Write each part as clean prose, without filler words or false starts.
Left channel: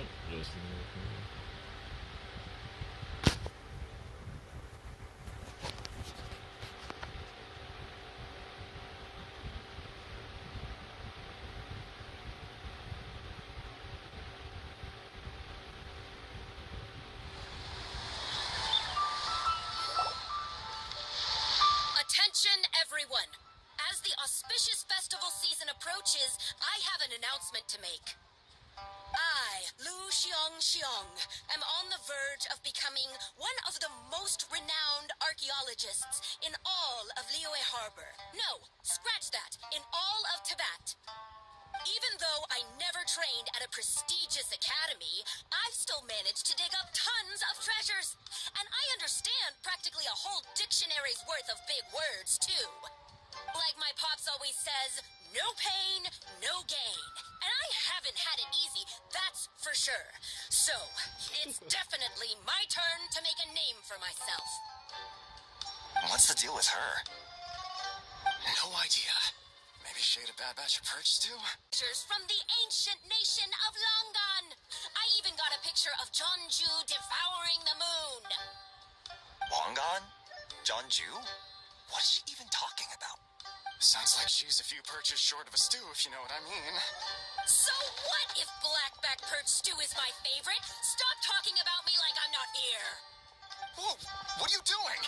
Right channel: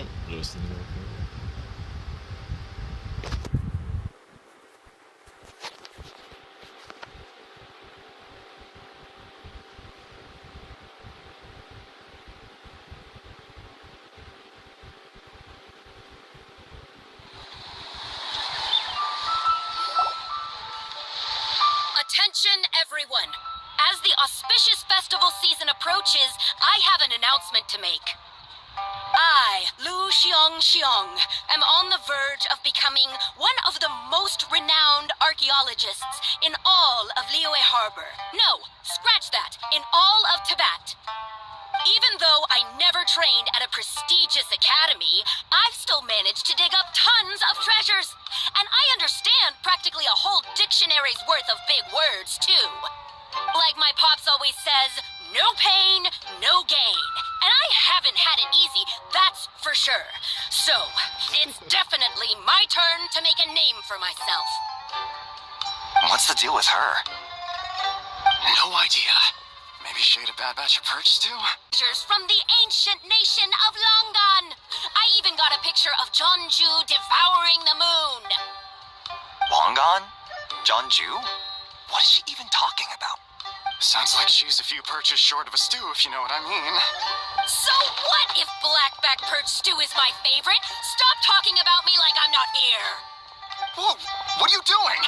Oh, just in there. Attention, everyone. As the auspicious festival season approaches, I have an announcement to make. I, Lu Xiong, am on the verge of becoming one of the most renowned archaeologists in all of Liyue Harbor. No, scratch that, in all of Tibet. Even though I never trained at a prestigious academy, I've still managed to dig up tons of treasures. And I understand practically a whole dictionary's worth of big words, too. Like my pops always says, no pain, no gain. And I haven't had it easy, that's for sure. So, it's definitely my turn to make a name for myself. What's the deal with her? No idea. Maybe she ate a bad batch of perch stew? Treasures from the ancient nation of Longan. I even got a picture of Jeonju devouring the moon. Longan? Jeonju? What is she even talking about? Sounds like she's a few perches short of a stew, if you know what I mean. So what if blackback perch stew is my favorite? Stop talking about me like I'm not here. Whoa, what are you doing?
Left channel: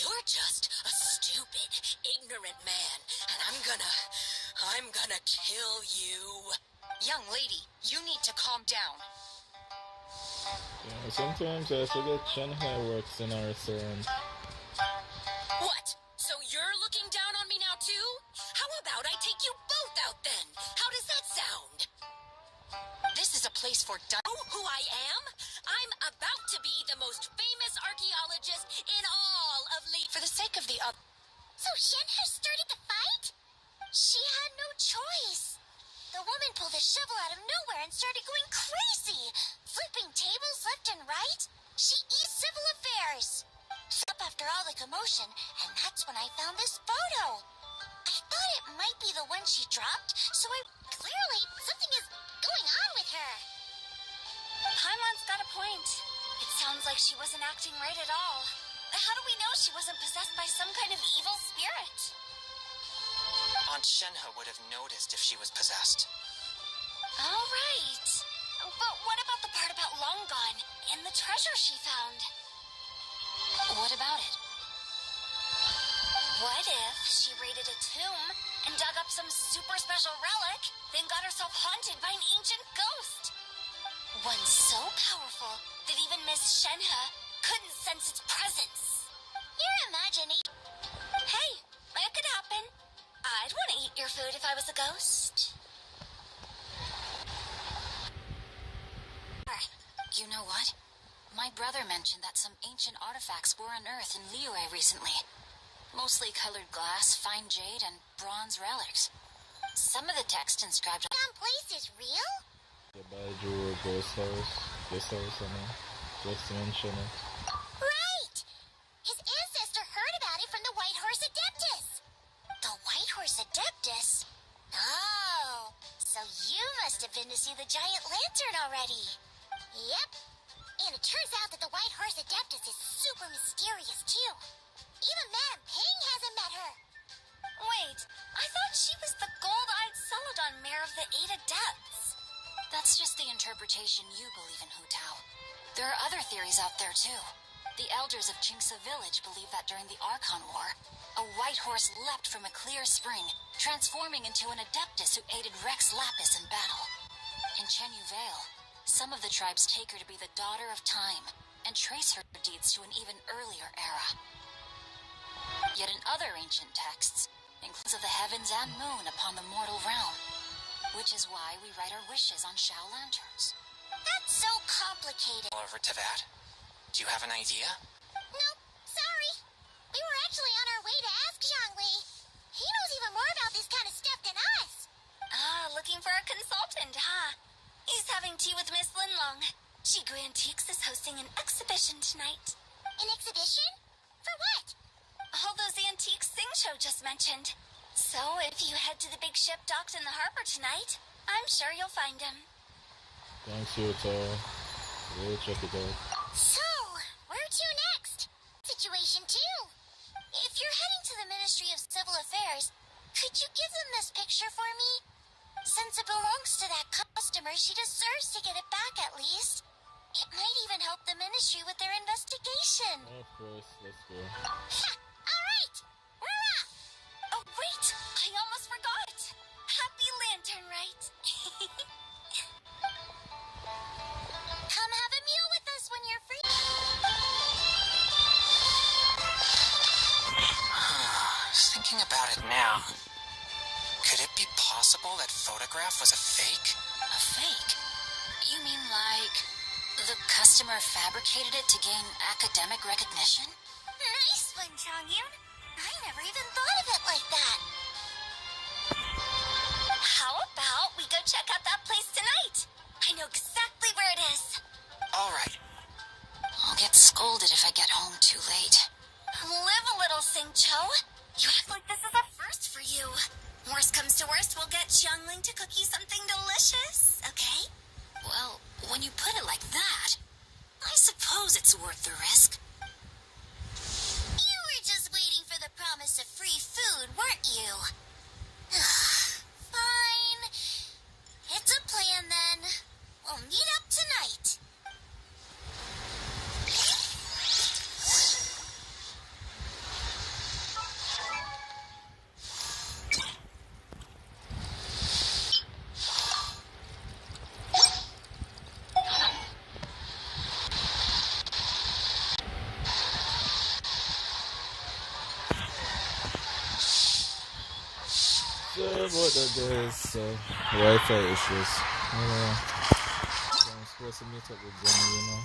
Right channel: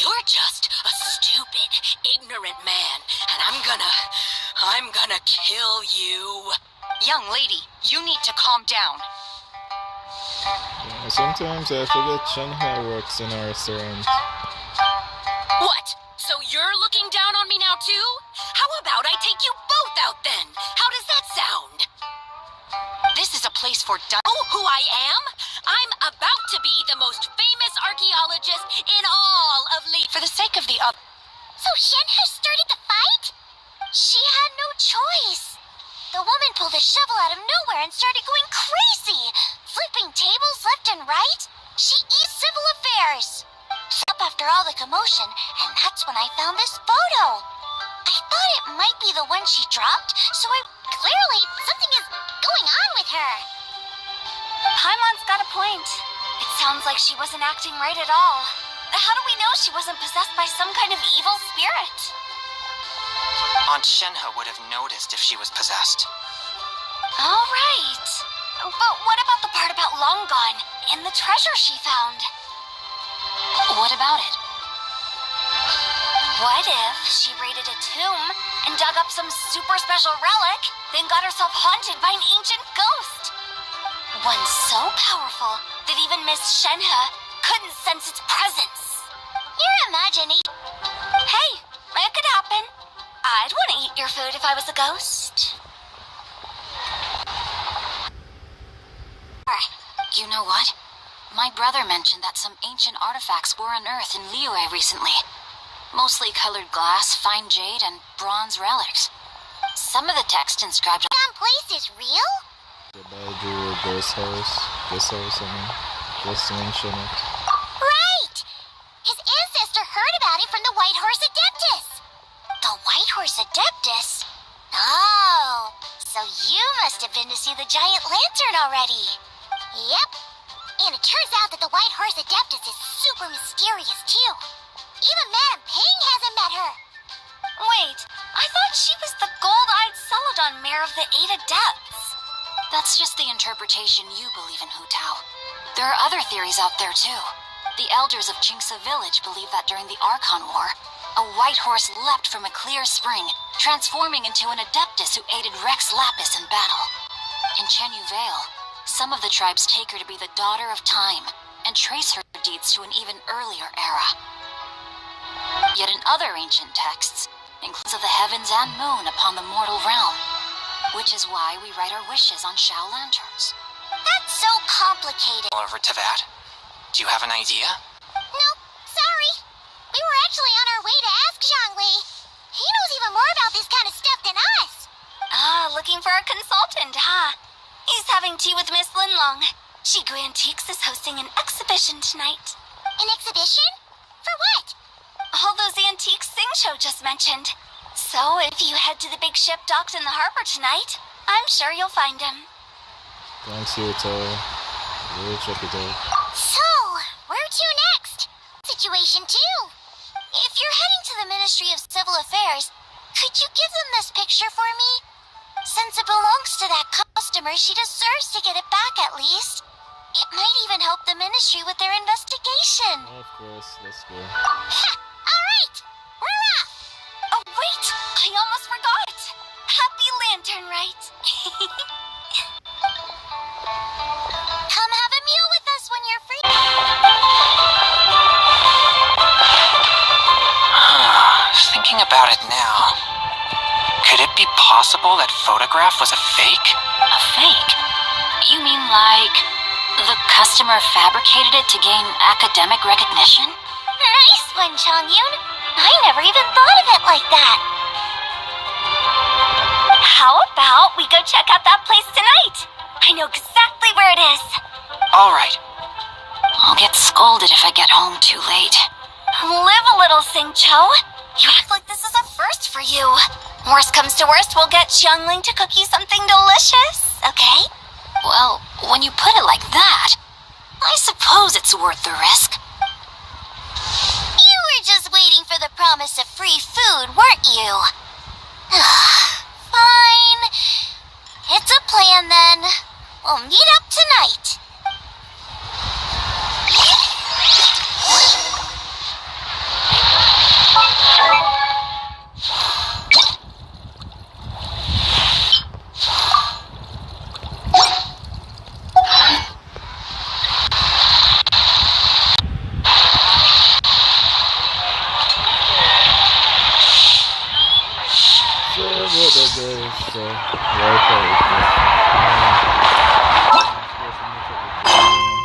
You're just a stupid, ignorant man, and I'm gonna kill you. Young lady, you need to calm down. Yeah, sometimes I forget Shanghai works in our restaurant. What? So you're looking down on me now too? How about I take you both out then? How does that sound? This is a place for Oh, who I am? I'm about to be the most famous archaeologist in all of For the sake of the other. So Shenhe started the fight? She had no choice. The woman pulled a shovel out of nowhere and started going crazy, flipping tables left and right. She eats civil affairs. Up after all the commotion, and that's when I found this photo. I thought it might be the one she dropped, so clearly something is going on with her. Paimon's got a point. It sounds like she wasn't acting right at all. How do we know she wasn't possessed by some kind of evil spirit? Aunt Shenhe would have noticed if she was possessed. All right. But what about the part about Longan and the treasure she found? What about it? What if she raided a tomb and dug up some super special relic, then got herself haunted by an ancient ghost? One so powerful that even Miss Shenhe couldn't sense its presence. You're imagining. Hey, it could happen. I'd want to eat your food if I was a ghost. You know what? My brother mentioned that some ancient artifacts were unearthed in Liyue recently. Mostly colored glass, fine jade, and bronze relics. Some of the text inscribed on That place is real? The Baiju ghost house. Just mention it. Right! His ancestor heard about it from the White Horse Adeptus. The White Horse Adeptus? Oh, so you must have been to see the giant lantern already. Yep. And it turns out that the White Horse Adeptus is super mysterious, too. Even Madame Ping hasn't met her. Wait, I thought she was the gold-eyed Celadon mare of the 8 Adepts. That's just the interpretation you believe in, Hu Tao. There are other theories out there, too. The elders of Jingsa village believe that during the Archon War, a white horse leapt from a clear spring, transforming into an Adeptus who aided Rex Lapis in battle. In Chenyu Vale, some of the tribes take her to be the daughter of time, and trace her deeds to an even earlier era. Yet in other ancient texts, includes of the heavens and moon upon the mortal realm, which is why we write our wishes on Shao lanterns. That's so complicated. Over Tibet? Do you have an idea? Nope, sorry. We were actually on our way to ask Zhangli. He knows even more about this kind of stuff than us. Looking for a consultant, huh? He's having tea with Miss Linlong. Shigu Antiques is hosting an exhibition tonight. An exhibition? For what? All those antiques Sing-Cho just mentioned. So if you head to the big ship docked in the harbor tonight, I'm sure you'll find him. Thanks, Yuto. Really check it out. So, where to next? Situation 2. If you're heading to the Ministry of Civil Affairs, could you give them this picture for me? Since it belongs to that customer, she deserves to get it back at least. It might even help the Ministry with their investigation. Oh, of course, let's go. Ha! Alright! We're off! Oh, wait! I almost forgot! Happy Lantern, right? Come have a meal with us when you're free. Thinking about it now, could it be possible that photograph was a fake? A fake? You mean like the customer fabricated it to gain academic recognition? Nice one, Chongyun. I never even thought of it like that. How about we go check out that place tonight? I know exactly where it is. All right. I'll get scolded if I get home too late. Live a little, Sing-Cho. You act like this is a first for you. Worst comes to worst, we'll get Xiangling to cook you something delicious, okay? Well, when you put it like that, I suppose it's worth the risk. You were just waiting for the promise of free food, weren't you? Fine. It's a plan then. We'll meet up tonight. So, what there is Wi-Fi issues. I'm supposed to meet up with them, you know.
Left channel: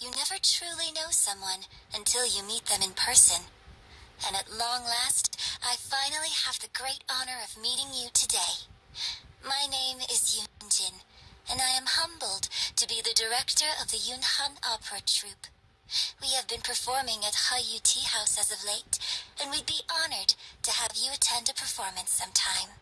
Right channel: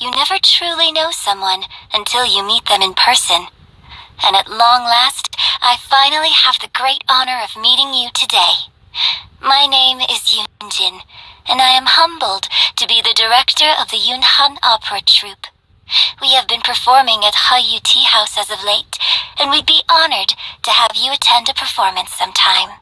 You never truly know someone until you meet them in person. And at long last, I finally have the great honor of meeting you today. My name is Yunjin, and I am humbled to be the director of the Yunhan Opera Troupe. We have been performing at Hayu Tea House as of late, and we'd be honored to have you attend a performance sometime.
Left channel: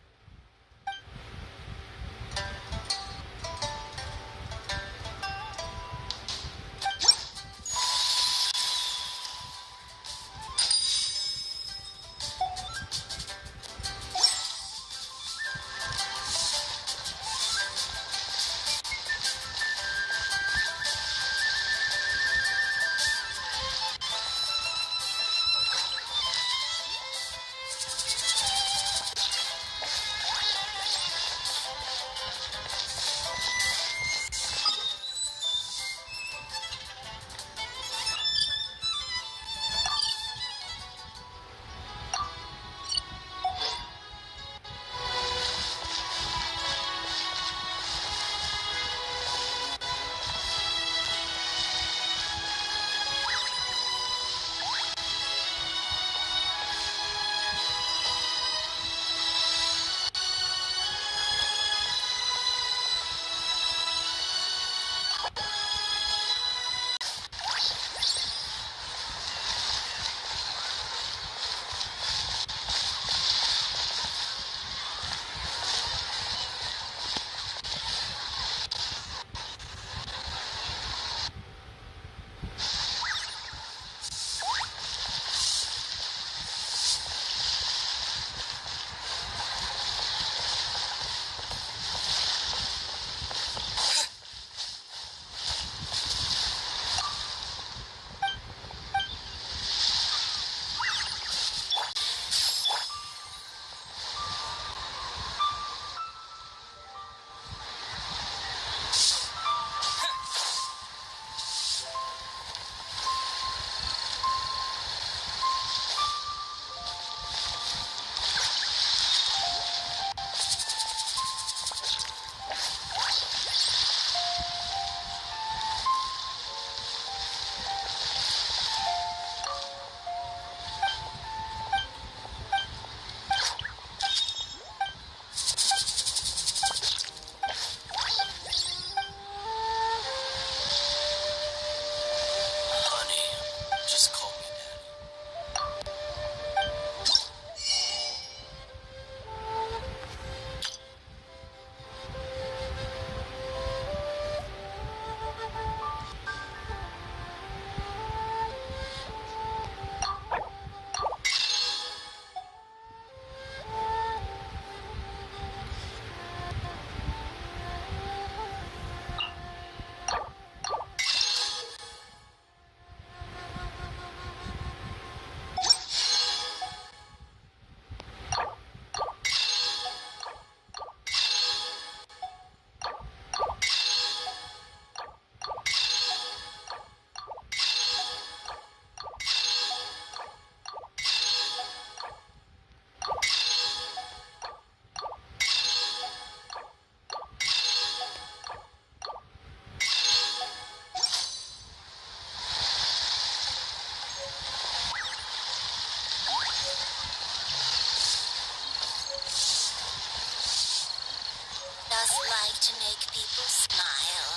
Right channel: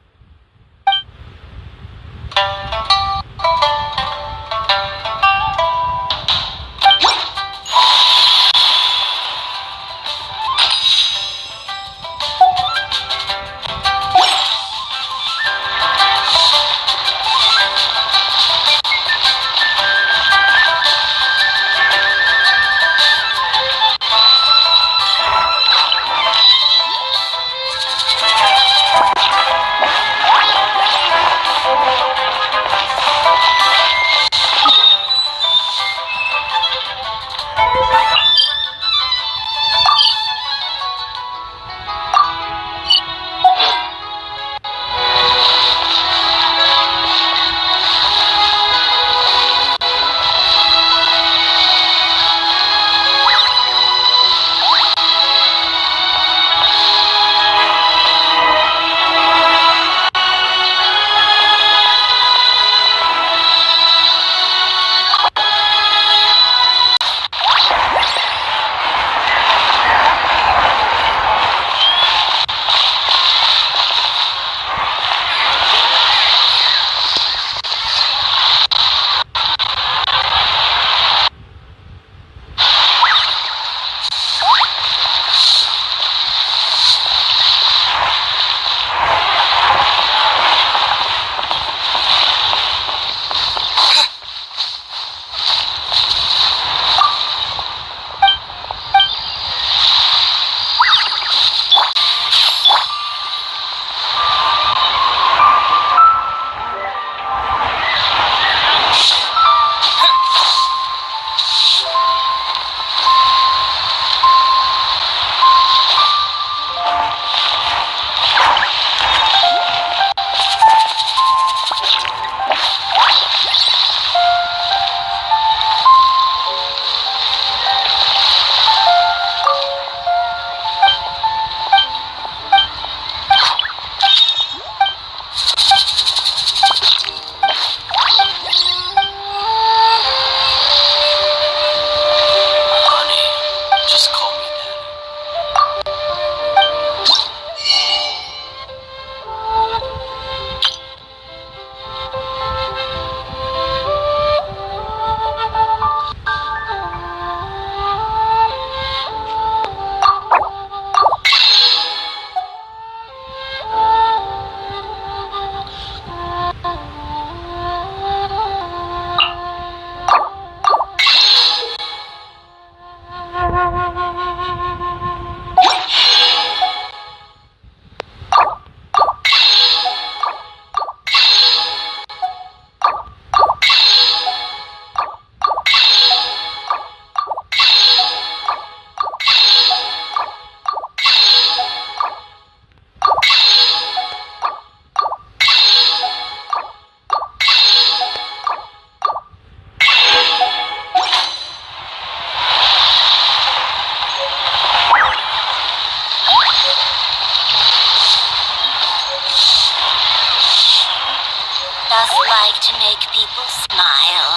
just like to make people smile.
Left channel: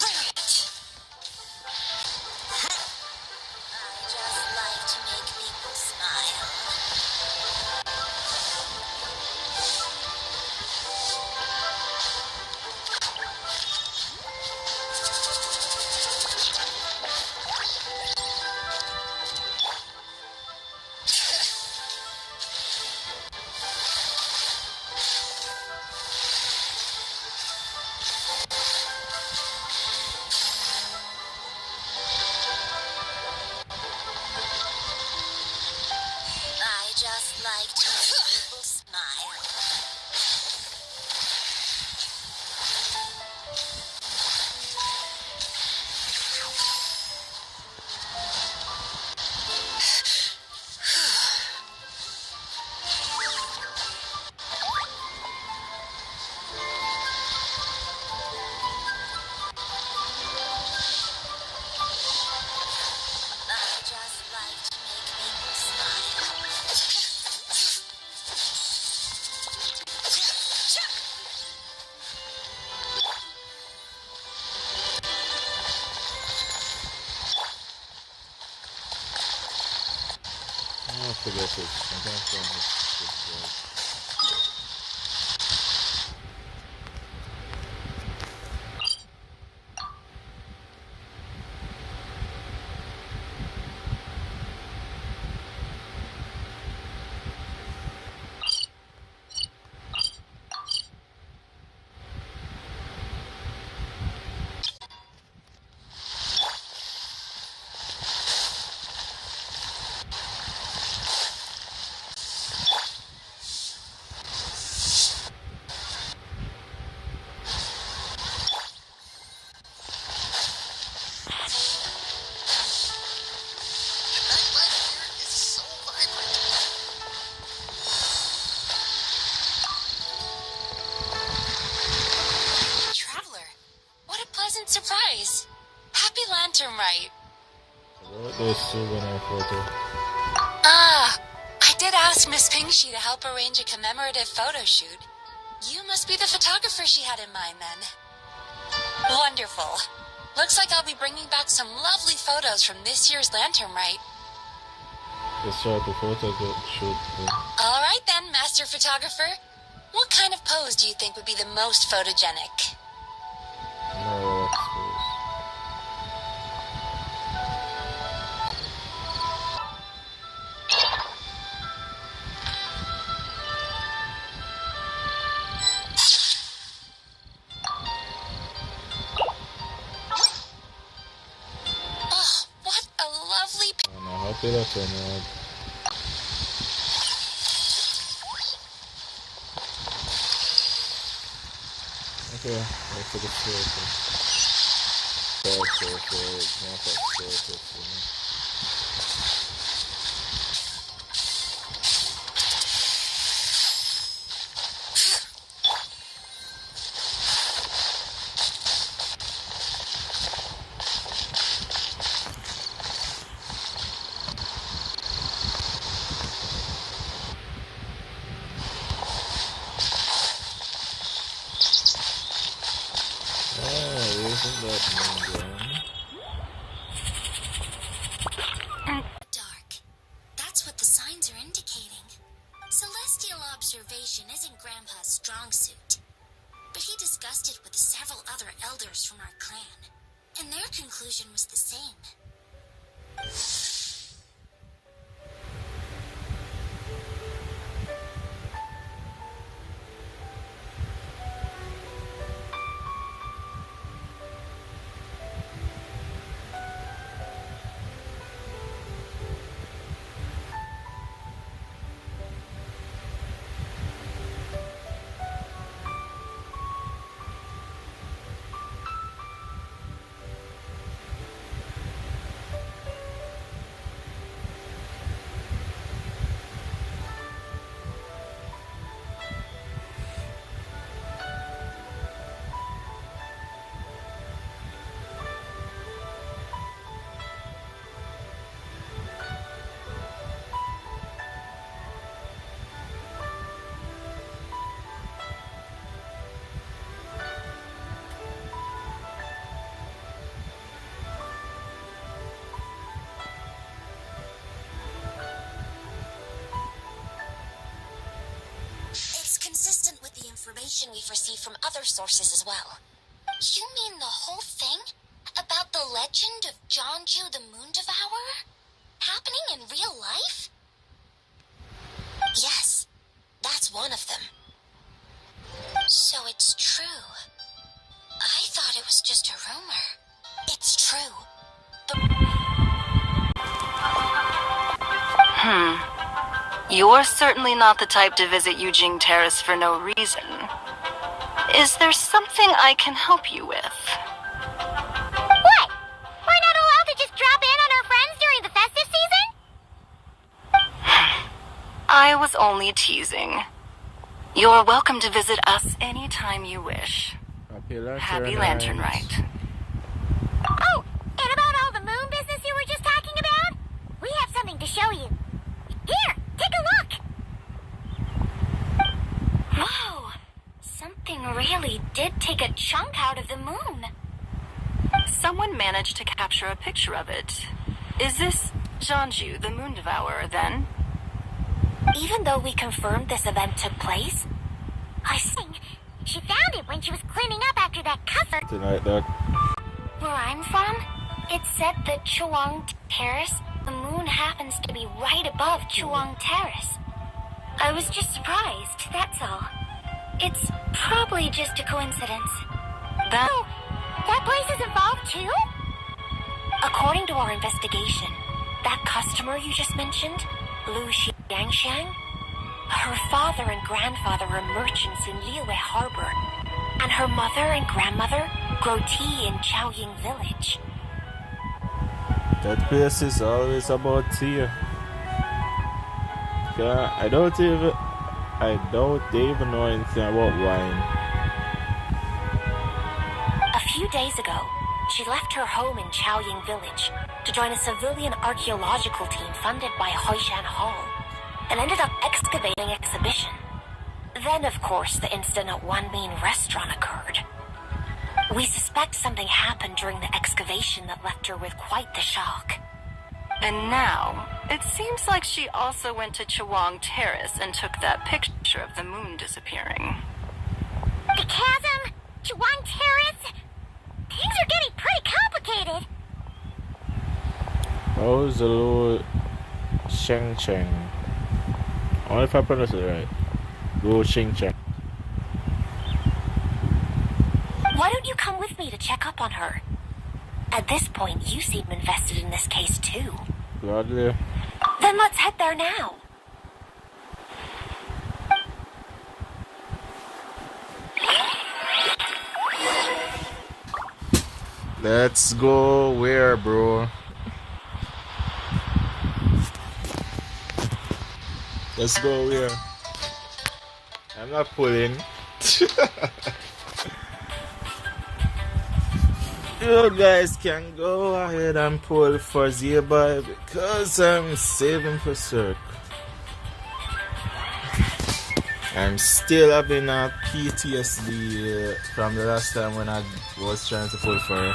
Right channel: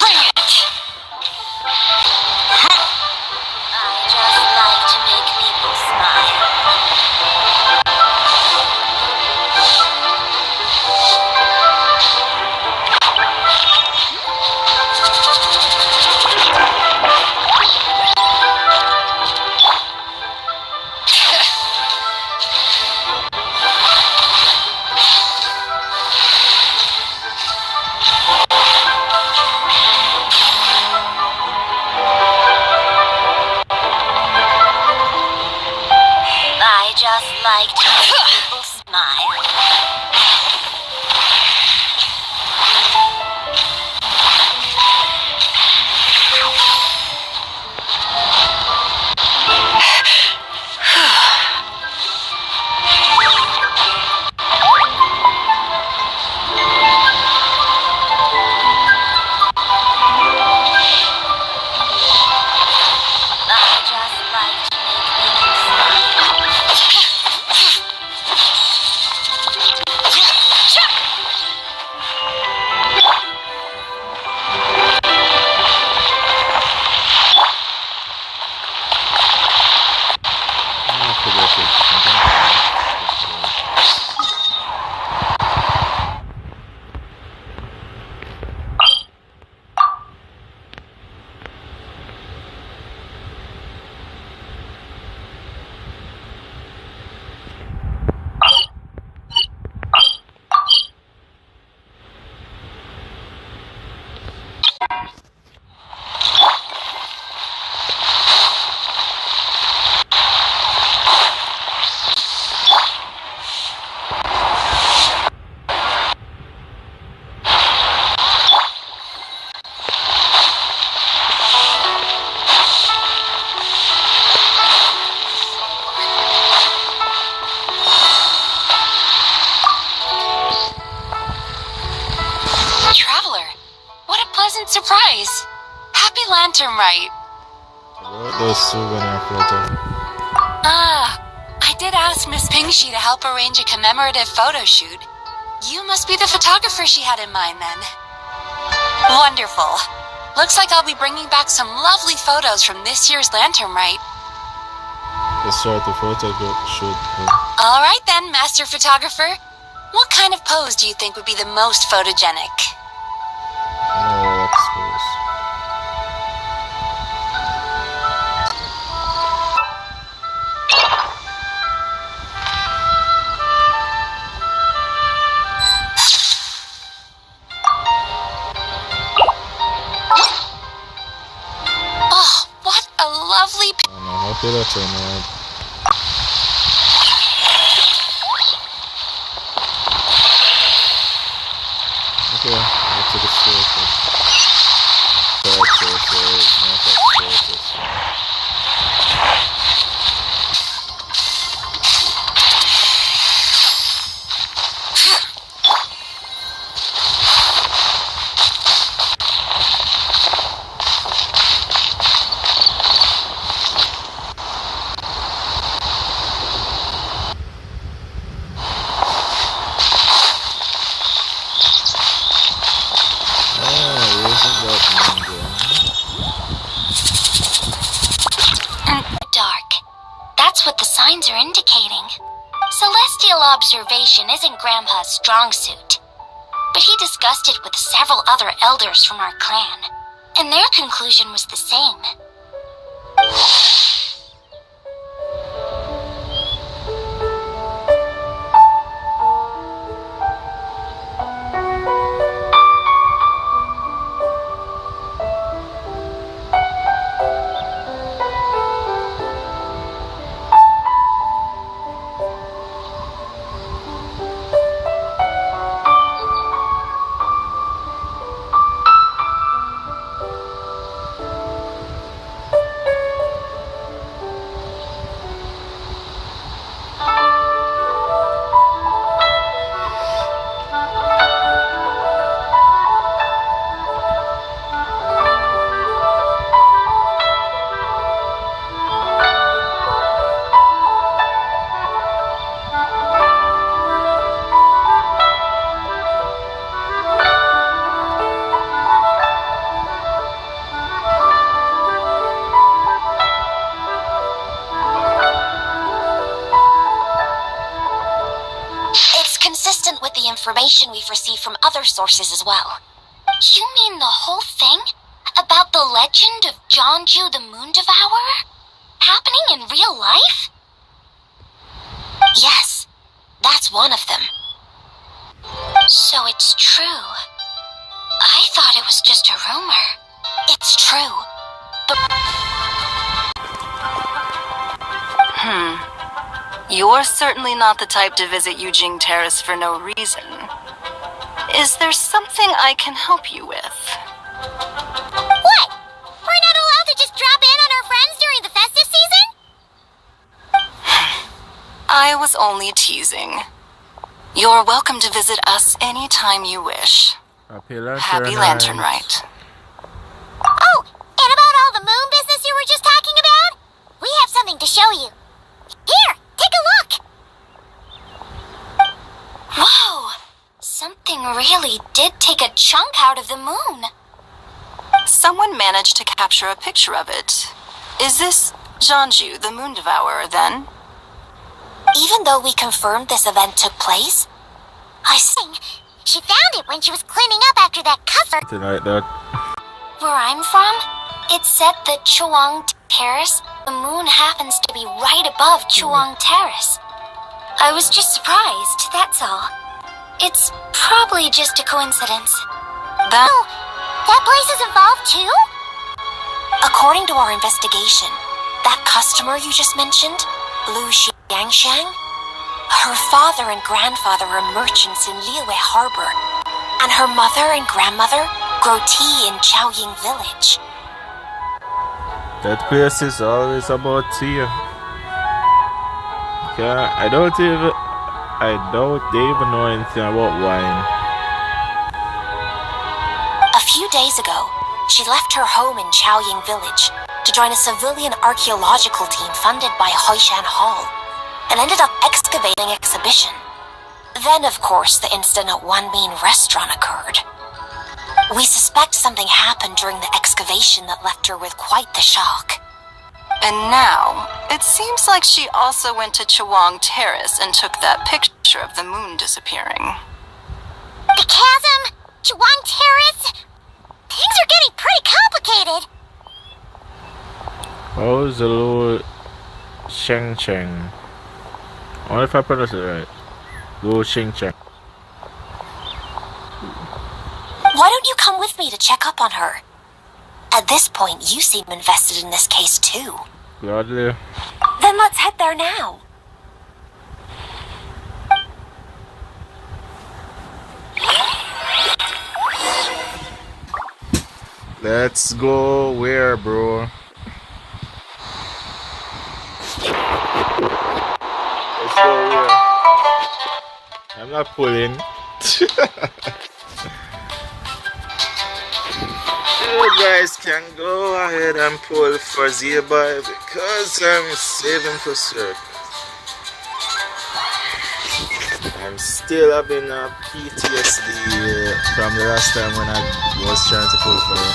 Bring it! I just like to make people smile. I just like to make people smile. I just like to make people smile. I forget it. I'm gonna find Traveler, what a pleasant surprise! Happy Lantern Rite! about those souvenir photo. Ah, I did ask Miss Pingshi to help arrange a commemorative photo shoot. You must be the photographer she had in mind then. Wonderful. Looks like I'll be bringing back some lovely photos from this year's Lantern Rite. Let's start the photo shoot. All right then, Master Photographer. What kind of pose do you think would be the most photogenic? No expose. Oh, what a lovely I'm happy that's on that. Okay, go to the circus. Character, so it's not that circus. Oh, isn't that ninja? Dark. That's what the signs are indicating. Celestial observation isn't Grandpa's strong suit. But he discussed it with several other elders from our clan, and their conclusion was the same. information we've received from other sources as well. You mean the whole thing? About the legend of Jeonju the Moon Devourer? Happening in real life? Yes, that's one of them. So it's true. I thought it was just a rumor. It's true. You're certainly not the type to visit Yujing Terrace for no reason. Is there something I can help you with? What? We're not allowed to just drop in on our friends during the festive season? I was only teasing. You're welcome to visit us anytime you wish. Happy Lantern Rite. Oh, and about all the moon business you were just talking about? We have something to show you. Here, take a look! Whoa! Something really did take a chunk out of the moon. Someone managed to capture a picture of it. Is this Jeonju, the Moon Devourer, then? Even though we confirmed this event took place, I think she found it when she was cleaning up after that cover. Something like that. Where I'm from, it's said that Chuang Terrace, the moon happens to be right above Chuang Terrace. I was just surprised, that's all. It's probably just a coincidence. Oh, that place is involved too? According to our investigation, that customer you just mentioned, Lu Xiangshang, her father and grandfather are merchants in Liyue Harbor, and her mother and grandmother grow tea in Chaoying Village. That place is always about tea. Yeah, I doubt they even know anything about wine. A few days ago, she left her home in Chaoying Village to join a civilian archaeological team funded by Hoishan Hall, and ended up excavating an exhibition. Then, of course, the incident at One Mean Restaurant occurred. We suspect something happened during the excavation that left her with quite the shock. And now, it seems like she also went to Chuang Terrace and took that picture of the moon disappearing. The chasm? Chuang Terrace? Things are getting pretty complicated. How's the Lu Shengcheng? I wonder if I pronounced it right. Lu Shengcheng. Why don't you come with me to check up on her? At this point, you seem invested in this case too. Gladly. Then let's head there now. Let's go where, bro? Let's go where? I'm not pulling. You guys can go ahead and pull for Zebai because I'm saving for Cirque. I'm still having a PTSD from the last time when I was trying to pull for her.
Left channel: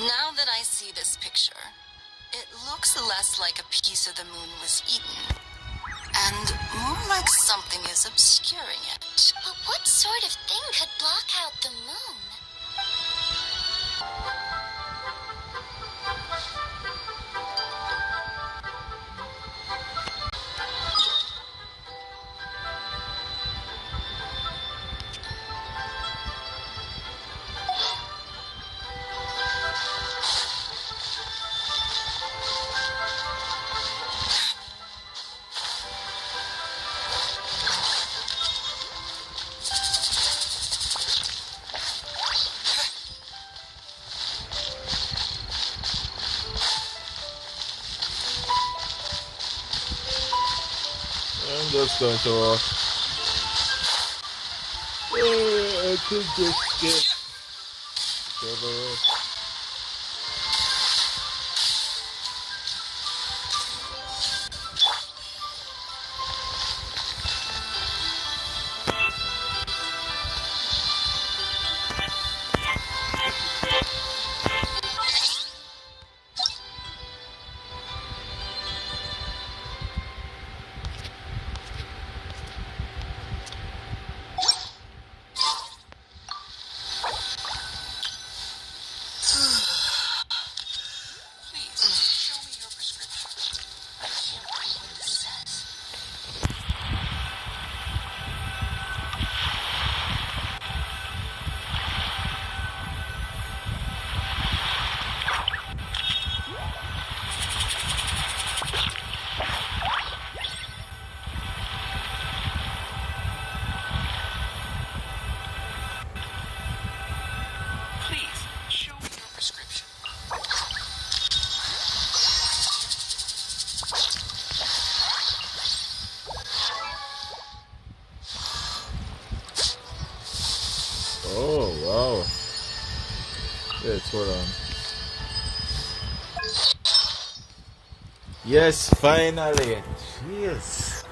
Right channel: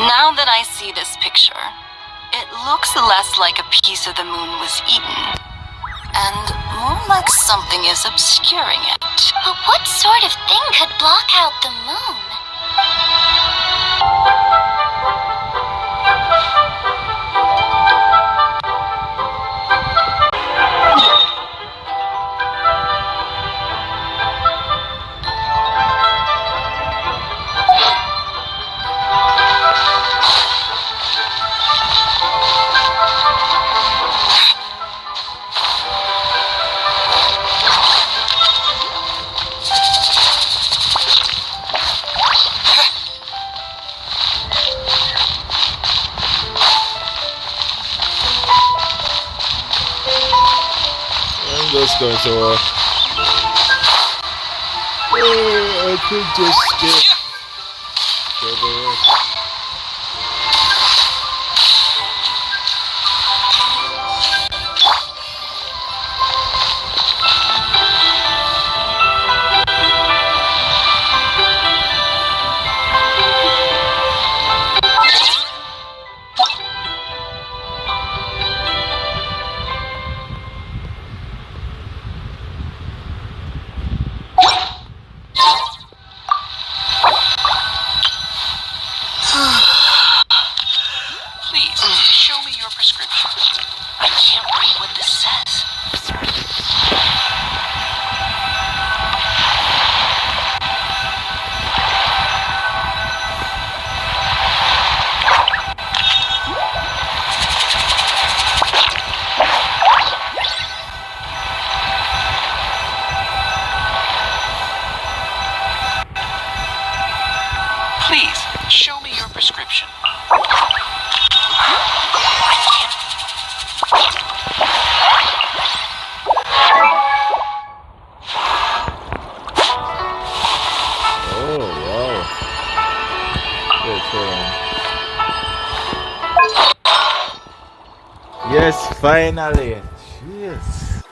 Now that I see this picture, it looks less like a piece of the moon was eaten, and more like something is obscuring it. But what sort of thing could block out the moon? I'm just going to walk. Oh, I could just get over it. Wow. Wait, hold on. Yes, finally. Yes.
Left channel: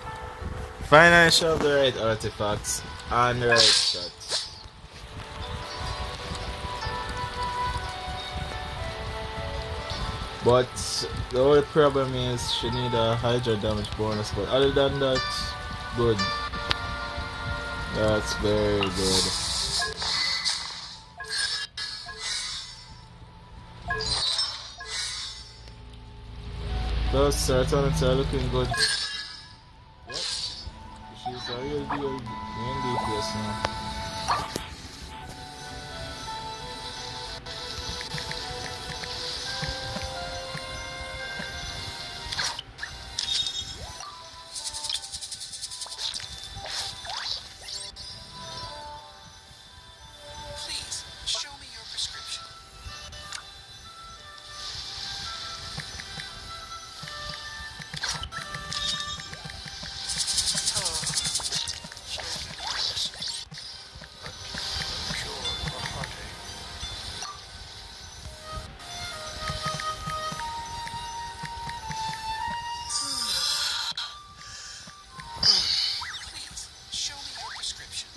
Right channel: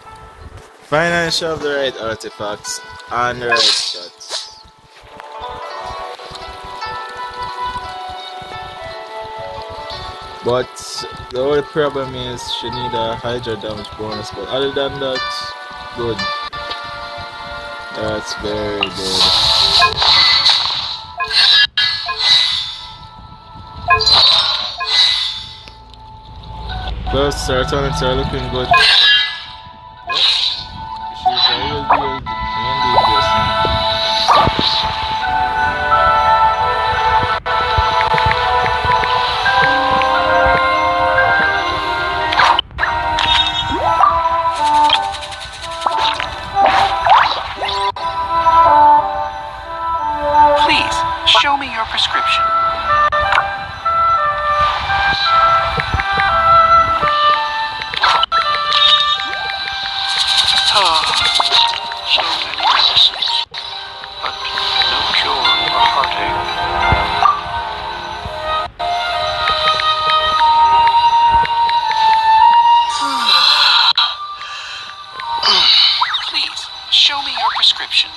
Finally show the right artifacts and the right shots. But the only problem is she need a Hydra damage bonus, but other than that, good. That's very good. Plus, serotonins are looking good. Yep. She's a real deal main DPS now. Please, show me your prescription. So many medicines, but no cure for heartache. Please, show me your prescription.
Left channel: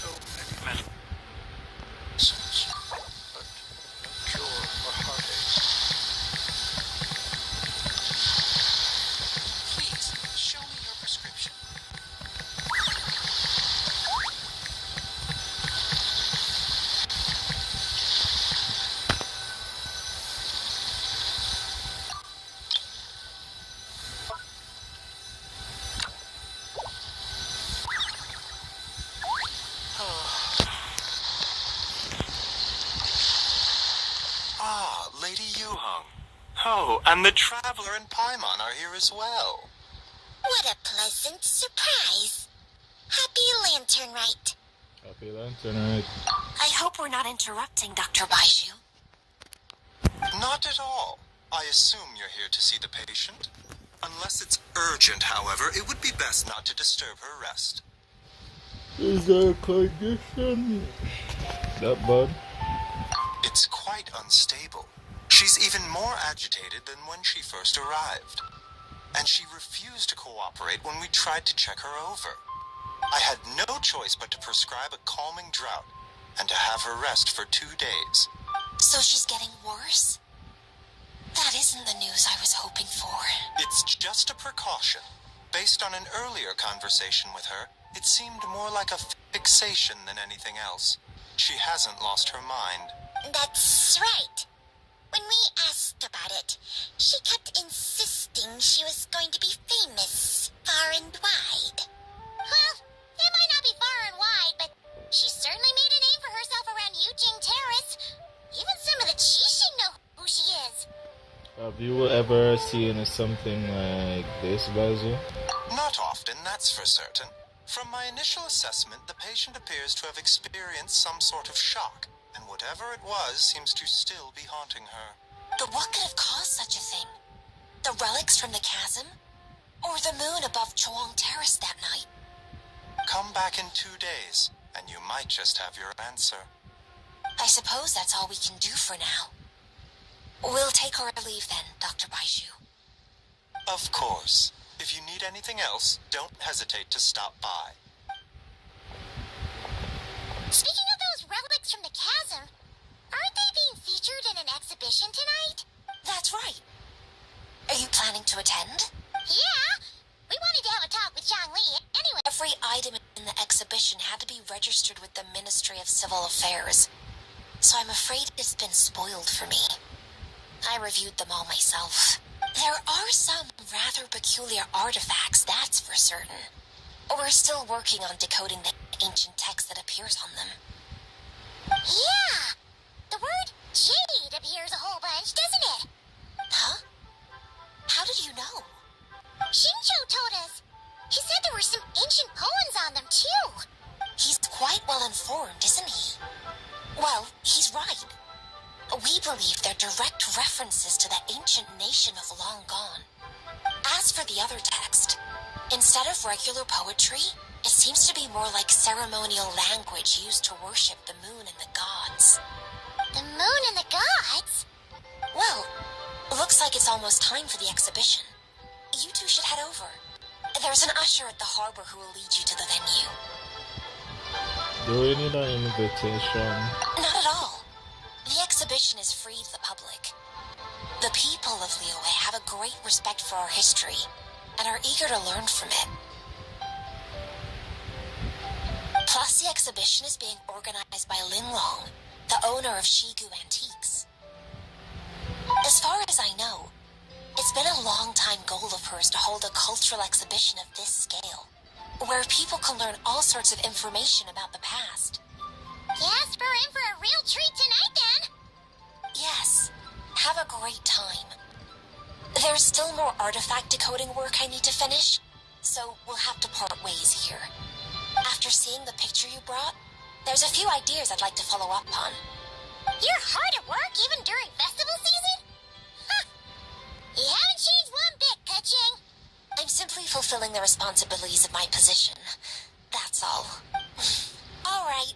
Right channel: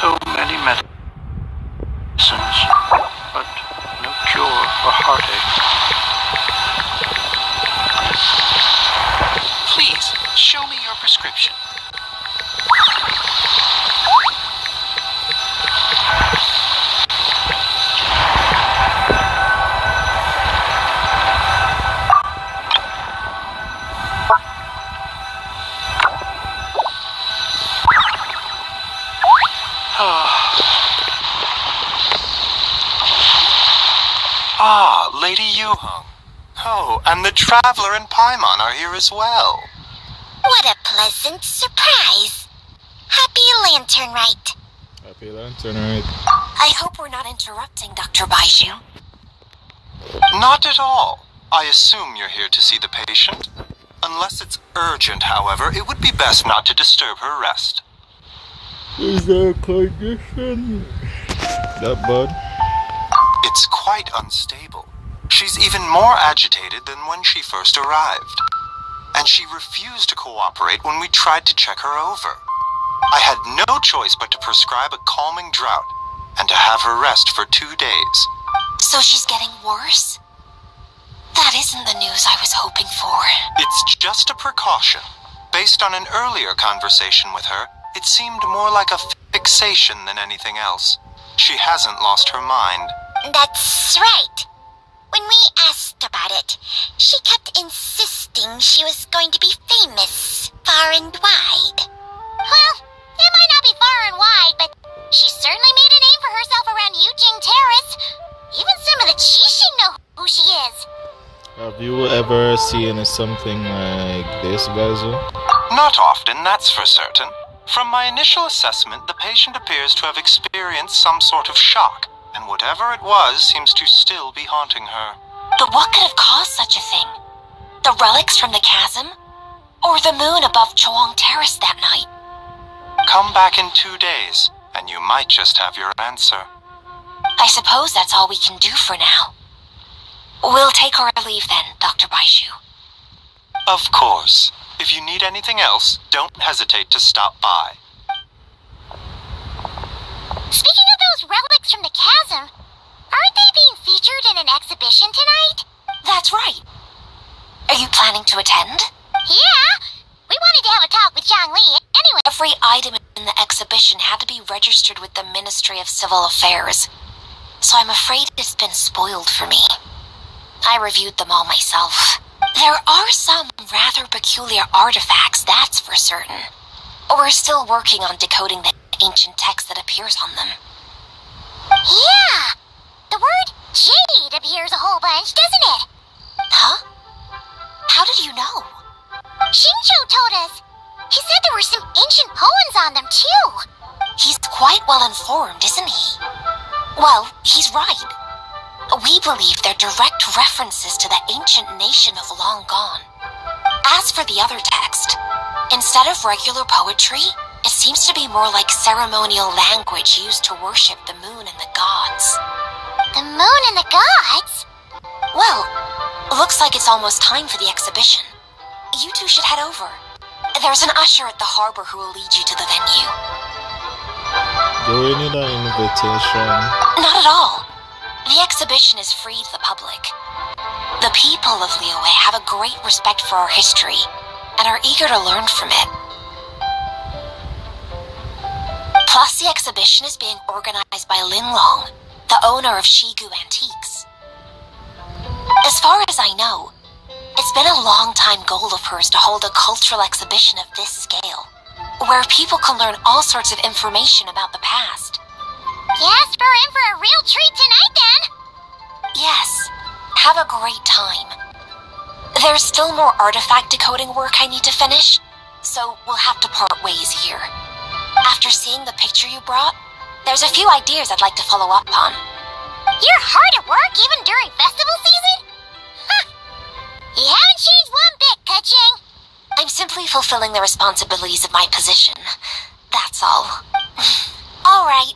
So many medicines, but no cure for heartache. Please, show me your prescription. Ah, Lady Yuhong. Oh, and the Traveler and Paimon are here as well. What a pleasant surprise. Happy Lantern Rite. Happy Lantern, right? I hope we're not interrupting Dr. Baiju. Not at all. I assume you're here to see the patient. Unless it's urgent, however, it would be best not to disturb her rest. Is there a condition that bad? It's quite unstable. She's even more agitated than when she first arrived. And she refused to cooperate when we tried to check her over. I had no choice but to prescribe a calming draught and to have her rest for 2 days. So she's getting worse? That isn't the news I was hoping for. It's just a precaution. Based on an earlier conversation with her, it seemed more like a fixation than anything else. She hasn't lost her mind. That's right. When we asked about it, she kept insisting she was going to be famous far and wide. Well, it might not be far and wide, but she certainly made a name for herself around Yujing Terrace. Even some of the Qixing know who she is. Have you ever seen something like this, Bazu? Not often, that's for certain. From my initial assessment, the patient appears to have experienced some sort of shock, and whatever it was seems to still be haunting her. But what could have caused such a thing? The relics from the chasm? Or the moon above Chuang Terrace that night? Come back in 2 days, and you might just have your answer. I suppose that's all we can do for now. We'll take our leave then, Dr. Baiju. Of course. If you need anything else, don't hesitate to stop by. Speaking of those relics from the chasm, aren't they being featured in an exhibition tonight? That's right. Are you planning to attend? Yeah, we wanted to have a talk with Zhang Li anyway. Every item in the exhibition had to be registered with the Ministry of Civil Affairs, so I'm afraid it's been spoiled for me. I reviewed them all myself. There are some rather peculiar artifacts, that's for certain. We're still working on decoding the ancient text that appears on them. Yeah, the word jade appears a whole bunch, doesn't it? Huh? How did you know? Shinjo told us. He said there were some ancient poems on them, too. He's quite well informed, isn't he? Well, he's right. We believe they're direct references to the ancient nation of long gone. As for the other text, instead of regular poetry, it seems to be more like ceremonial language used to worship the moon and the gods. The moon and the gods? Well, looks like it's almost time for the exhibition. You two should head over. There's an usher at the harbor who will lead you to the venue. Do we need an invitation? Not at all. The exhibition is free to the public. The people of Liyue have a great respect for our history and are eager to learn from it. Plus, the exhibition is being organized by Lin Long, the owner of Shigu Antiques. As far as I know, it's been a long-time goal of hers to hold a cultural exhibition of this scale, where people can learn all sorts of information about the past. Yes, we're in for a real treat tonight, then. Yes, have a great time. There's still more artifact decoding work I need to finish, so we'll have to part ways here. After seeing the picture you brought, there's a few ideas I'd like to follow up on. You're hard at work even during festival season? Huh. You haven't changed one bit, Keqing. I'm simply fulfilling the responsibilities of my position. That's all. All right,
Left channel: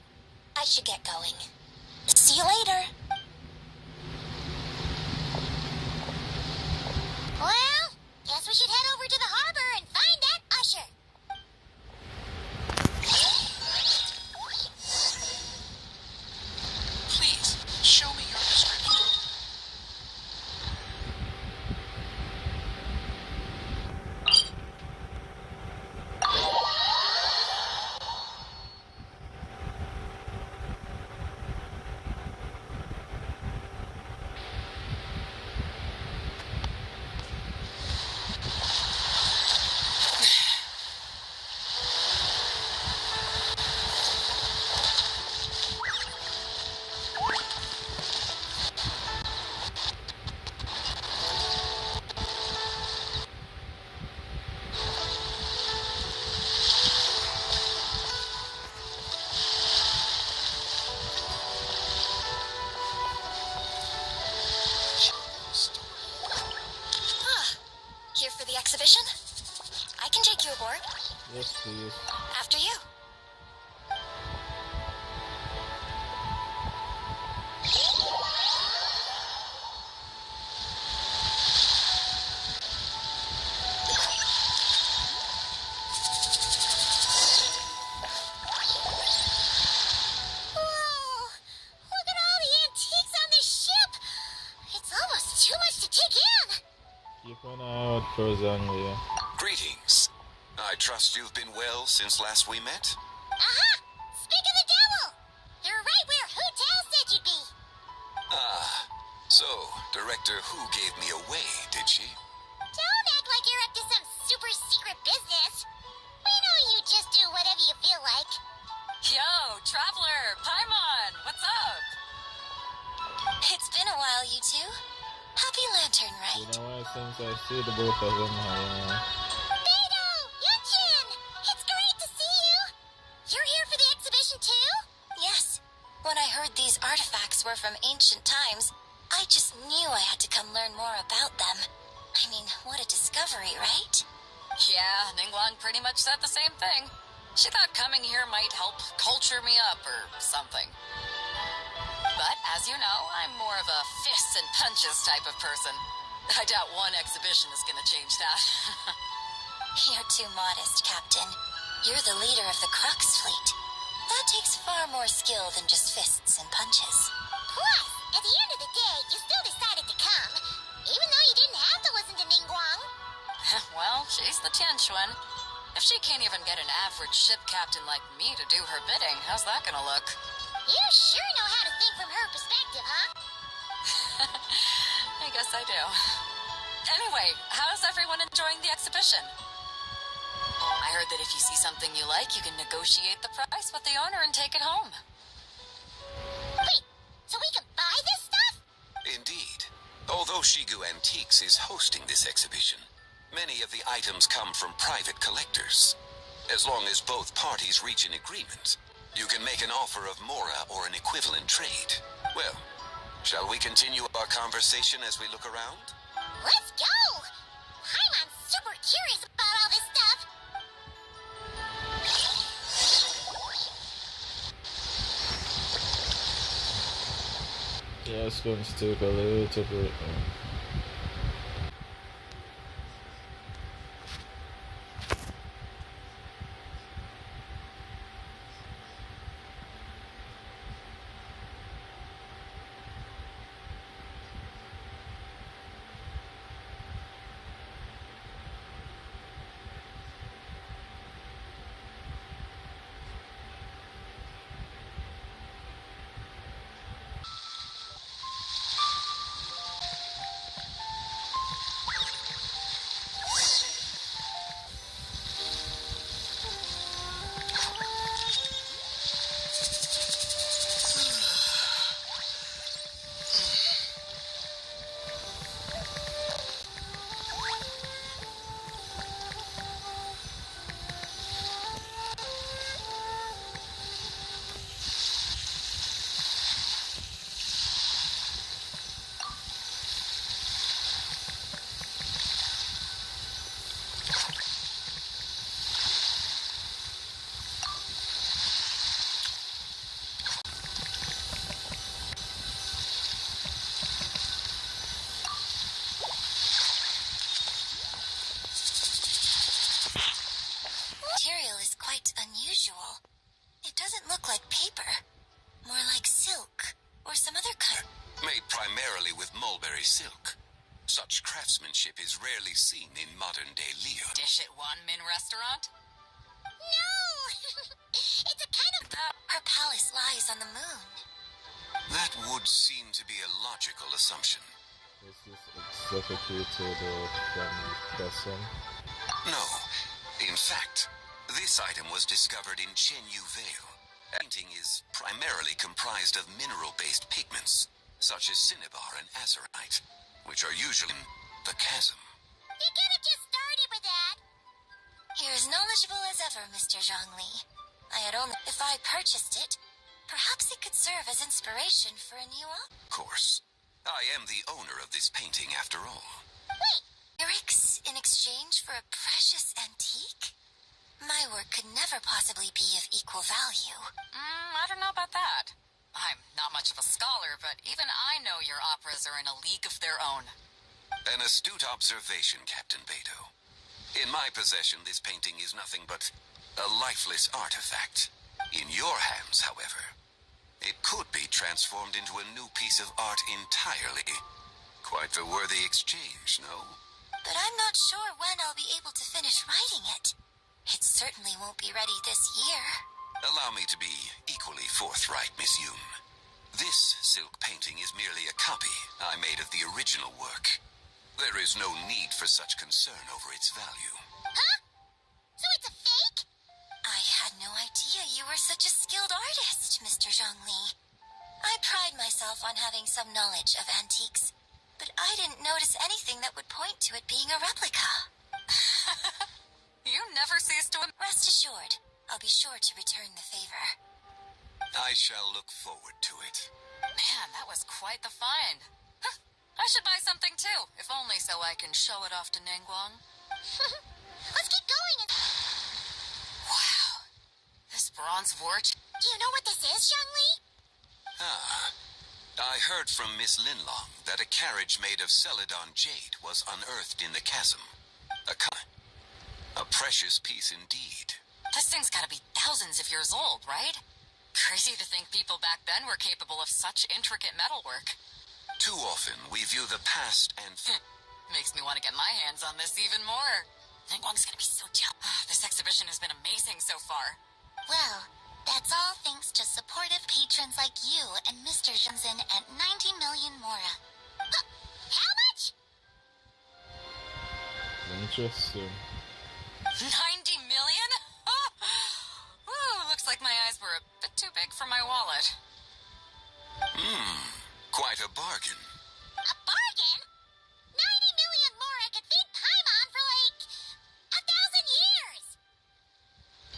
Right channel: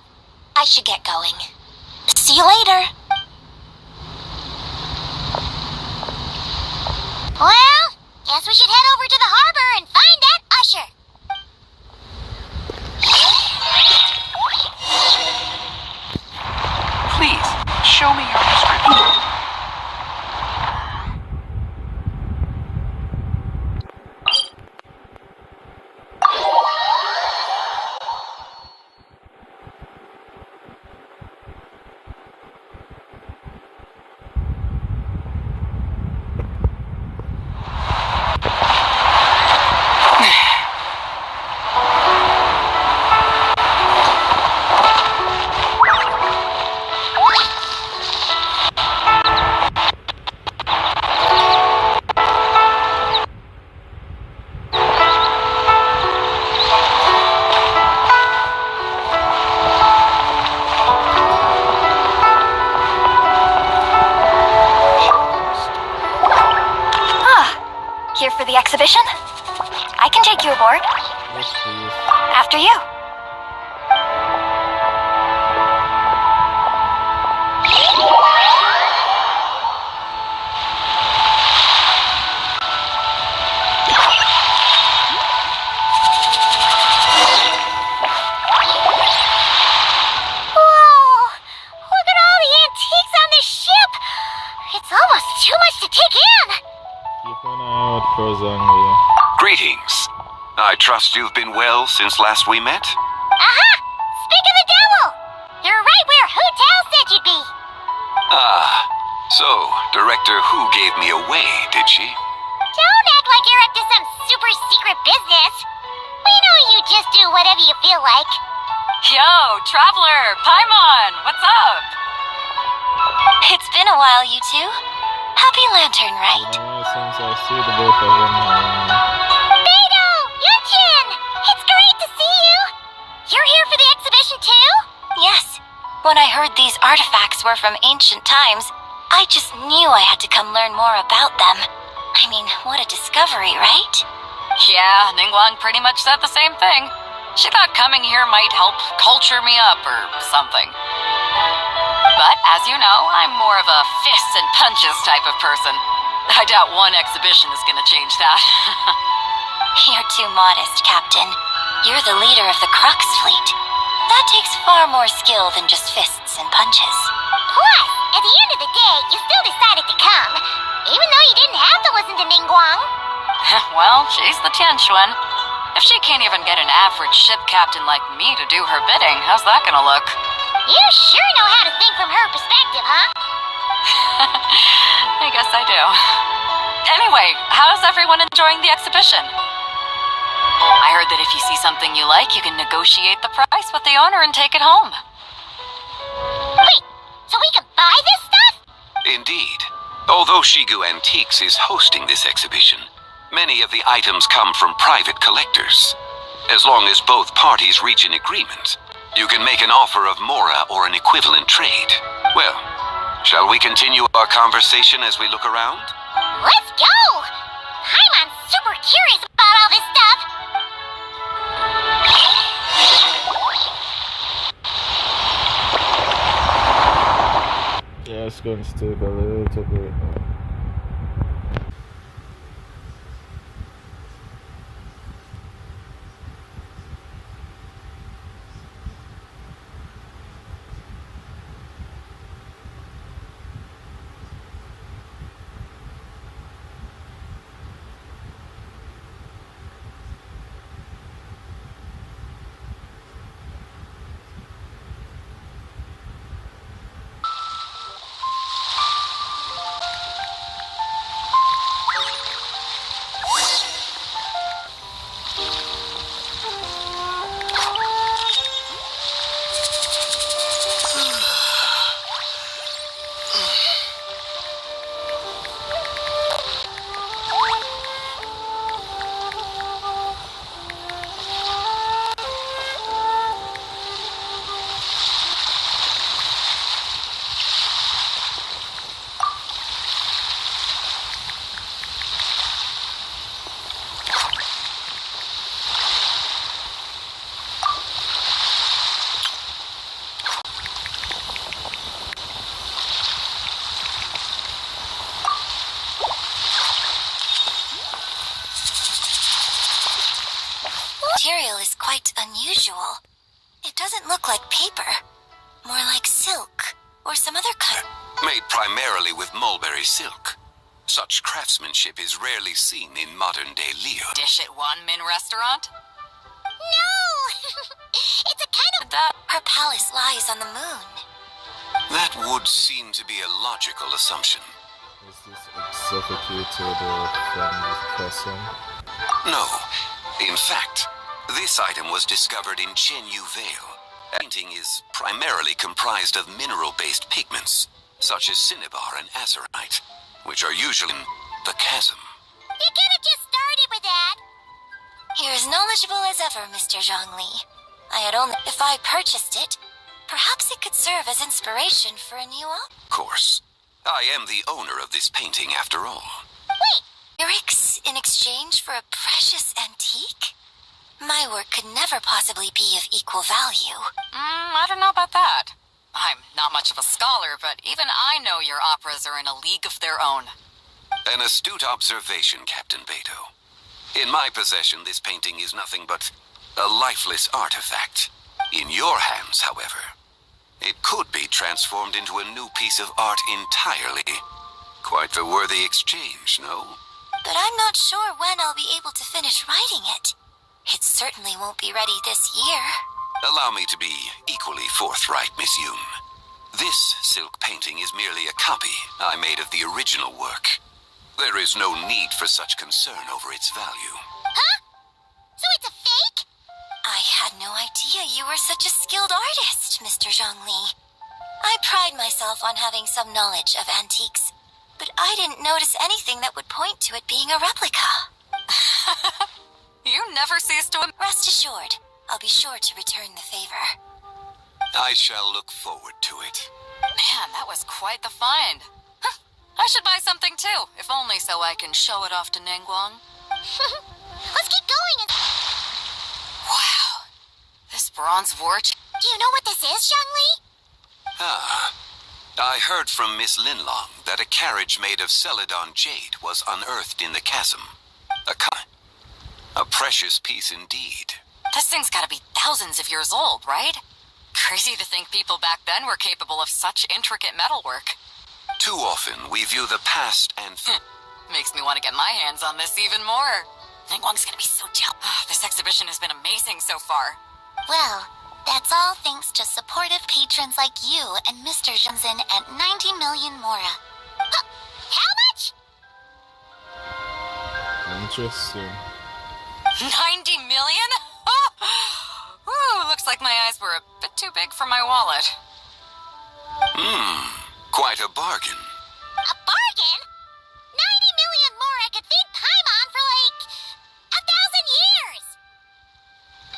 I should get going. See you later. Well, guess we should head over to the harbor and find that usher. Please, show me your prescription. Here for the exhibition? I can take you aboard. Yes, please. After you. Greetings. I trust you've been well since last we met? Aha! Speak of the devil! You're right where Hu Tao said you'd be. Ah, so Director Hu gave me away, did she? Don't act like you're up to some super secret business. We know you just do whatever you feel like. Yo, Traveler, Paimon, what's up? It's been a while, you two. Happy Lantern, right? Since I see the both of them around. Beidou! Yunchin! It's great to see you! You're here for the exhibition too? Yes. When I heard these artifacts were from ancient times, I just knew I had to come learn more about them. I mean, what a discovery, right? Yeah, Ningguang pretty much said the same thing. She thought coming here might help culture me up or something. But, as you know, I'm more of a fists and punches type of person. I doubt one exhibition is gonna change that. You're too modest, Captain. You're the leader of the Crux fleet. That takes far more skill than just fists and punches. Plus, at the end of the day, you still decided to come, even though you didn't have to listen to Ningguang. Well, she's the Tianquan. If she can't even get an average ship captain like me to do her bidding, how's that gonna look? You sure know how to think from her perspective, huh? I guess I do. Anyway, how's everyone enjoying the exhibition? I heard that if you see something you like, you can negotiate the price with the owner and take it home. Wait, so we can buy this stuff? Indeed. Although Shigu Antiques is hosting this exhibition, many of the items come from private collectors. As long as both parties reach an agreement, you can make an offer of mora or an equivalent trade. Well, shall we continue our conversation as we look around? Let's go! I'm super curious about all this stuff. Yeah, it's going to take a little bit. Material is quite unusual. It doesn't look like paper. More like silk, or some other kind. Made primarily with mulberry silk. Such craftsmanship is rarely seen in modern-day Leo. Dish at one Min restaurant? No! It's a kind of... Her palace lies on the moon. That would seem to be a logical assumption. Was this executed from the person? No. In fact, this item was discovered in Chenyu Vale. Painting is primarily comprised of mineral-based pigments, such as cinnabar and azurite, which are usually in the chasm. You could have just started with that. You're as knowledgeable as ever, Mr. Zhongli. I had only... If I purchased it, perhaps it could serve as inspiration for a new op. Of course. I am the owner of this painting after all. Wait! Lyrics in exchange for a precious antique? My work could never possibly be of equal value. I don't know about that. I'm not much of a scholar, but even I know your operas are in a league of their own. An astute observation, Captain Beto. In my possession, this painting is nothing but a lifeless artifact. In your hands, however, it could be transformed into a new piece of art entirely. Quite the worthy exchange, no? But I'm not sure when I'll be able to finish writing it. It certainly won't be ready this year. Allow me to be equally forthright, Miss Yoon. This silk painting is merely a copy I made of the original work. There is no need for such concern over its value. Huh? So it's a fake? I had no idea you were such a skilled artist, Mr. Zhongli. I pride myself on having some knowledge of antiques, but I didn't notice anything that would point to it being a replica. You never cease to... Rest assured, I'll be sure to return the favor. I shall look forward to it. Man, that was quite the find. Huh, I should buy something too, if only so I can show it off to Ningguang. Let's keep going and... Wow. This bronze warch... Do you know what this is, Zhongli? Ah. I heard from Miss Linlong that a carriage made of Celadon jade was unearthed in the chasm. A precious piece indeed. This thing's gotta be thousands of years old, right? Crazy to think people back then were capable of such intricate metalwork. Too often, we view the past and... Makes me want to get my hands on this even more. Ningguang's gonna be so jealous. This exhibition has been amazing so far. Well, that's all thanks to supportive patrons like you and Mr. Zhenzhen at 90 million mora. How much? Interesting. 90 million? Ooh, looks like my eyes were a bit too big for my wallet. Quite a bargain. A bargain? 90 million mora could feed Paimon for like 1,000 years.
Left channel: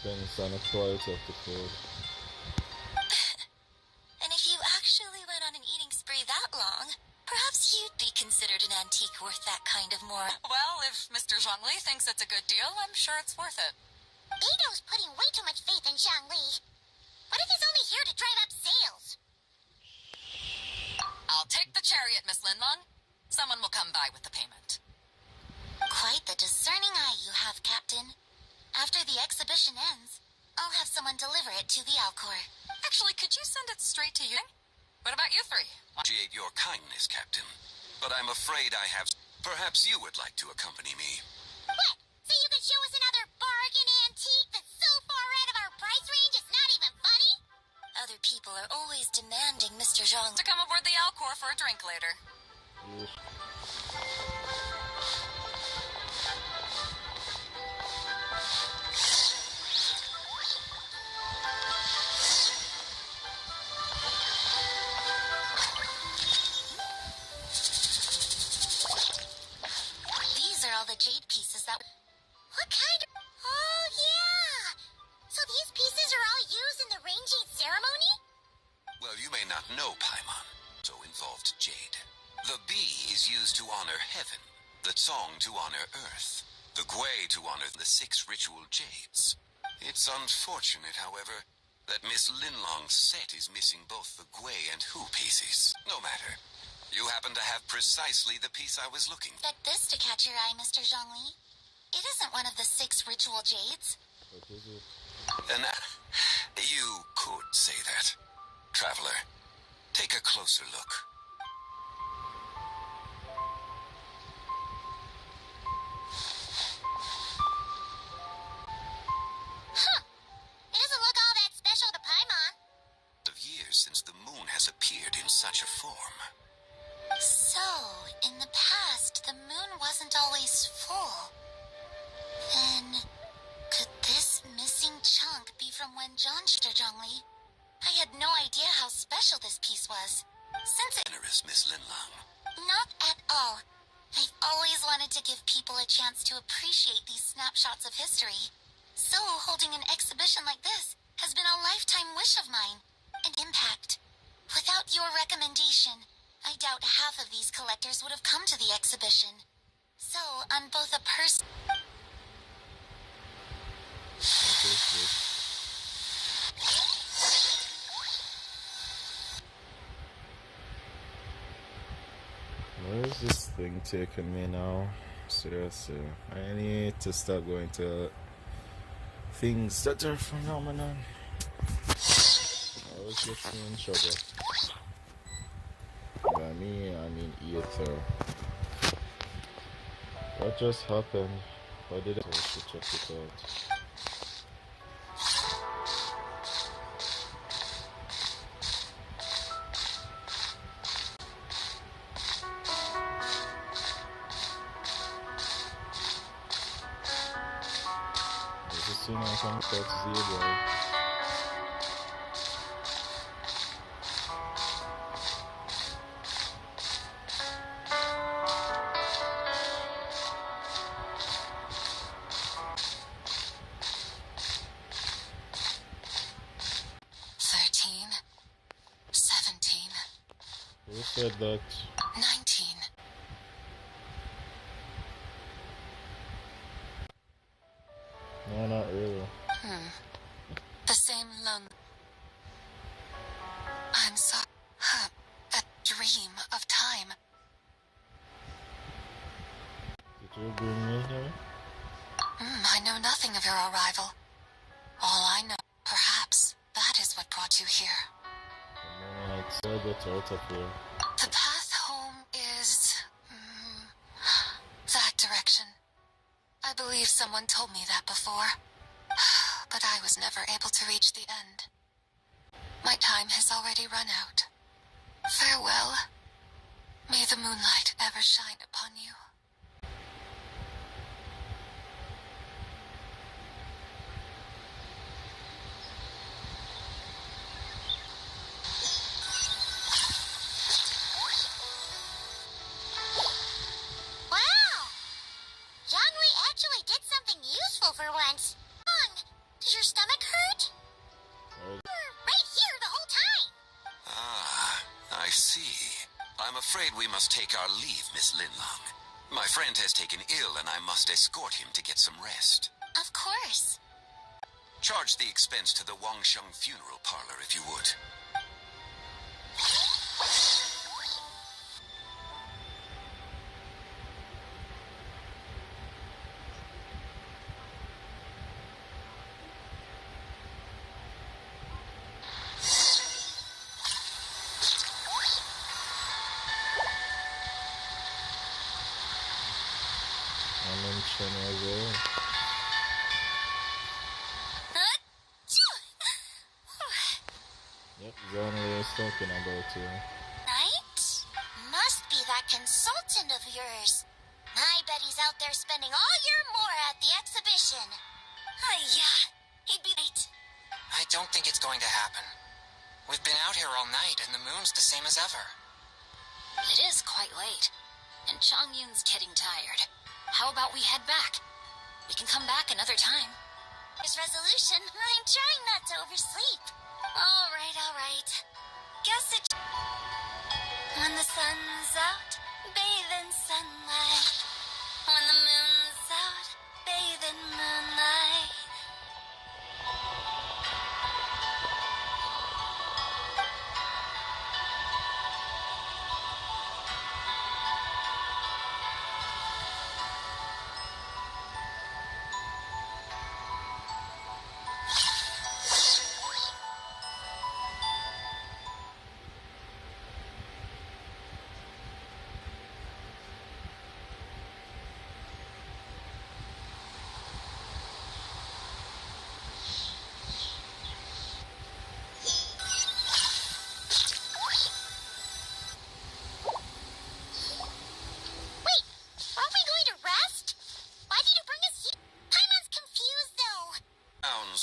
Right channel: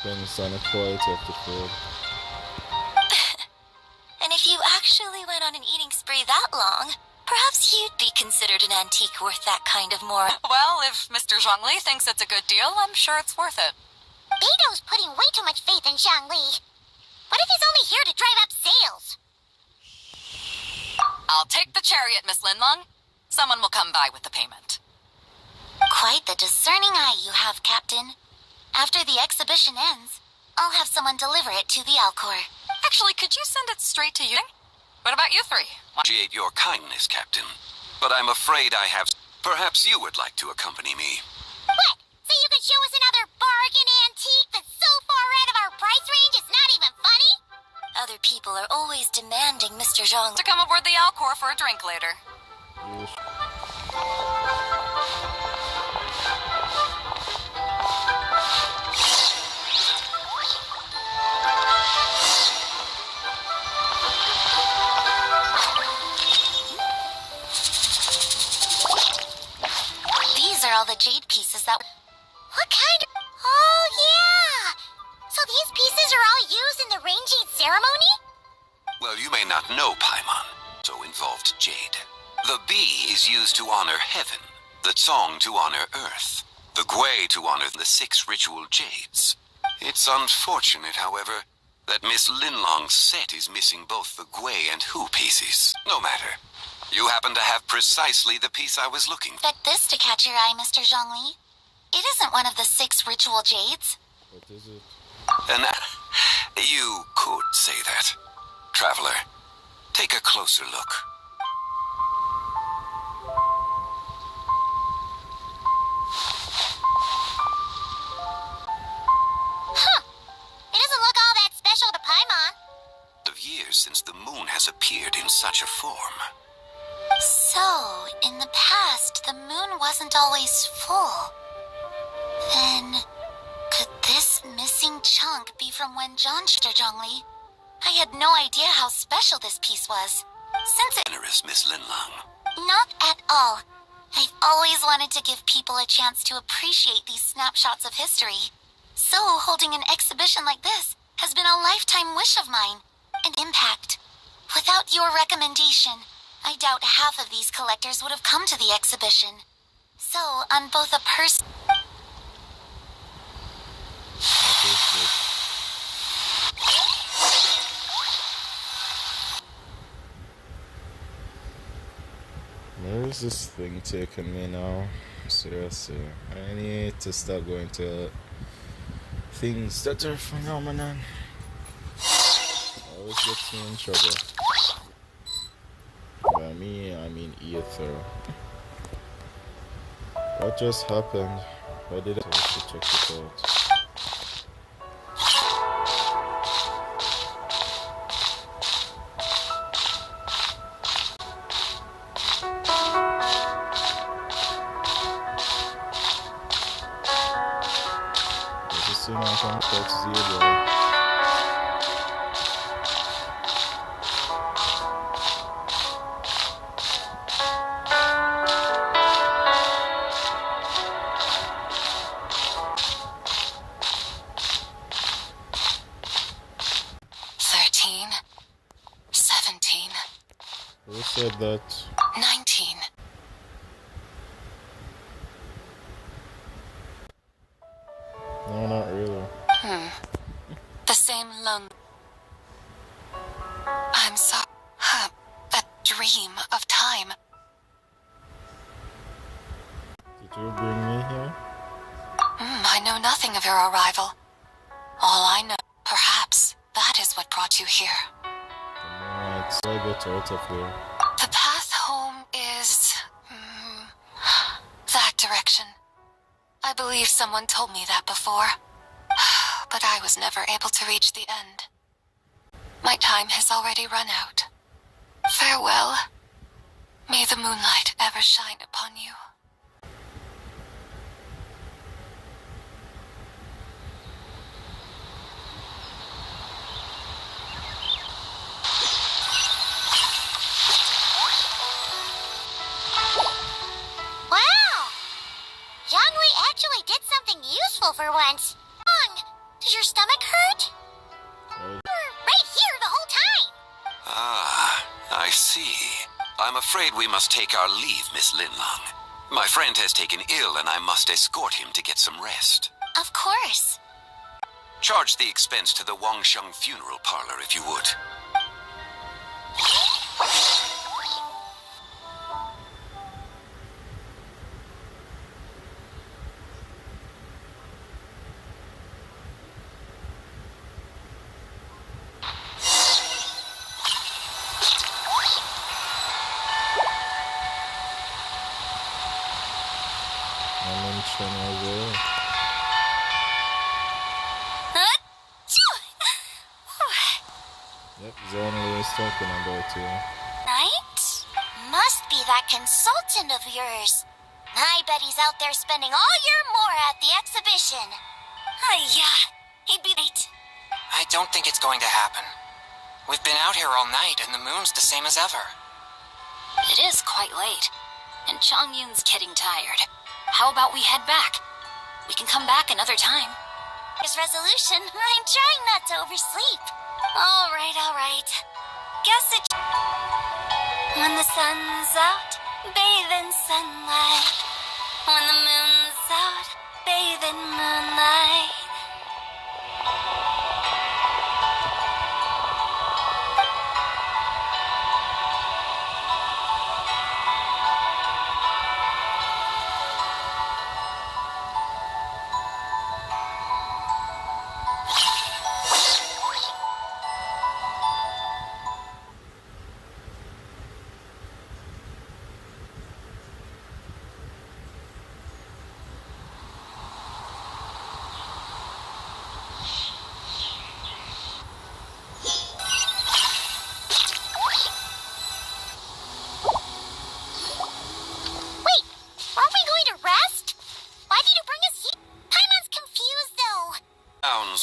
Depends on the quality of the food. And if you actually went on an eating spree that long, perhaps you'd be considered an antique worth that kind of more. Well, if Mr. Zhongli thinks it's a good deal, I'm sure it's worth it. Beto's putting way too much faith in Zhongli. What if he's only here to drive up sales? I'll take the chariot, Miss Linlong. Someone will come by with the payment. Quite the discerning eye you have, Captain. After the exhibition ends, I'll have someone deliver it to the Alcor. Actually, could you send it straight to you? What about you three? Appreciate your kindness, Captain. But I'm afraid I have... Perhaps you would like to accompany me. What? So you can show us another bargain antique that's so far out of our price range it's not even funny? Other people are always demanding Mr. Zhang To come aboard the Alcor for a drink later. Yes. These are all the jade pieces that... What kind of... Oh, yeah! So these pieces are all used in the rain jade ceremony? Well, you may not know Paimon, so involved jade. The bee is used to honor heaven, the song to honor earth, the gwei to honor the 6 ritual jades. It's unfortunate, however, that Miss Linlong's set is missing both the gwei and hu pieces. No matter. You happen to have precisely the piece I was looking for. Expect this to catch your eye, Mr. Zhongli. It isn't one of the 6 ritual jades. What is it? And you could say that. Traveler, take a closer look. Huh. It doesn't look all that special to Paimon. Of years since the moon has appeared in such a form. So, in the past, the moon wasn't always full. Then, could this missing chunk be from when Mr. Zhongli? I had no idea how special this piece was. Since it... Generous Miss Linlong. Not at all. I've always wanted to give people a chance to appreciate these snapshots of history. So, holding an exhibition like this has been a lifetime wish of mine. An impact. Without your recommendation, I doubt half of these collectors would have come to the exhibition. So, on both a person... What is this? Where is this thing taking me now? Seriously, I need to start going to things that are phenomenon. I always get me in trouble. By me, I mean ether. What just happened? Why did I have to check it out? This is soon I can start zero. Who said that? 19. No, not really. The same lone. I'm sorry. That dream of time. Did you bring me here? I know nothing of your arrival. All I know, perhaps, that is what brought you here. The moonlight, so I get out of here. The path home is... that direction. I believe someone told me that before. But I was never able to reach the end. My time has already run out. Farewell. May the moonlight ever shine upon you. Zhongli actually did something useful for once. Does your style I'm afraid we must take our leave, Miss Linlong. My friend has taken ill and I must escort him to get some rest. Of course. Charge the expense to the Wangsheng funeral parlor if you would. Yep, Zonley is talking about you. Knight? Must be that consultant of yours. I bet he's out there spending all year more at the exhibition. Yeah, he'd be late. I don't think it's going to happen. We've been out here all night and the moon's the same as ever. It is quite late, and Chongyun's getting tired. How about we head back? We can come back another time. His resolution, I'm trying not to oversleep. All right. Guess it... When the sun's out, bathe in sunlight. When the moon's out, bathe in moonlight.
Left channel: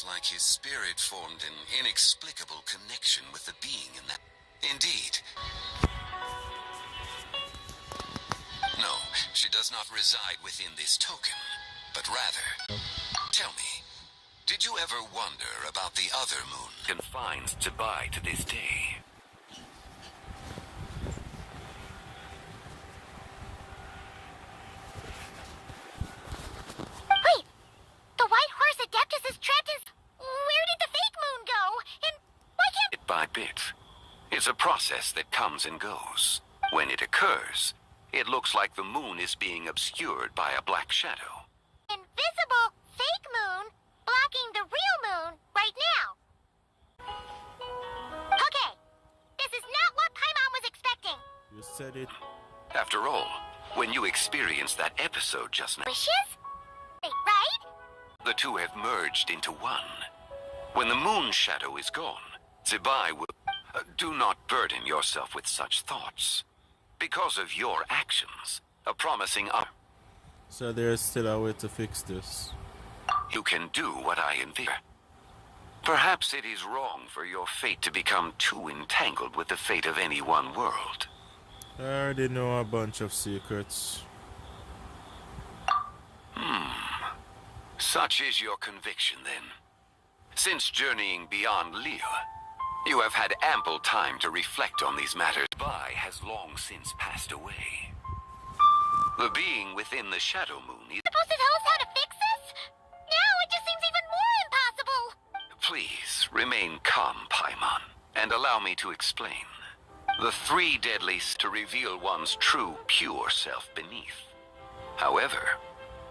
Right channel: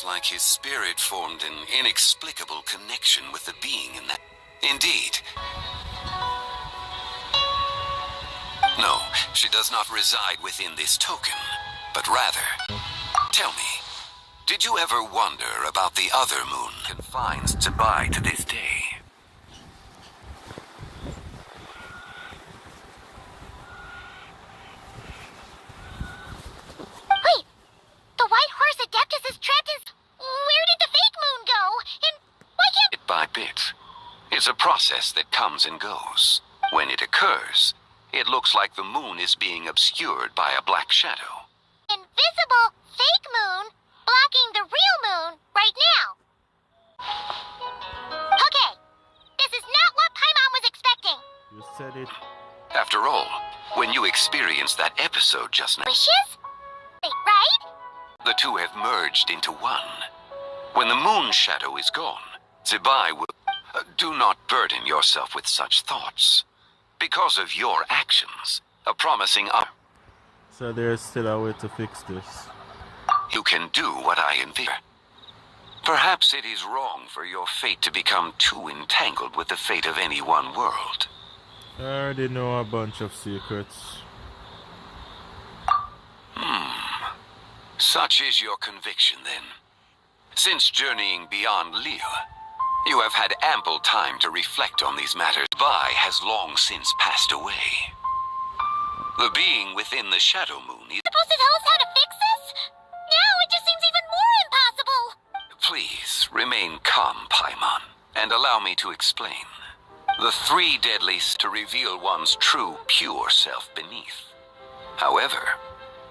Like his spirit formed an inexplicable connection with the being in that. Indeed. No, she does not reside within this token, but rather... Tell me, did you ever wonder about the other moon confines Zibai to this day? Wait! The White Horse Adeptus is trapped in... Where did the fake moon go? And why can't... Bit by bit. It's a process that comes and goes. When it occurs, it looks like the moon is being obscured by a black shadow. Invisible fake moon blocking the real moon right now. Okay, this is not what Paimon was expecting. You said it. After all, when you experienced that episode just now... Wishes? Wait, right? The two have merged into one. When the moon shadow is gone, Zibai will... do not burden yourself with such thoughts. Because of your actions, a promising... So there's still a way to fix this. You can do what I envision. Perhaps it is wrong for your fate to become too entangled with the fate of any one world. I already know a bunch of secrets. Such is your conviction, then. Since journeying beyond Lille, you have had ample time to reflect on these matters. Bai has long since passed away. The being within the Shadow Moon is... Supposed to tell us how to fix this? Now it just seems even more impossible. Please, remain calm, Paimon, and allow me to explain. The three deadlies to reveal one's true, pure self beneath. However,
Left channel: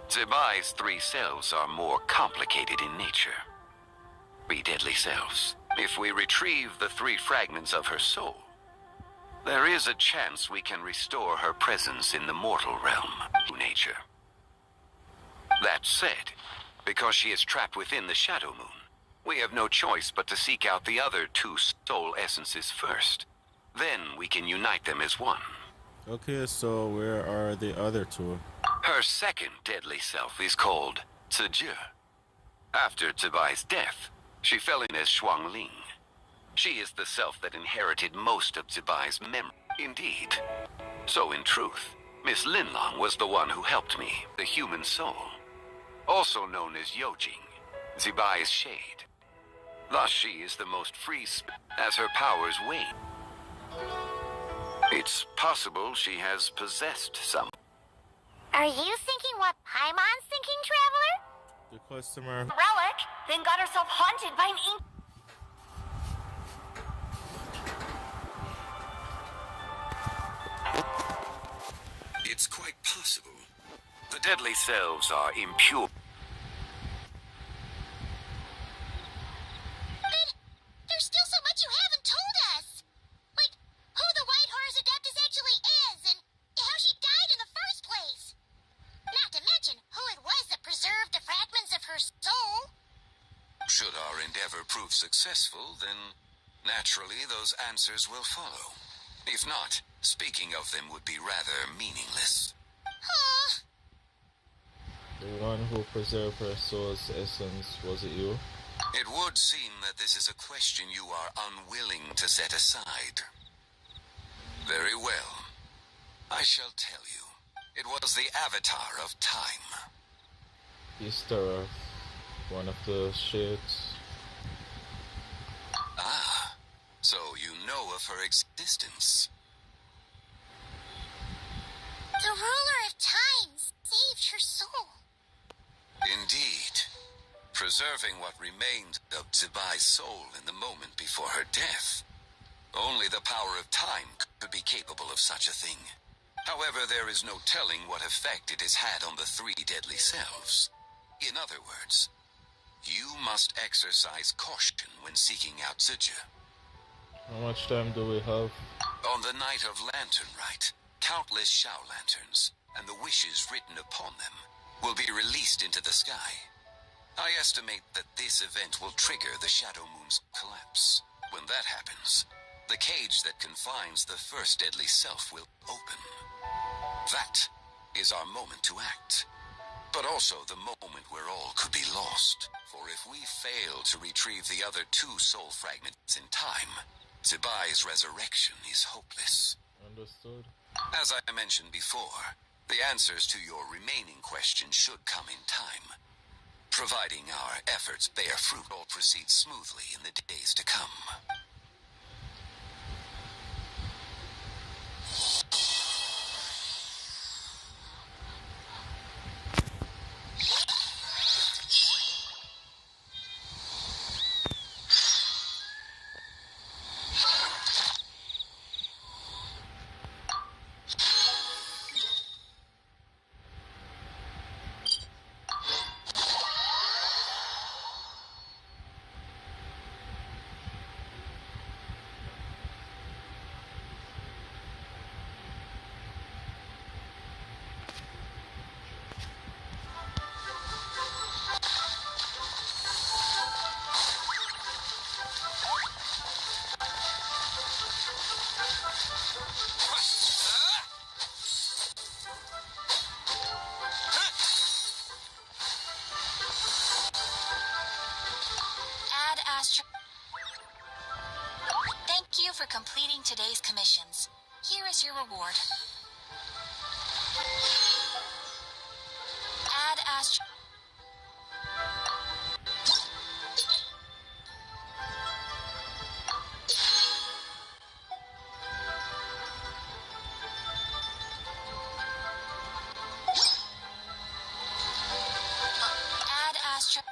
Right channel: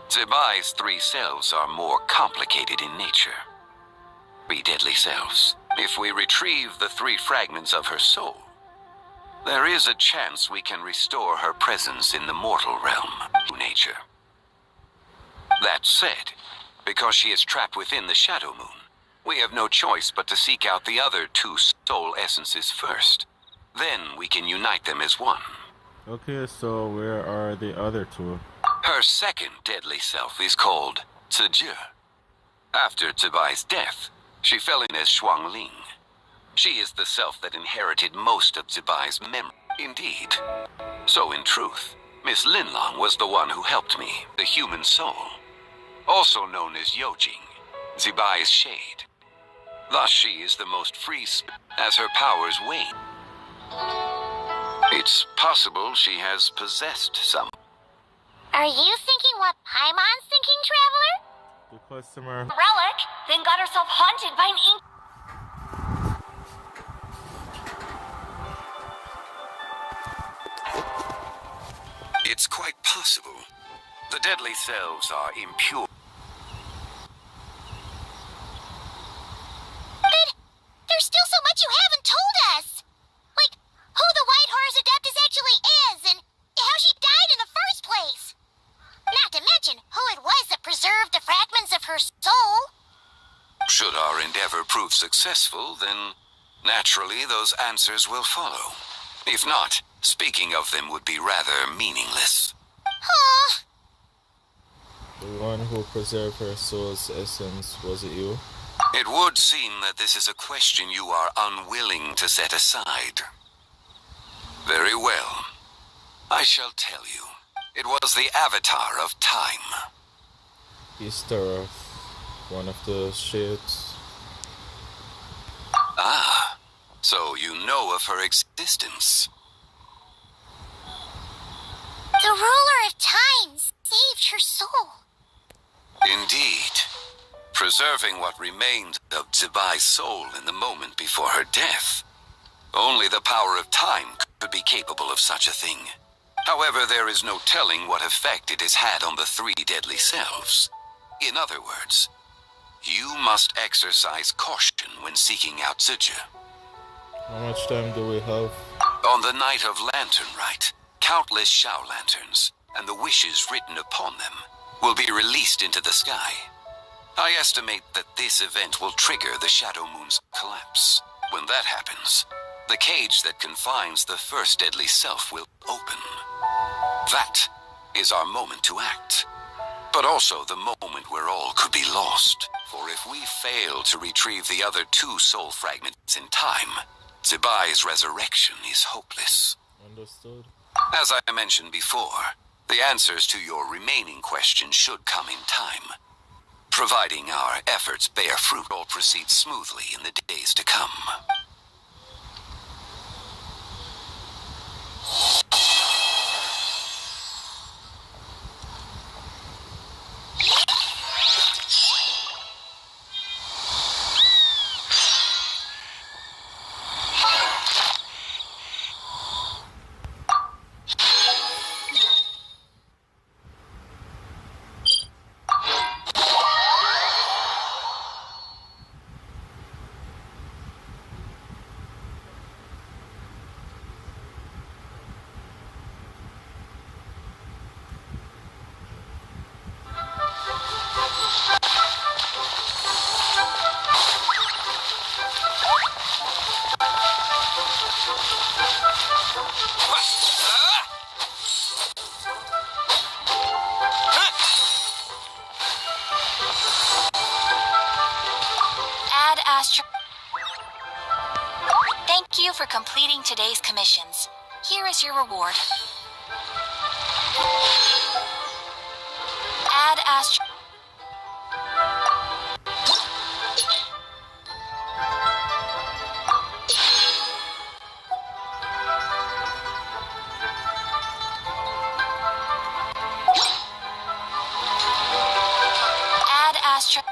Zibai's three selves are more complicated in nature. Three deadly selves. If we retrieve the three fragments of her soul, there is a chance we can restore her presence in the mortal realm, nature. That said, because she is trapped within the Shadow Moon, we have no choice but to seek out the other two soul essences first. Then we can unite them as one. Okay, so where are the other two? Her second deadly self is called Ziji. After Zibai's death, she fell in as Shuangling. She is the self that inherited most of Zibai's memory. Indeed. So in truth, Miss Linlong was the one who helped me, the human soul. Also known as Yojing, Zibai's shade. Thus she is the most free as her powers wane. It's possible she has possessed some. Are you thinking what Paimon's thinking, Traveler? The customer. Relic, then got herself haunted by an ink. It's quite possible. The deadly selves are impure. But there's still so much you haven't told us. Like, who the White Horse Adeptus actually is, and how she died in the first place. Not to mention who it was that preserved the fragments of her soul. Should our endeavor prove successful, then naturally those answers will follow. If not, speaking of them would be rather meaningless. Huh. The one who preserved her soul's essence, was it you? It would seem that this is a question you are unwilling to set aside. Very well. I shall tell you. It was the Avatar of Time. Easter of one of the shades. Ah, so you know of her existence. The ruler of time saved her soul. Indeed. Preserving what remained of Zibai's soul in the moment before her death. Only the power of time could be capable of such a thing. However, there is no telling what effect it has had on the three deadly selves. In other words, you must exercise caution when seeking out Zuja. How much time do we have? On the night of Lantern Rite, countless Shao lanterns, and the wishes written upon them, will be released into the sky. I estimate that this event will trigger the Shadow Moon's collapse. When that happens, the cage that confines the first deadly self will open. That is our moment to act. But also the moment where all could be lost. For if we fail to retrieve the other two soul fragments in time, Zibai's resurrection is hopeless. Understood. As I mentioned before, the answers to your remaining questions should come in time. Providing our efforts bear fruit, all proceed smoothly in the days to come. Thank you for completing today's commissions. Here is your reward. Ad Astra. Ad Astra.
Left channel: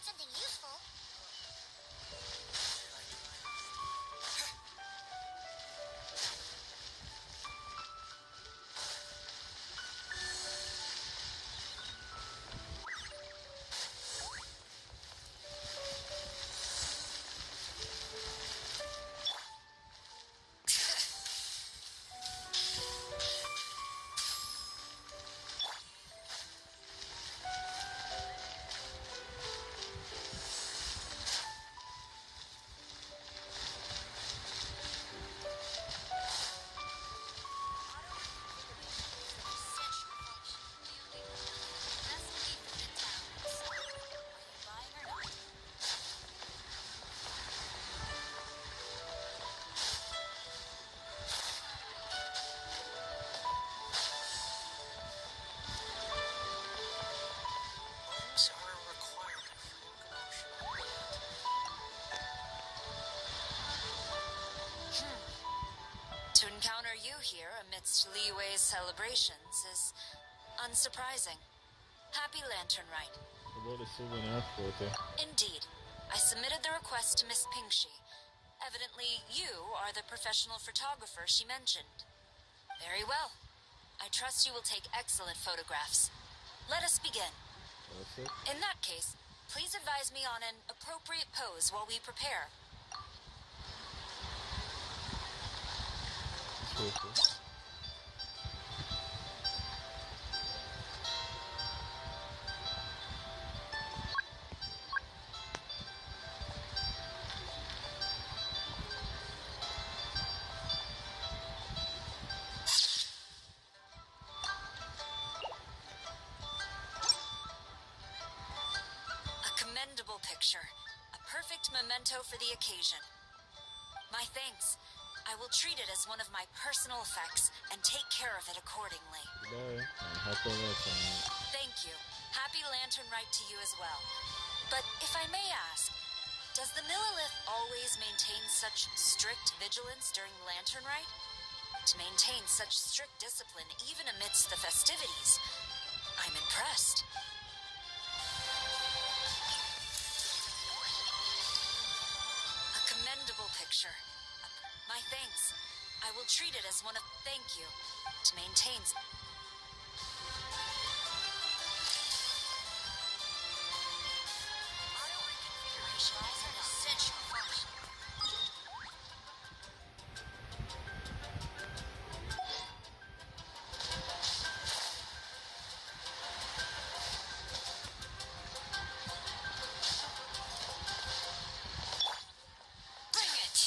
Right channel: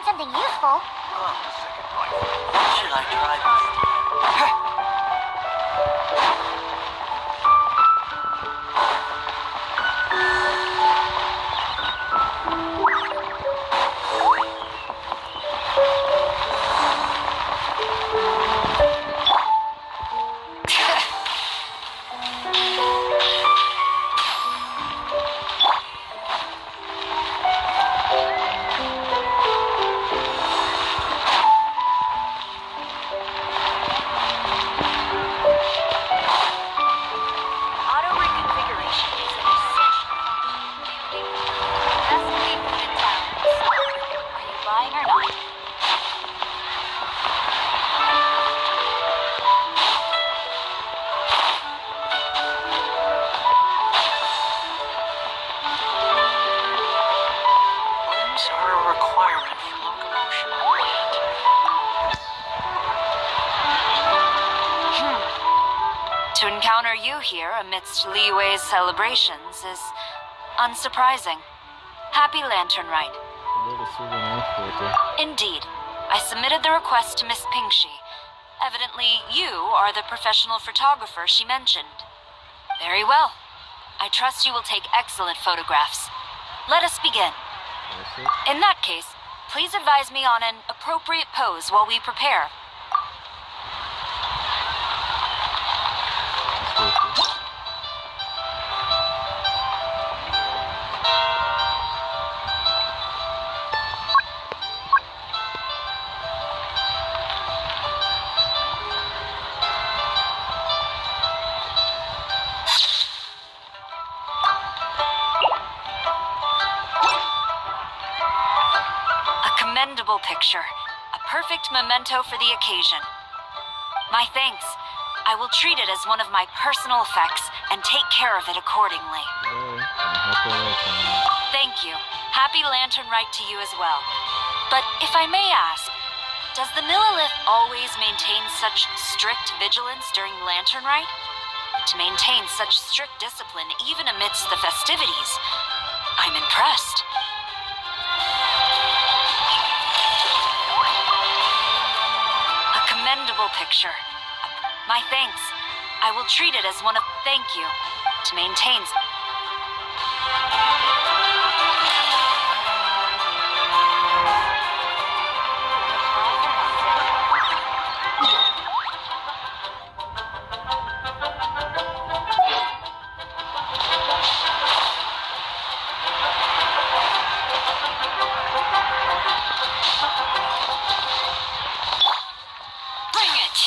find something useful. Should I try this? Auto reconfiguration is an essential function. Best people in town. Are you buying or not? Limbs are a requirement for locomotion. To encounter you here amidst Liwei's celebrations is unsurprising. Happy Lantern Rite. About the souvenir photo. Indeed. I submitted the request to Miss Pingshi. Evidently, you are the professional photographer she mentioned. Very well. I trust you will take excellent photographs. Let us begin. That's it. In that case, please advise me on an appropriate pose while we prepare. That's perfect. A commendable picture. A perfect memento for the occasion. My thanks. I will treat it as one of my personal effects and take care of it accordingly. Goodbye. And happy Lantern. Thank you. Happy Lantern Rite to you as well. But if I may ask, does the Millilith always maintain such strict vigilance during Lantern Rite? To maintain such strict discipline even amidst the festivities, I'm impressed. A commendable picture. My thanks. I will treat it as one of thank you to maintain. Bring it.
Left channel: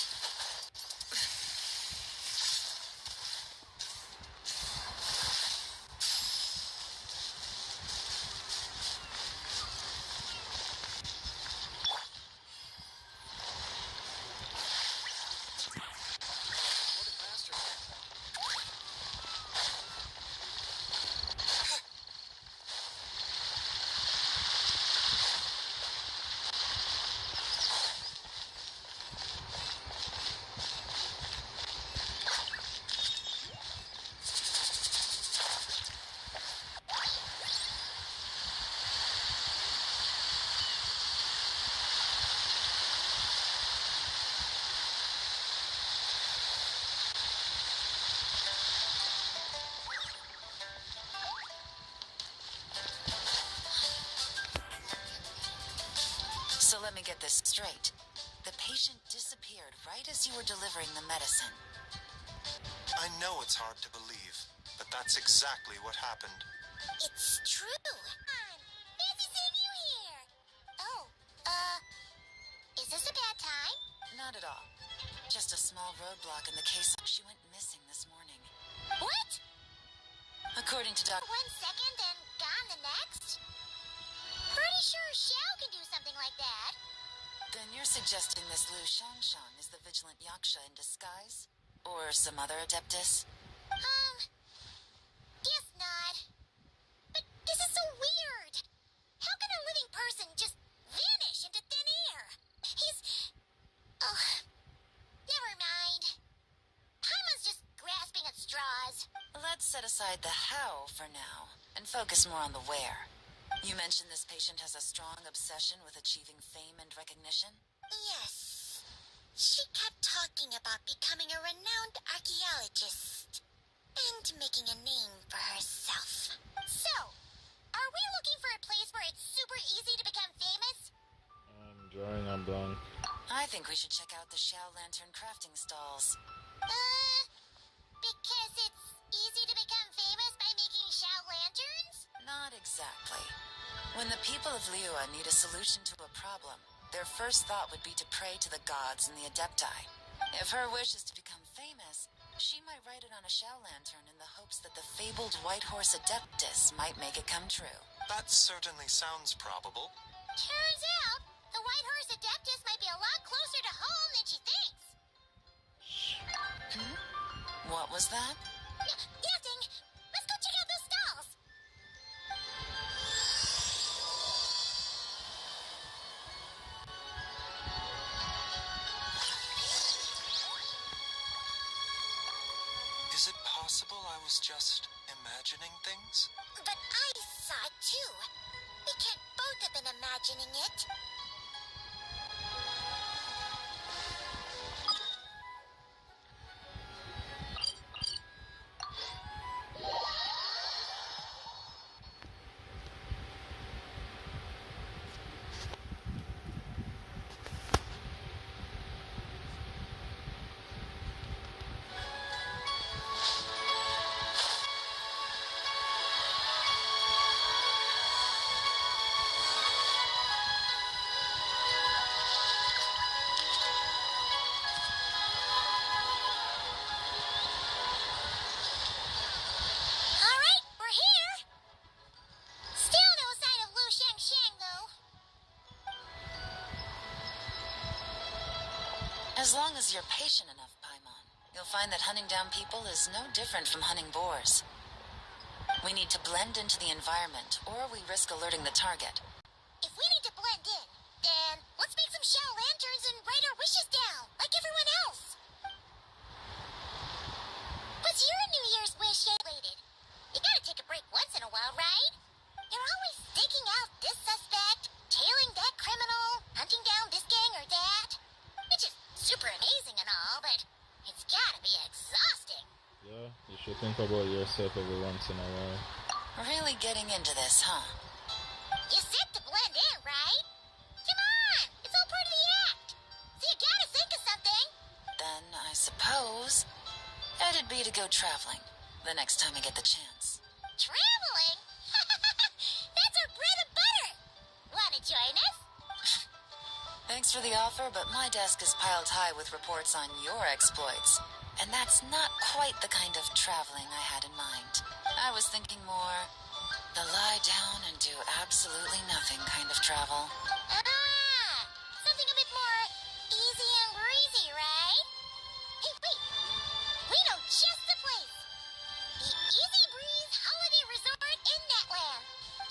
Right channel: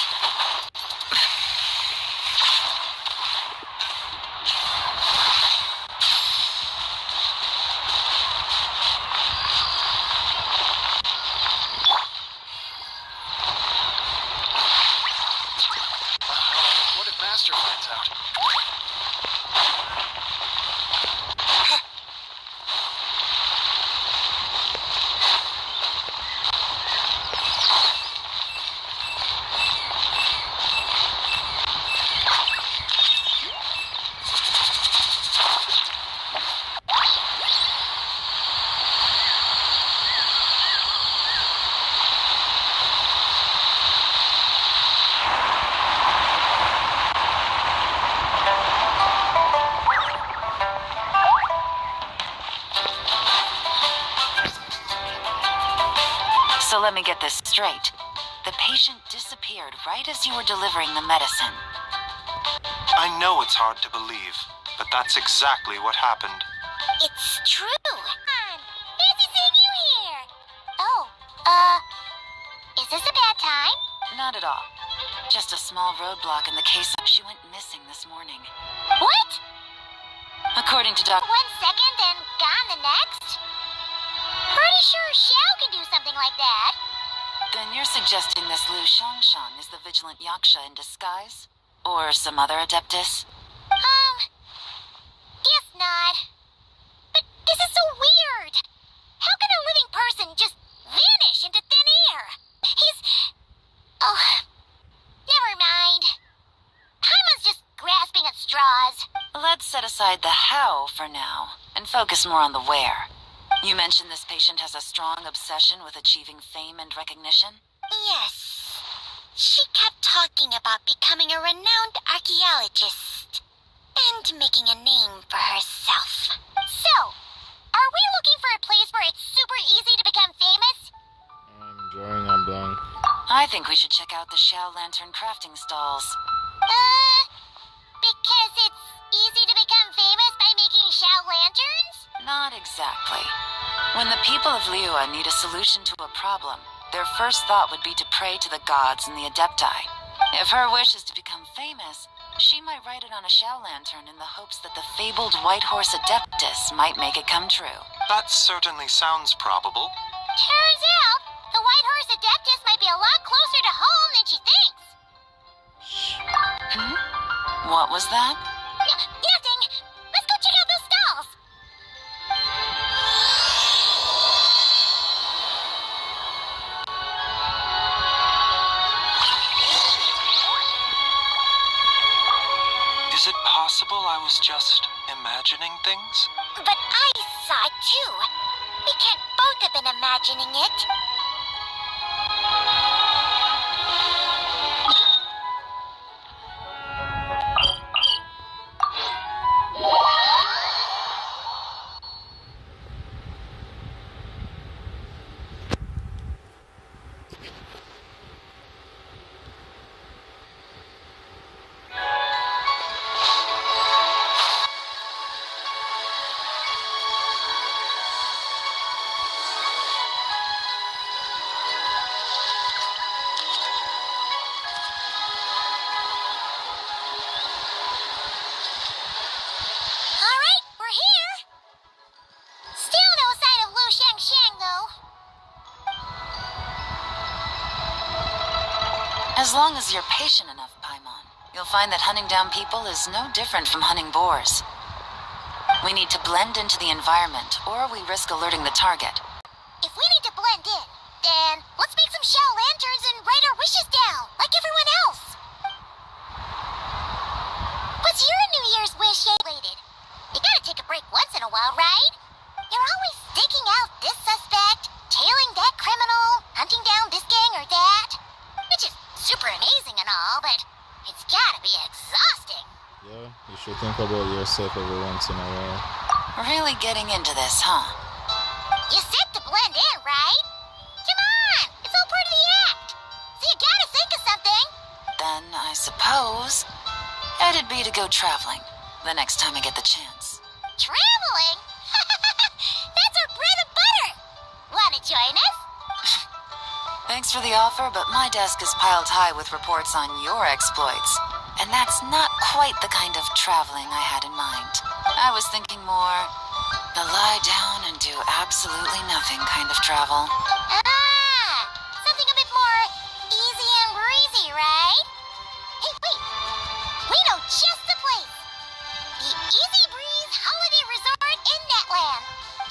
What if Master finds out? So let me get this straight. The patient disappeared right as you were delivering the medicine. I know it's hard to believe, but that's exactly what happened. It's true. Fancy seeing you here. Oh, is this a bad time? Not at all. Just a small roadblock in the case she went missing this morning. What? According to Dr. 1 second and gone the next? Pretty sure Xiao can do something like that. Then you're suggesting this Lu Shangshan is the vigilant Yaksha in disguise? Or some other Adeptus? Guess not. But this is so weird. How can a living person just vanish into thin air? He's... Oh, never mind. Paimon's just grasping at straws. Let's set aside the how for now and focus more on the where. You mentioned this patient has a strong obsession with achieving fame and recognition? Yes. She kept talking about becoming a renowned archaeologist and making a name for herself. So, are we looking for a place where it's super easy to become famous? I'm drawing a blank. I think we should check out the Shao Lantern crafting stalls. Because it's easy to become famous by making Shao lanterns? Not exactly. When the people of Liyue need a solution to a problem, their first thought would be to pray to the gods and the Adepti. If her wish is to become famous, she might write it on a Shao lantern in the hopes that the fabled white horse Adeptus might make it come true. That certainly sounds probable. Turns out, the white horse Adeptus might be a lot closer to home than she thinks. What was that? Nothing. Let's go check out those stalls. Is it possible I was just imagining things? But I saw it too. We can't both have been imagining it. Alright, we're here. Still no sign of Lu Shang, though. As long as you're patient enough, Paimon, you'll find that hunting down people is no different from hunting boars. We need to blend into the environment, or we risk alerting the target. If we need to blend in, then let's make some Shao lanterns and write our wishes down, like everyone else. What's your New Year's wish related? You gotta take a break once in a while, right? You're always staking out this suspect, tailing that criminal, hunting down this gang or that. Which is super amazing and all, but it's gotta be exhausting. Yeah, you should think about yourself every once in a while. Really getting into this, huh? You said to blend in, right? Come on, it's all part of the act. So you gotta think of something. Then I suppose it'd be to go traveling the next time I get the chance. Traveling? That's our bread and butter. Wanna join us? Thanks for the offer, but my desk is piled high with reports on your exploits. And that's not quite the kind of traveling I had in mind. I was thinking more the lie down and do absolutely nothing kind of travel. Something a bit more easy and breezy, right? Hey, wait. We know just the place. The Easy Breeze Holiday Resort in Netland.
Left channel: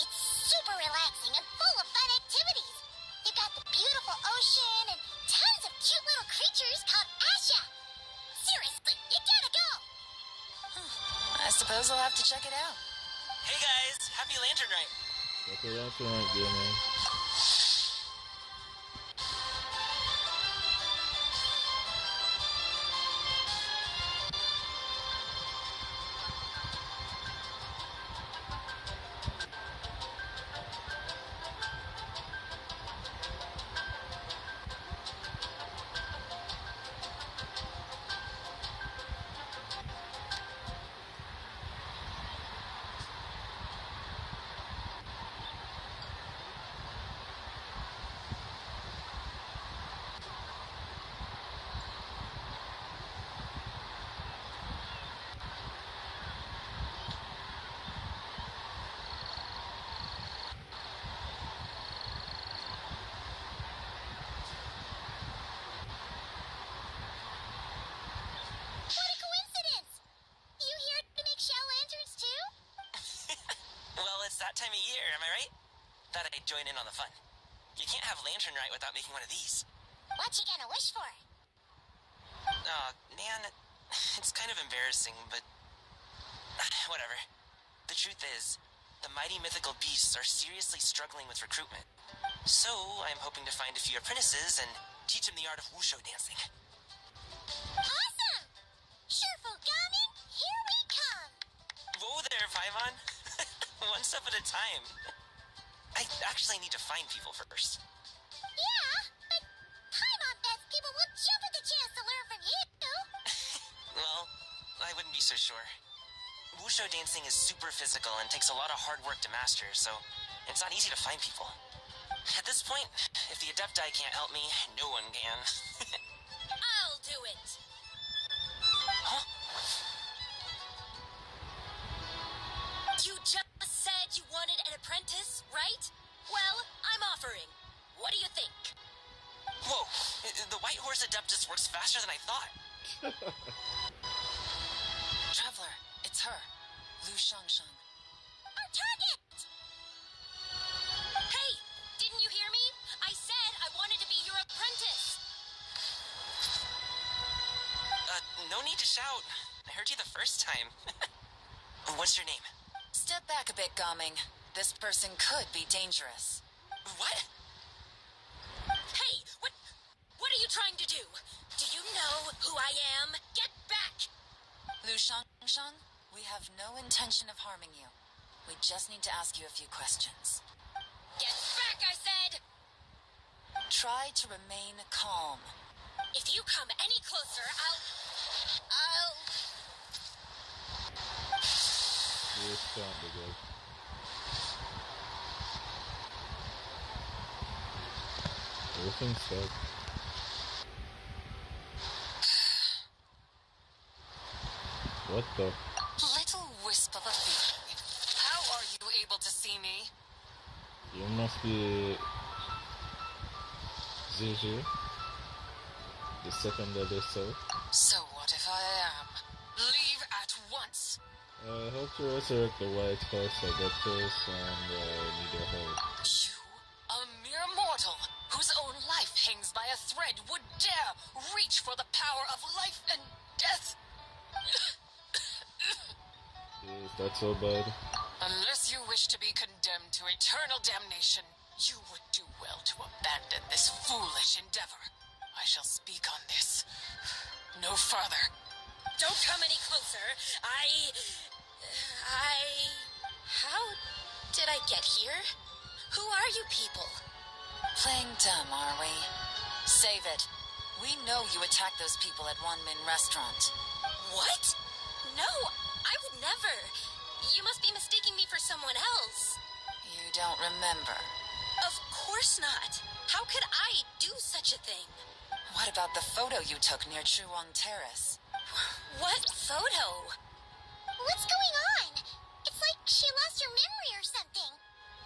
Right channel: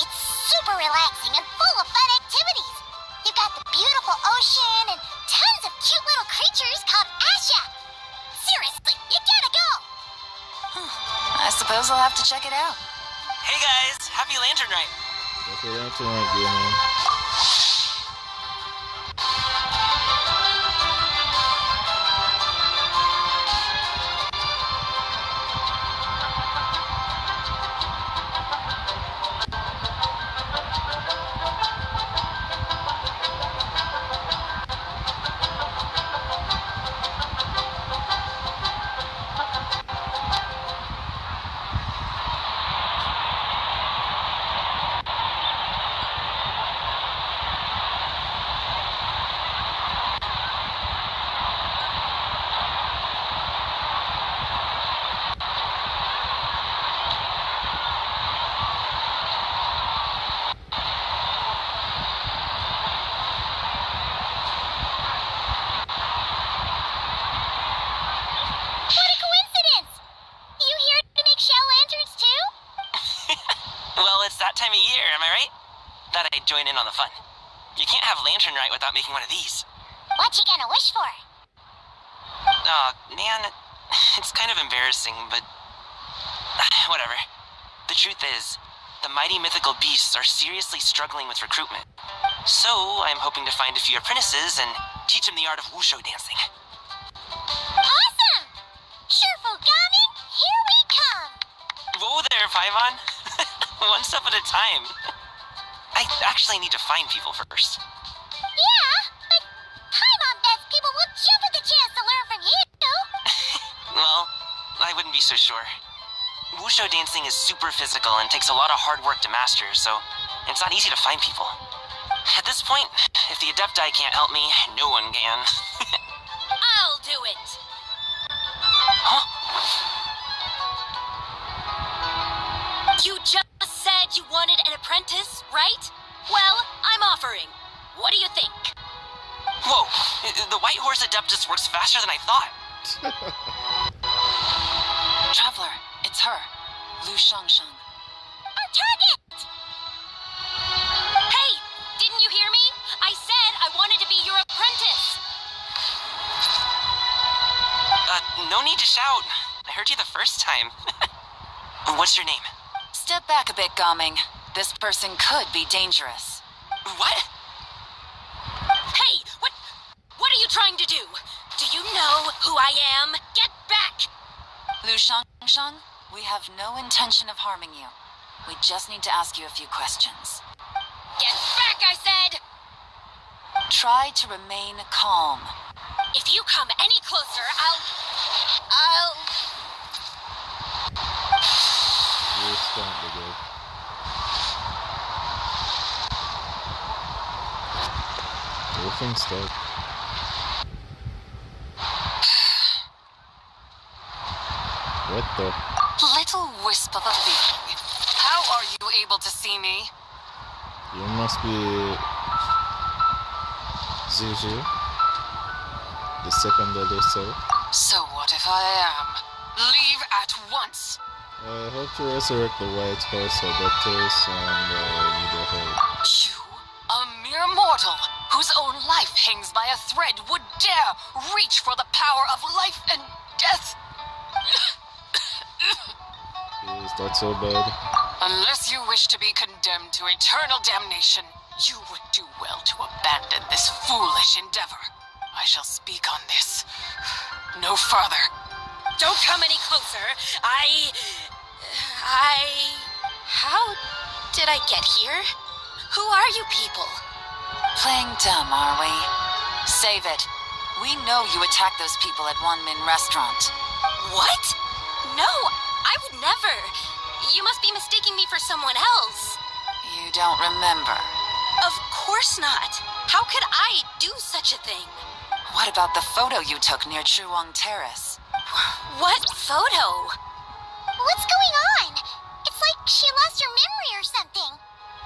It's super relaxing and full of fun activities. You've got the beautiful ocean and tons of cute little creatures called Asha. Seriously, you gotta go. I suppose I'll have to check it out. Hey guys, happy Lantern Night. Happy Lantern Night, gaming. What a coincidence! You here to make Shao lanterns too? Well, it's that time of year, am I right? Thought I'd join in on the fun. You can't have Lantern Night without making one of these. What you gonna wish for? Aw, man, it's kind of embarrassing, but whatever. The truth is, the mighty mythical beasts are seriously struggling with recruitment. So, I'm hoping to find a few apprentices and teach them the art of wushu dancing. Awesome! Shurfugami, here we come! Whoa there, Paimon! One step at a time. I actually need to find people first. Yeah, but Paimon bets people will jump at the chance to learn from you! Well, I wouldn't be so sure. Wushu dancing is super physical and takes a lot of hard work to master, so it's not easy to find people. At this point, if the Adepti can't help me, no one can. I'll do it. Huh? You just said you wanted an apprentice, right? Well, I'm offering. What do you think? Whoa, the White Horse Adeptus works faster than I thought. Traveler, it's her. Lu Shangshang. Our target! Hey, didn't you hear me? I said I wanted to be your apprentice. No need to shout. I heard you the first time. What's your name? Step back a bit, Gaming. This person could be dangerous. What? Hey, what are you trying to do? Do you know who I am? Get back! Lu Shangshang, we have no intention of harming you. We just need to ask you a few questions. Get back, I said! Try to remain calm. If you come any closer, I'll... You're starting to go. Everything's stuck. What the? Little wisp of a bee. How are you able to see me? You must be Ziji, the second elder self. So what if I am? Leave at once. I hope to resurrect the White Horse Adeptus and need your help. You, a mere mortal, whose own life hangs by a thread, would dare reach for the power of life and death? Is that so bad? Unless you wish to be condemned to eternal damnation, you would do well to abandon this foolish endeavor. I shall speak on this. No further. Don't come any closer. How did I get here? Who are you people? Playing dumb, are we? Save it. We know you attacked those people at Wanmin Restaurant. What? No, I would never. You must be mistaking me for someone else. You don't remember. Of course not. How could I do such a thing? What about the photo you took near Chuang Terrace? What photo? What's going on? It's like she lost her memory or something.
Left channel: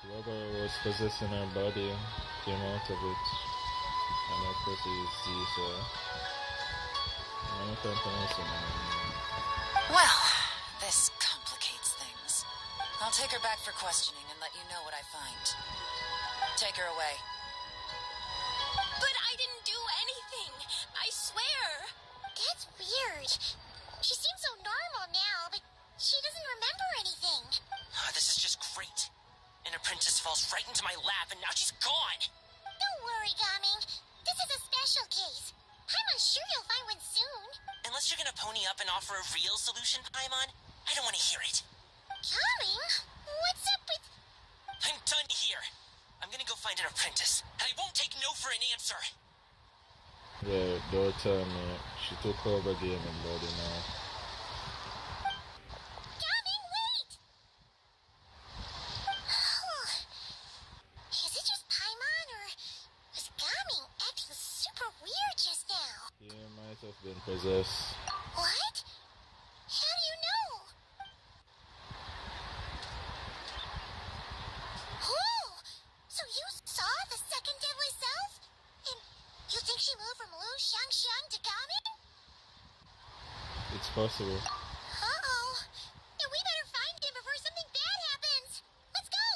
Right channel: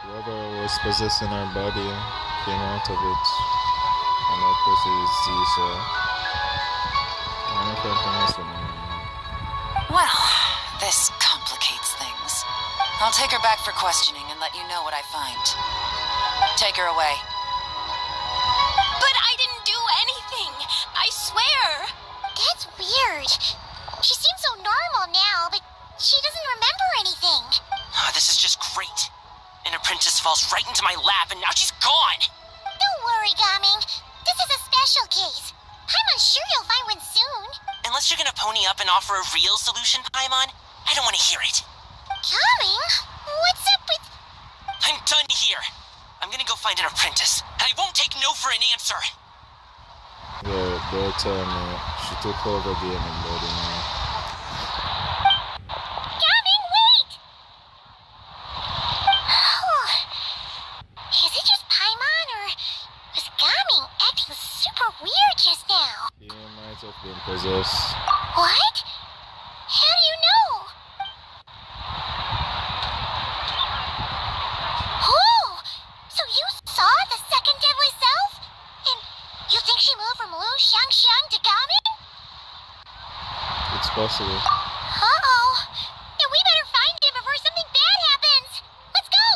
Whoever was possessing her body came out of it. And that person is Ziza. I don't know if I pronounce the name. Well, this complicates things. I'll take her back for questioning and let you know what I find. Take her away. But I didn't do anything. I swear. That's weird. She seems so normal now, but she doesn't remember anything. This is just great. An apprentice falls right into my lap and now she's gone. Don't worry, Gaming. This is a special case. I'm sure you'll find one soon. Unless you're gonna pony up and offer a real solution, Paimon, I don't want to hear it. Gaming? What's up with... I'm done here. I'm gonna go find an apprentice, and I won't take no for an answer. Well, they'll tell me she took over the human body now. Gaming, wait! Is it just Paimon, or was Gaming acting super weird just now? He might have been possessed. What? How do you know? Oh! So you saw the second deadly self? And you think she moved from Lu Shangxiang to Gaming? It's possible. Uh-oh. And we better find him before something bad happens. Let's go!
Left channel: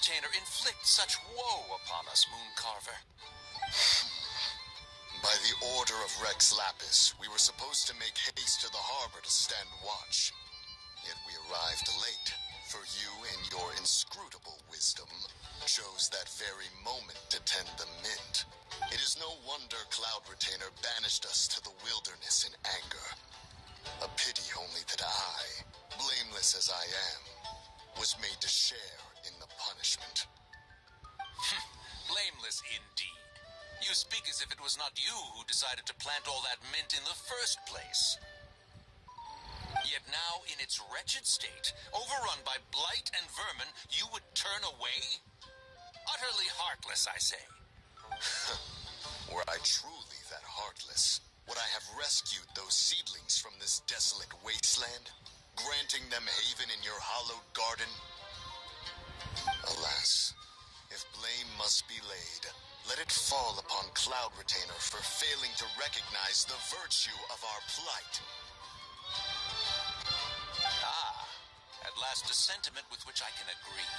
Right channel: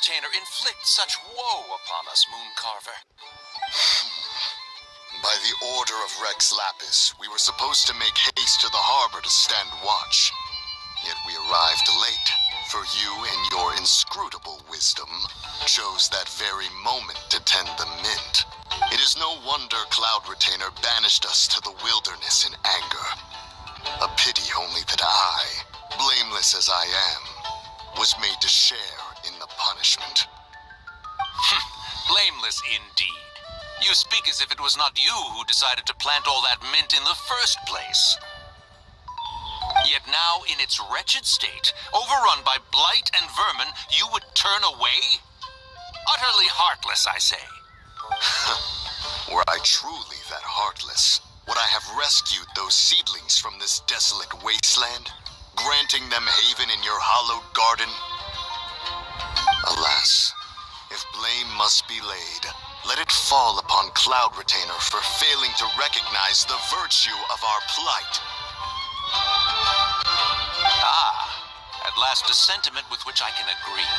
retainer inflict such woe upon us, Mooncarver? By the order of Rex Lapis, we were supposed to make haste to the harbor to stand watch. Yet we arrived late, for you, in your inscrutable wisdom, chose that very moment to tend the mint. It is no wonder Cloud Retainer banished us to the wilderness in anger. A pity only that I, blameless as I am, was made to share in the punishment. Blameless indeed. You speak as if it was not you who decided to plant all that mint in the first place. Yet now, in its wretched state, overrun by blight and vermin, you would turn away? Utterly heartless, I say. Were I truly that heartless, would I have rescued those seedlings from this desolate wasteland, granting them haven in your hallowed garden? Alas, if blame must be laid, let it fall upon Cloud Retainer for failing to recognize the virtue of our plight. At last a sentiment with which I can agree.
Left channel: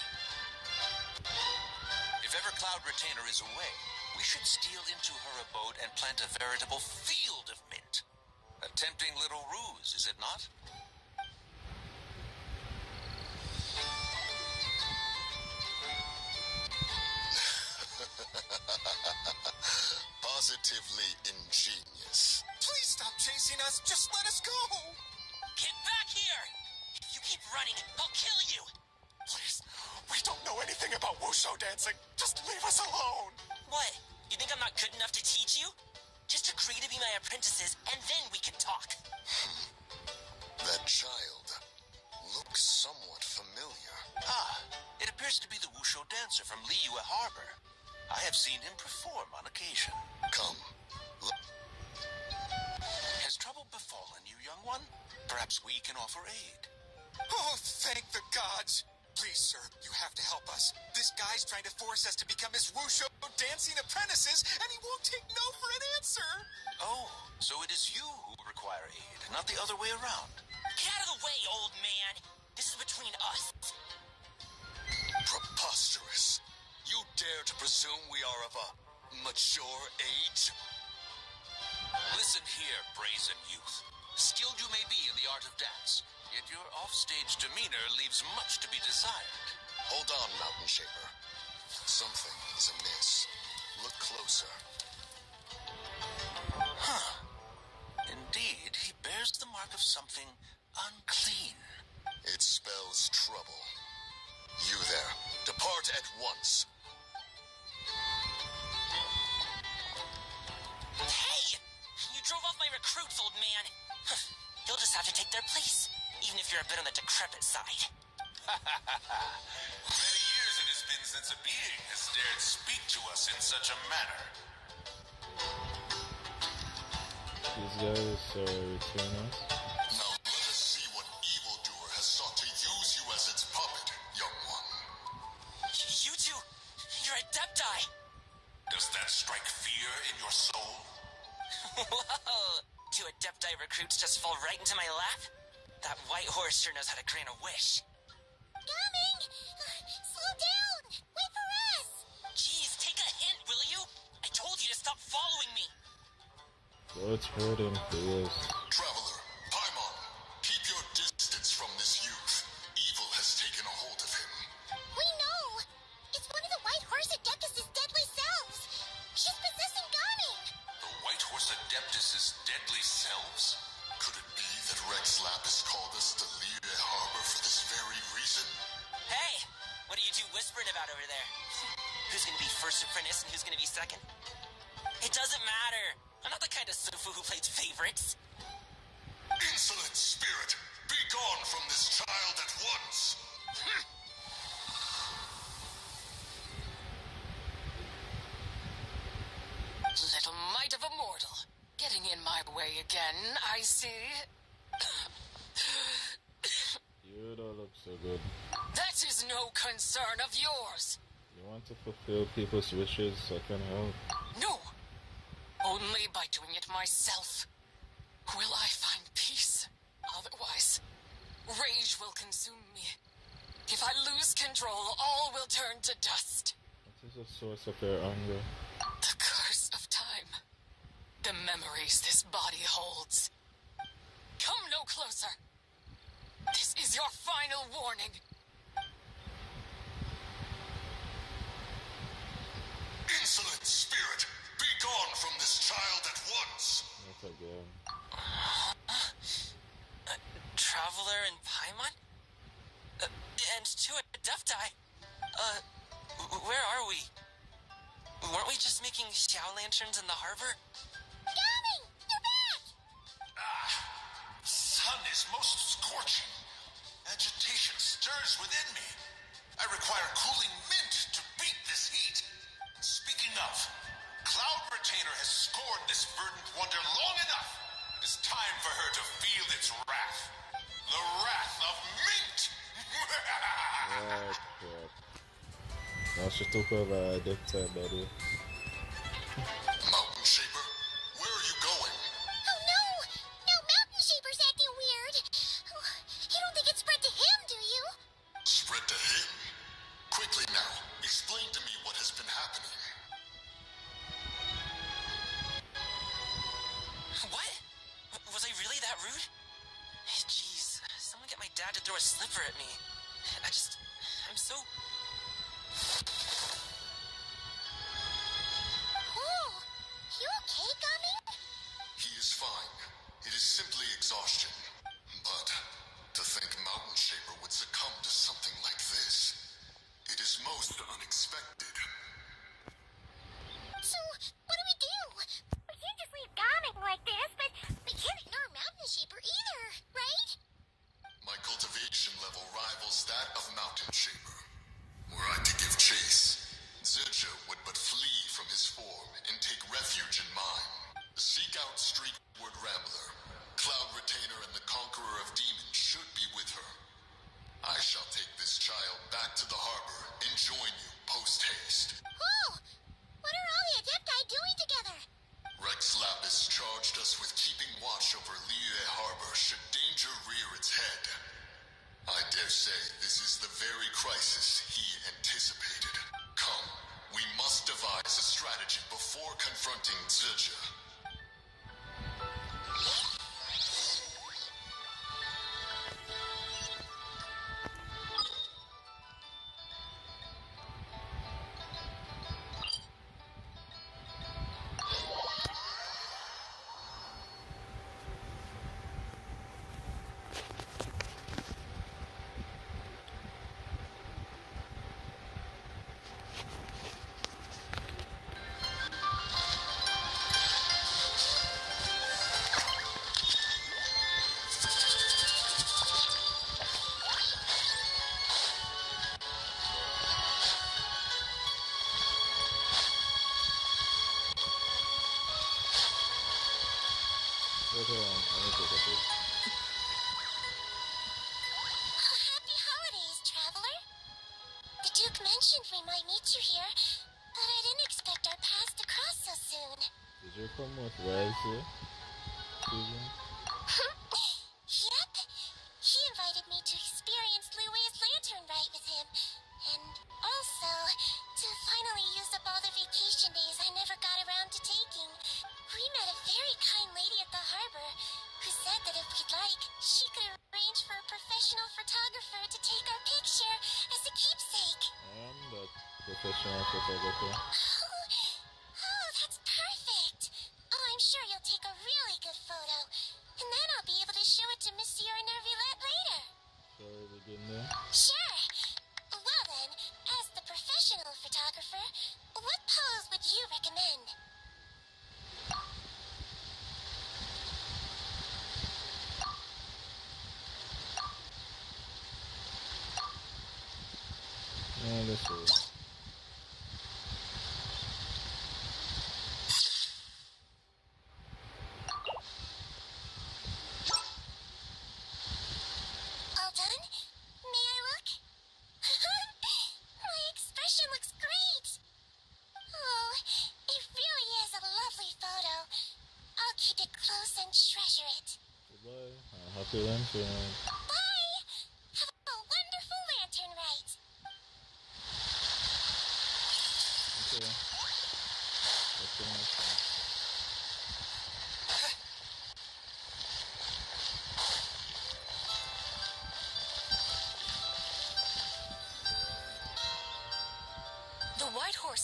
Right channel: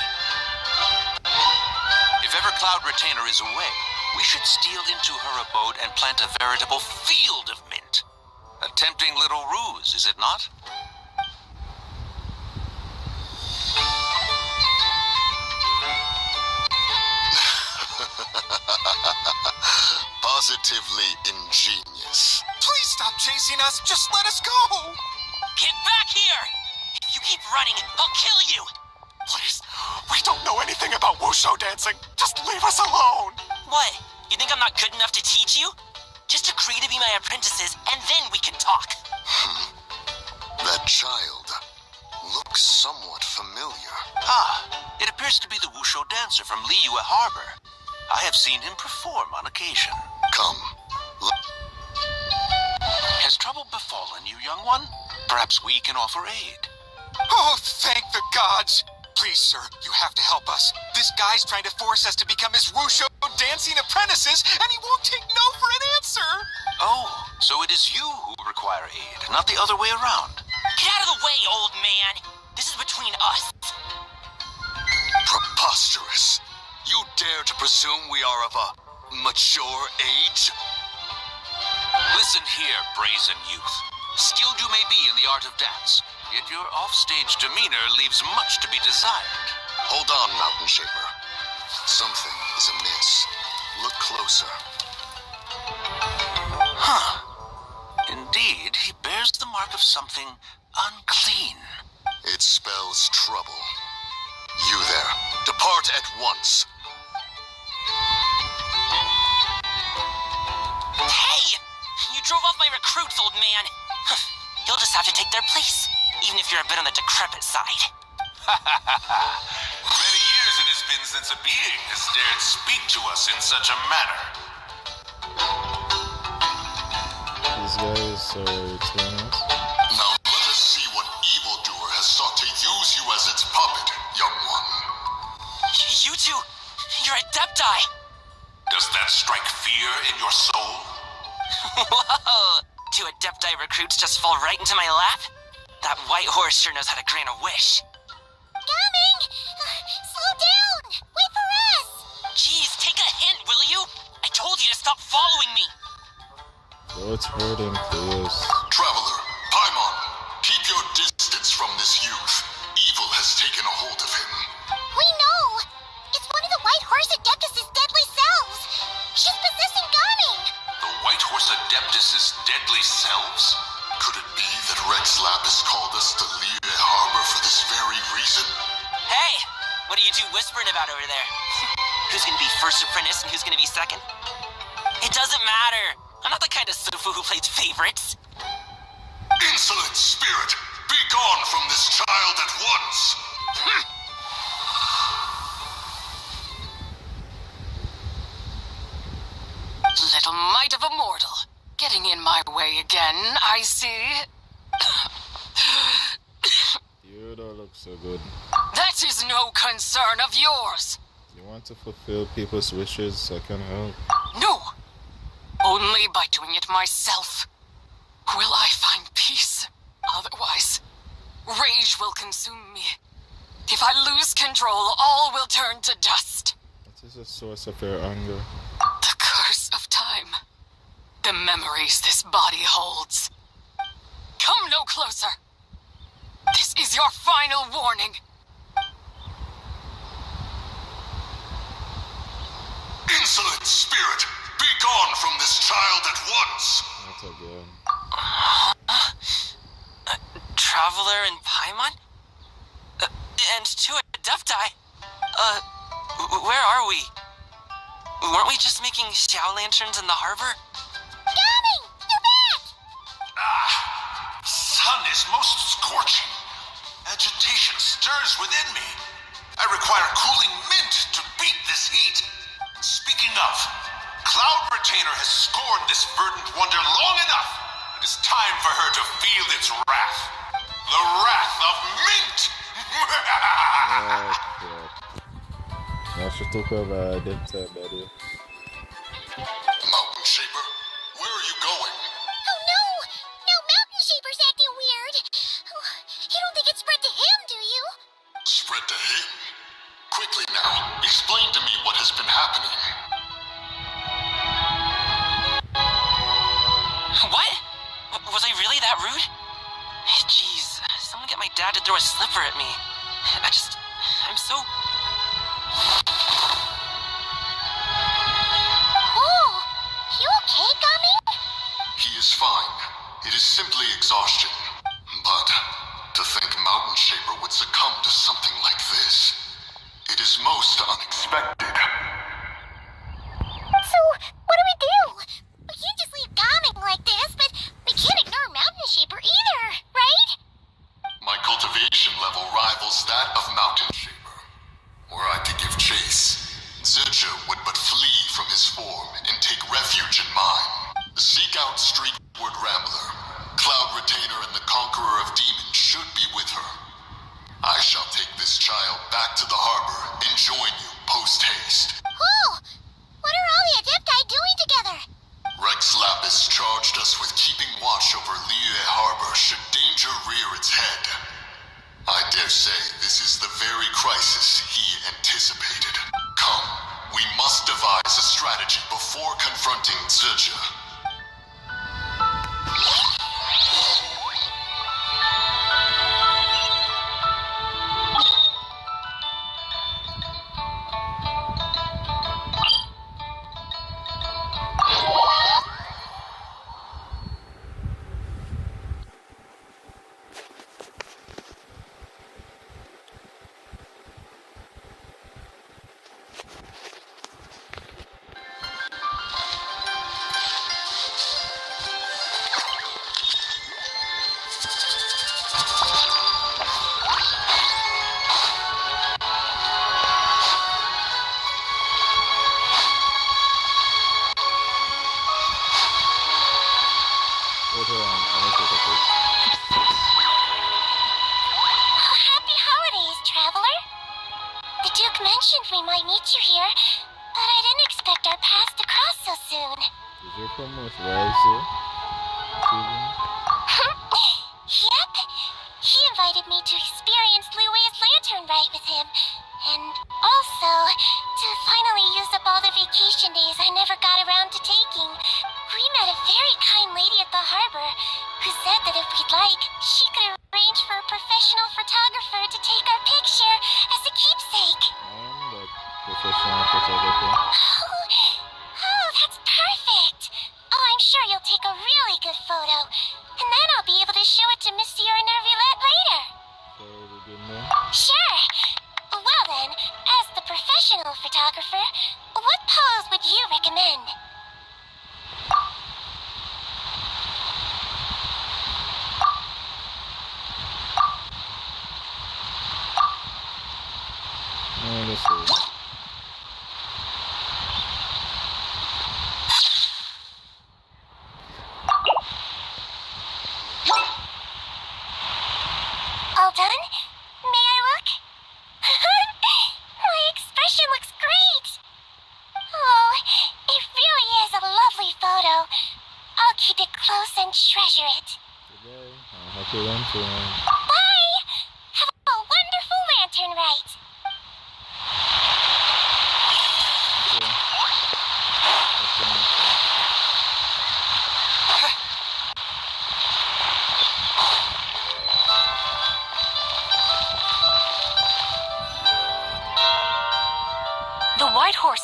If ever Cloud Retainer is away, we should steal into her abode and plant a veritable field of mint. A tempting little ruse, is it not? Positively ingenious. Please stop chasing us. Just let us go. Get back here! If you keep running, I'll kill you! Please. We don't know anything about wushu dancing. Just leave us alone. What? You think I'm not good enough to teach you? Just agree to be my apprentices, and then we can talk. That child looks somewhat familiar. It appears to be the wushu dancer from Liyue Harbor. I have seen him perform on occasion. Come. Has trouble befallen you, young one? Perhaps we can offer aid. Oh, thank the gods. Please, sir, you have to help us. This guy's trying to force us to become his wushu dancing apprentices, and he won't take no for an answer. Oh, so it is you who require aid, not the other way around. Get out of the way, old man! This is between us. Preposterous. You dare to presume we are of a mature age? Listen here, brazen youth. Skilled you may be in the art of dance, yet your offstage demeanor leaves much to be desired. Hold on, Mountain Shaper. Something is amiss. Look closer. Indeed, he bears the mark of something unclean. It spells trouble. You there, depart at once. Hey! You drove off my recruits, old man. You'll just have to take their place, even if you're a bit on the decrepit side. Many years it has been since a being has dared speak to us in such a manner. These guys are trainers. Now let us see what evildoer has sought to use you as its puppet, young one. You two, you're Adepti. Does that strike fear in your soul? Whoa! Two Adepti recruits just fall right into my lap? That white horse sure knows how to grant a wish. Coming! Slow down! Wait for us! Jeez, take a hint, will you? I told you to stop following me. What's hurting, please? Traveler, Paimon, keep your distance from this youth. Evil has taken a hold of him. We know! It's one of the White Horse Adeptus' deadly selves! She's possessing Gaming! The White Horse Adeptus' deadly selves? Could it be that Rex Lapis called us to Liyue Harbor for this very reason? Hey! What are you two whispering about over there? Who's gonna be first apprentice and who's gonna be second? It doesn't matter! I'm not the kind of sufu who plays favorites. Insolent spirit! Be gone from this child at once! Little mite of a mortal. Getting in my way again, I see. You don't look so good. That is no concern of yours. You want to fulfill people's wishes, I can help. No. Only by doing it myself will I find peace. Otherwise, rage will consume me. If I lose control, all will turn to dust. What is the source of your anger? The curse of time. The memories this body holds. Come no closer. This is your final warning. Insolent spirit! Be gone from this child at once! Not again. Traveler in Paimon? And two Adepti? Where are we? Weren't we just making Xiao lanterns in the harbor? Coming! You're back! Sun is most scorching. Agitation stirs within me. I require cooling mint to beat this heat. Speaking of, Cloud Retainer has scorned this verdant wonder long enough. It is time for her to feel its wrath. The wrath of mint! Oh, crap. Now she took over Adeptus, buddy. Mountain Shaper, where are you going? Oh no! No, Mountain Shaper's acting weird. You don't think it spread to him, do you? Spread to him? Quickly now, explain to me what has been happening. What? Was I really that rude? Jeez, someone get my dad to throw a slipper at me. I'm so... Oh, you okay, Gummy? He is fine. It is simply exhaustion. But to think Mountain Shaper would succumb to something like this, it is most unexpected. So, what do we do? We can't just leave Gummy like this, but we can't ignore Mountain Shaper either, right? My cultivation level rivals that of Mountain Shaper. Were I to give chase, Zidja would but flee from his form and take refuge in mine. Seek out Streetward Rambler. Cloud Retainer and the Conqueror of Demons should be with her. I shall take this child back to the harbor and join you post-haste. Oh, what are all the Adepti doing together? Rex Lapis charged us with keeping watch over Liyue Harbor should danger rear its head. I dare say this is the very crisis he anticipated. Come, we must devise a strategy before confronting Zidja. Hold on, I'm gonna take a pic. Happy holidays, traveler. The Duke mentioned we might meet you here, but I didn't expect our paths to cross so soon. Is your promote Rise? Yep. He invited me to experience Liue's lantern rite with him, and also to finally use up all the vacation days I never got around to taking. We met a very kind lady at the harbor who said that if we'd like, she could arrange for a professional photographer to take our picture as a keepsake. I'm the professional photographer. Oh, that's perfect. Oh, I'm sure you'll take a really good photo. And then I'll be able to show it to Monsieur Nervillette later. So we good now? Sure. Well then, as the professional photographer, what pose would you recommend? No, let's see. All done? May I look? My expression looks great! Oh, it really is a lovely photo. I'll keep it close and treasure it. Goodbye. Happy lantern. Bye! Have a wonderful lantern ride!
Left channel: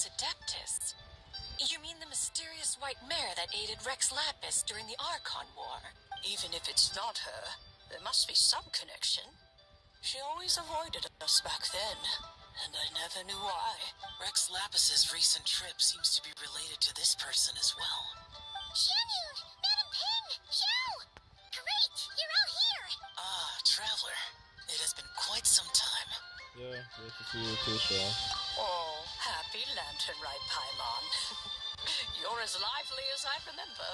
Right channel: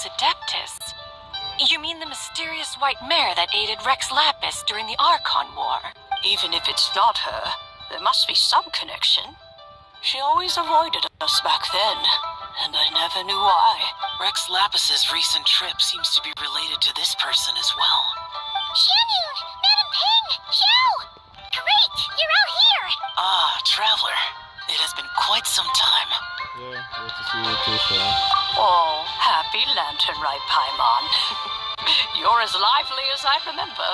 Adeptus? You mean the mysterious white mare that aided Rex Lapis during the Archon War? Even if it's not her, there must be some connection. She always avoided us back then, and I never knew why. Rex Lapis's recent trip seems to be related to this person as well. Xianyun! Madam Ping! Xiao! Great! You're out here! Ah, Traveler. It has been quite some time. Yeah, good to see you too, sir. Oh, happy Lantern Rite, Paimon. You're as lively as I remember.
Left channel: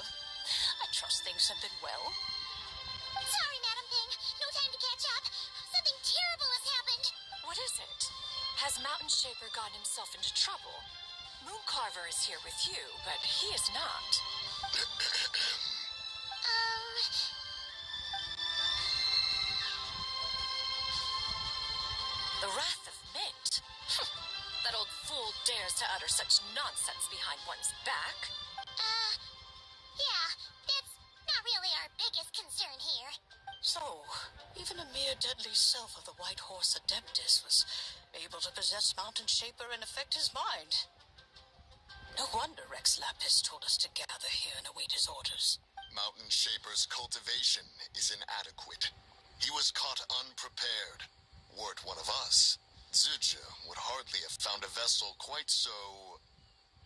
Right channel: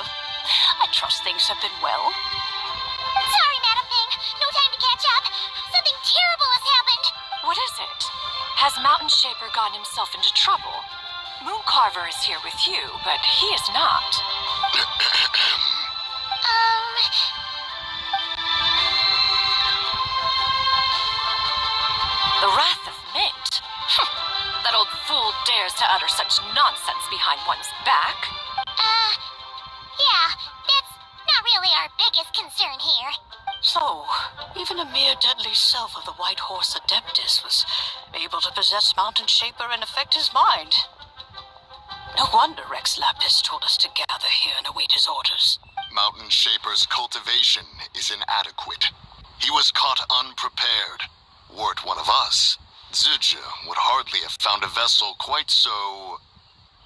I trust things have been well. Sorry, Madam Ping. No time to catch up. Something terrible has happened. What is it? Has Mountain Shaper gotten himself into trouble? Mooncarver is here with you, but he is not. The Wrath of Mint? That old fool dares to utter such nonsense behind one's back. Yeah, that's not really our biggest concern here. So, even a mere deadly self of the White Horse Adeptus was able to possess Mountain Shaper and affect his mind. No wonder Rex Lapis told us to gather here and await his orders. Mountain Shaper's cultivation is inadequate. He was caught unprepared. Were it one of us, Zizhi would hardly have found a vessel quite so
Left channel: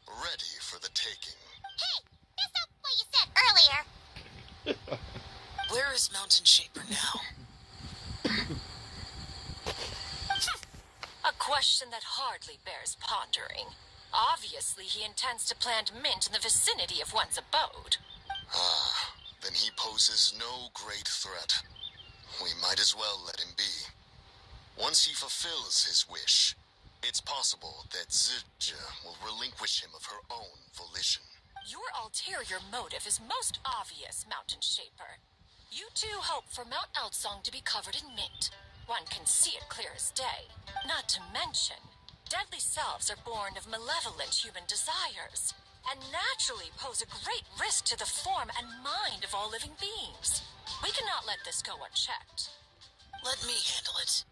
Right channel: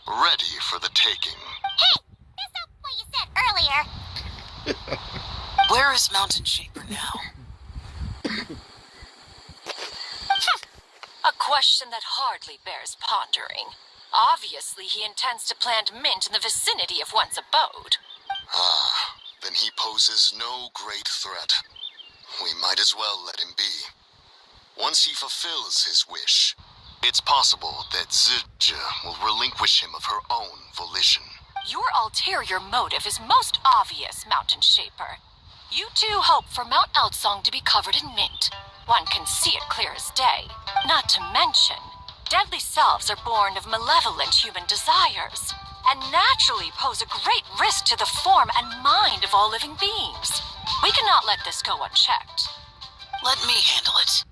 ready for the taking. Hey, that's not what you said earlier. Where is Mountain Shaper now? A question that hardly bears pondering. Obviously, he intends to plant mint in the vicinity of one's abode. Ah, then he poses no great threat. We might as well let him be. Once he fulfills his wish, it's possible that Zizhi will relinquish him of her own volition. Your ulterior motive is most obvious, Mountain Shaper. You two hope for Mount Eltsong to be covered in mint. One can see it clear as day. Not to mention, deadly selves are born of malevolent human desires, and naturally pose a great risk to the form and mind of all living beings. We cannot let this go unchecked. Let me handle it.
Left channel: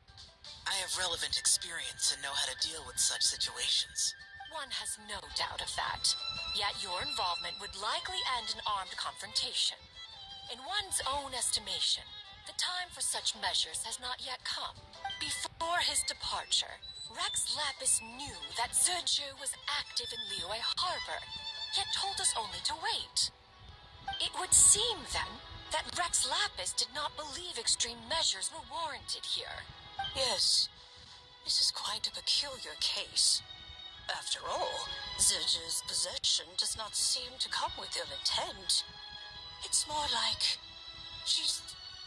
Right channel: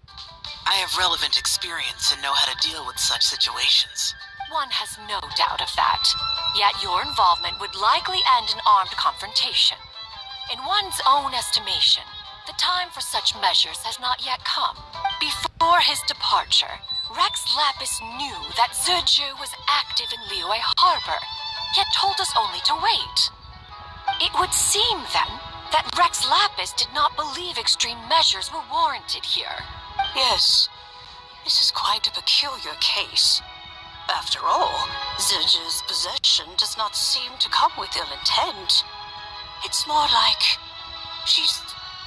I have relevant experience and know how to deal with such situations. One has no doubt of that. Yet your involvement would likely end in armed confrontation. In one's own estimation, the time for such measures has not yet come. Before his departure, Rex Lapis knew that Zizhi was active in Liyue Harbor, yet told us only to wait. It would seem, then, that Rex Lapis did not believe extreme measures were warranted here. Yes, this is quite a peculiar case. After all, Zizhi's possession does not seem to come with ill intent. It's more like she's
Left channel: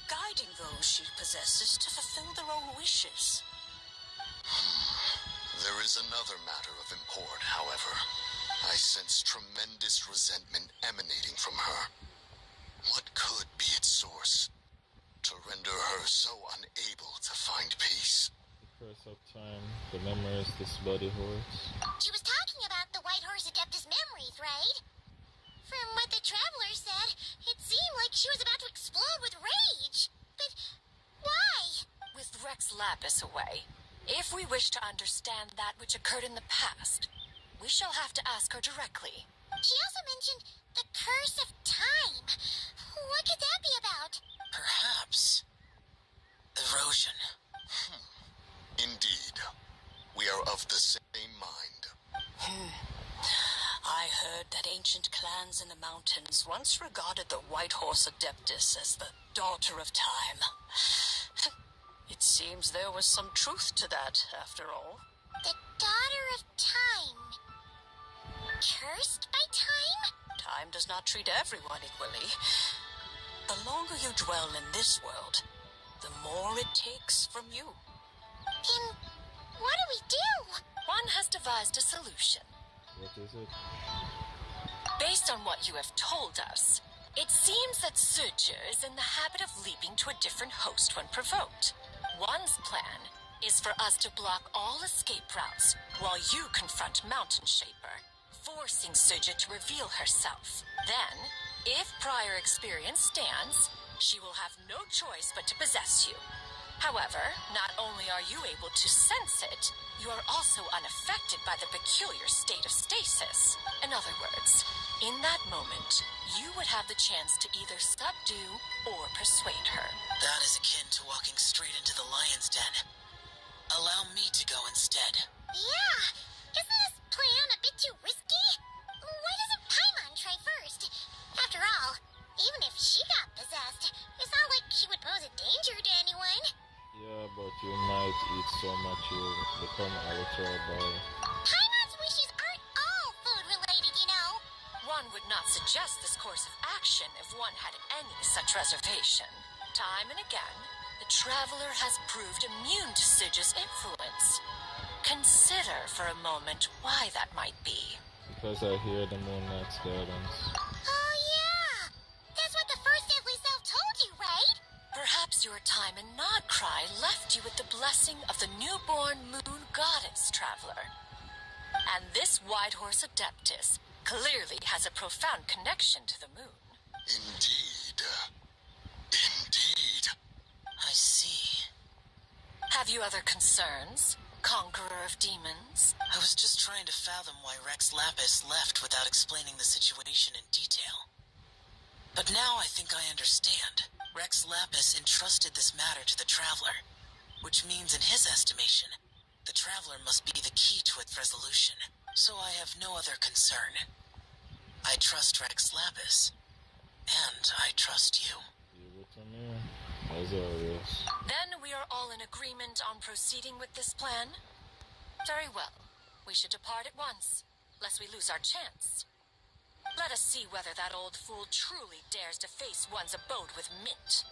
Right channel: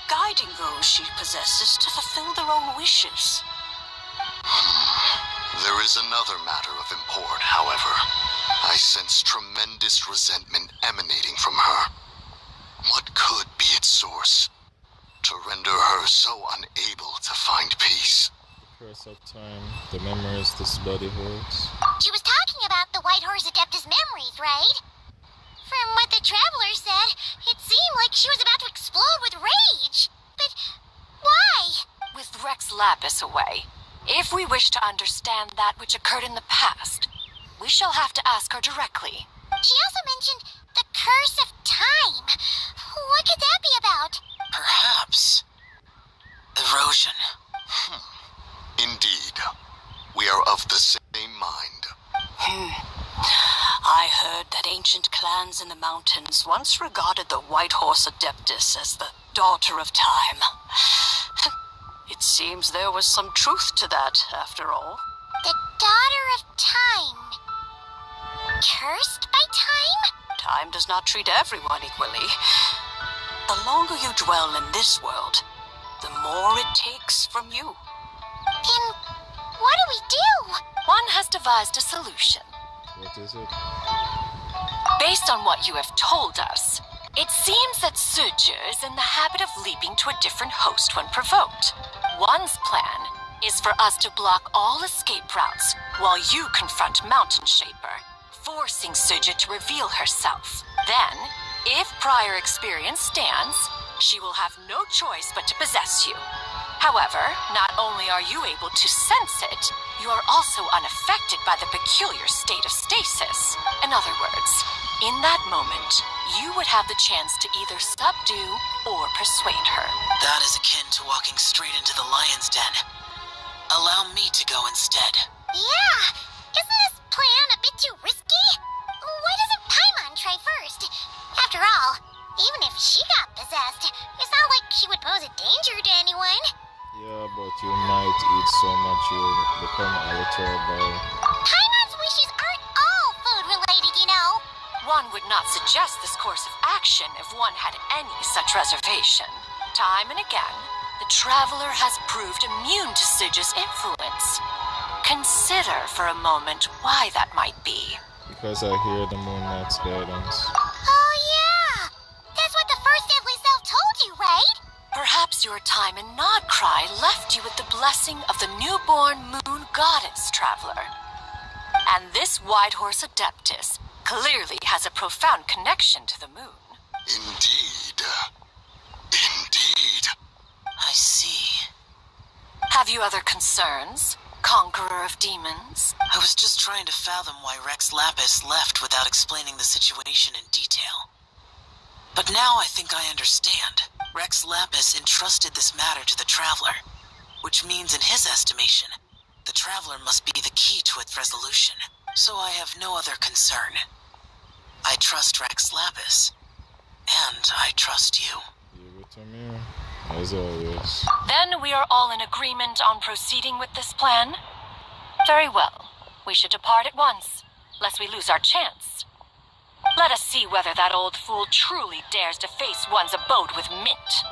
guiding those she possesses to fulfill their own wishes. There is another matter of import, however. I sense tremendous resentment emanating from her. What could be its source? To render her so unable to find peace. The curse of time, the memories this body holds. She was talking about the White Horse Adeptus memories, right? From what the Traveler said, it seemed like she was about to explode with rage. But why? With Rex Lapis away, if we wish to understand that which occurred in the past, we shall have to ask her directly. She also mentioned the curse of time. What could that be about? Perhaps erosion. Indeed. We are of the same mind. I heard that ancient clans in the mountains once regarded the White Horse Adeptus as the daughter of time. It seems there was some truth to that, after all. The daughter of time. Cursed by time? Time does not treat everyone equally. The longer you dwell in this world, the more it takes from you. Then what do we do? One has devised a solution. What is it? Based on what you have told us, it seems that Zizhi is in the habit of leaping to a different host when provoked. One's plan is for us to block all escape routes while you confront Mountain Shaper, forcing Zizhi to reveal herself. Then, if prior experience stands, she will have no choice but to possess you. However, not only are you able to sense it, you are also unaffected by the peculiar state of stasis. In other words, in that moment, you would have the chance to either subdue or persuade her. That is akin to walking straight into the lion's den. Allow me to go instead. Yeah! Isn't this plan a bit too risky? Why doesn't Paimon try first? After all, even if she got possessed, it's not like she would pose a danger to anyone. Yeah, but you might eat so much you'll become illiterable. Paimon's wishes aren't all food-related, you know. One would not suggest this course of action if one had any such reservation. Time and again, the traveler has proved immune to Sige's influence. Consider for a moment why that might be. Because I hear the Moon Knight's guidance. Oh yeah! That's what the first deadly self told you, right? Perhaps your time in Nodcry left you with the blessing of the newborn moon goddess, traveler. And this white horse Adeptus clearly has a profound connection to the moon. Indeed. Indeed. I see. Have you other concerns, conqueror of demons? I was just trying to fathom why Rex Lapis left without explaining the situation in detail. But now I think I understand. Rex Lapis entrusted this matter to the Traveler, which means in his estimation, the Traveler must be the key to its resolution. So I have no other concern. I trust Rex Lapis, and I trust you. Give it to me, as always. Then we are all in agreement on proceeding with this plan? Very well. We should depart at once, lest we lose our chance. Let us see whether that old fool truly dares to face one's abode with Mint.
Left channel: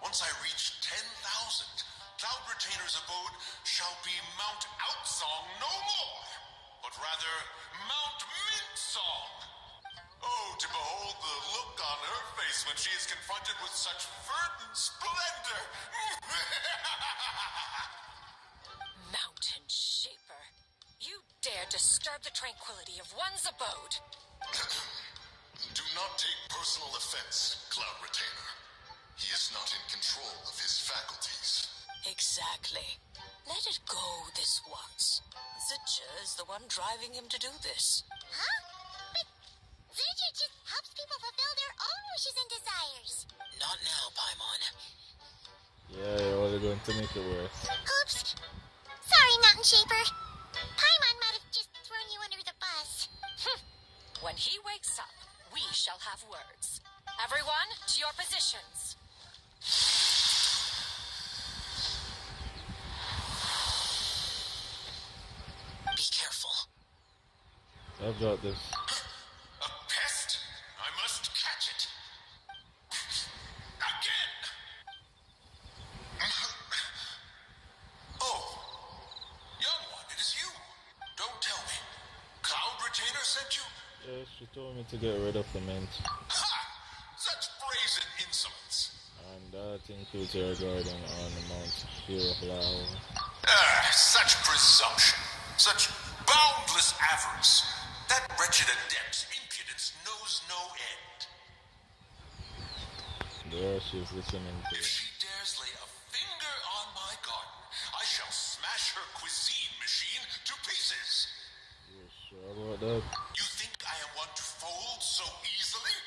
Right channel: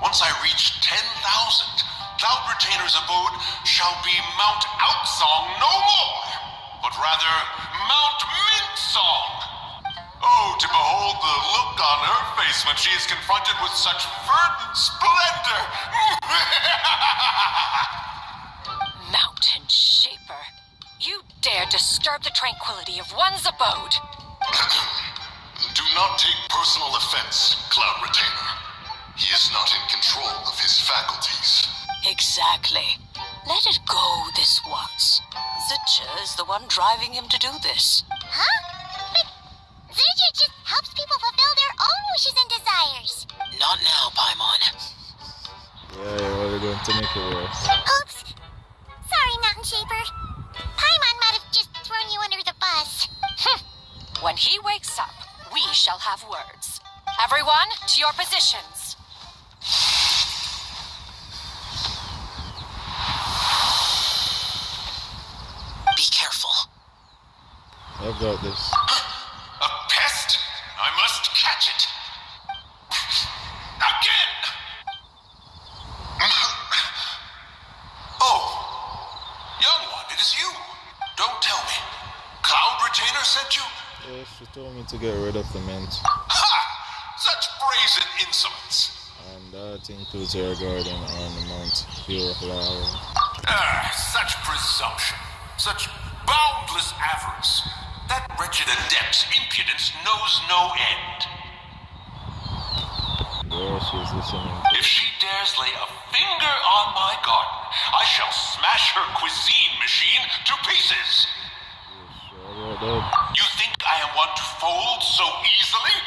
Once I reach 10,000, Cloud Retainer's abode shall be Mount Outsong no more, but rather Mount Mintsong. Oh, to behold the look on her face when she is confronted with such verdant splendor! Mountain Shaper, you dare disturb the tranquility of one's abode. Do not take personal offense, Cloud Retainer. He is not in control of his faculties. Exactly. Let it go this once. Zitcha is the one driving him to do this. Huh? But Zirja just helps people fulfill their own wishes and desires. Not now, Paimon. Yeah, you're really going to make it worse. Oops. Sorry, Mountain Shaper. Paimon might have just thrown you under the bus. When he wakes up, we shall have words. Everyone, to your positions. Be careful. I've got this. A pest? I must catch it. Again! Oh, young one, it is you. Don't tell me. Cloud Retainer sent you? Yeah, she told me to get rid of the mint. Ha! Such brazen insolence. And that includes her garden on Mount Hirhlau. Such presumption. Such boundless avarice. That wretched adept's impudence knows no end. There she's listening If she dares lay a finger on my garden, I shall smash her cuisine machine to pieces. You sure about that? You think I am one to fold so easily?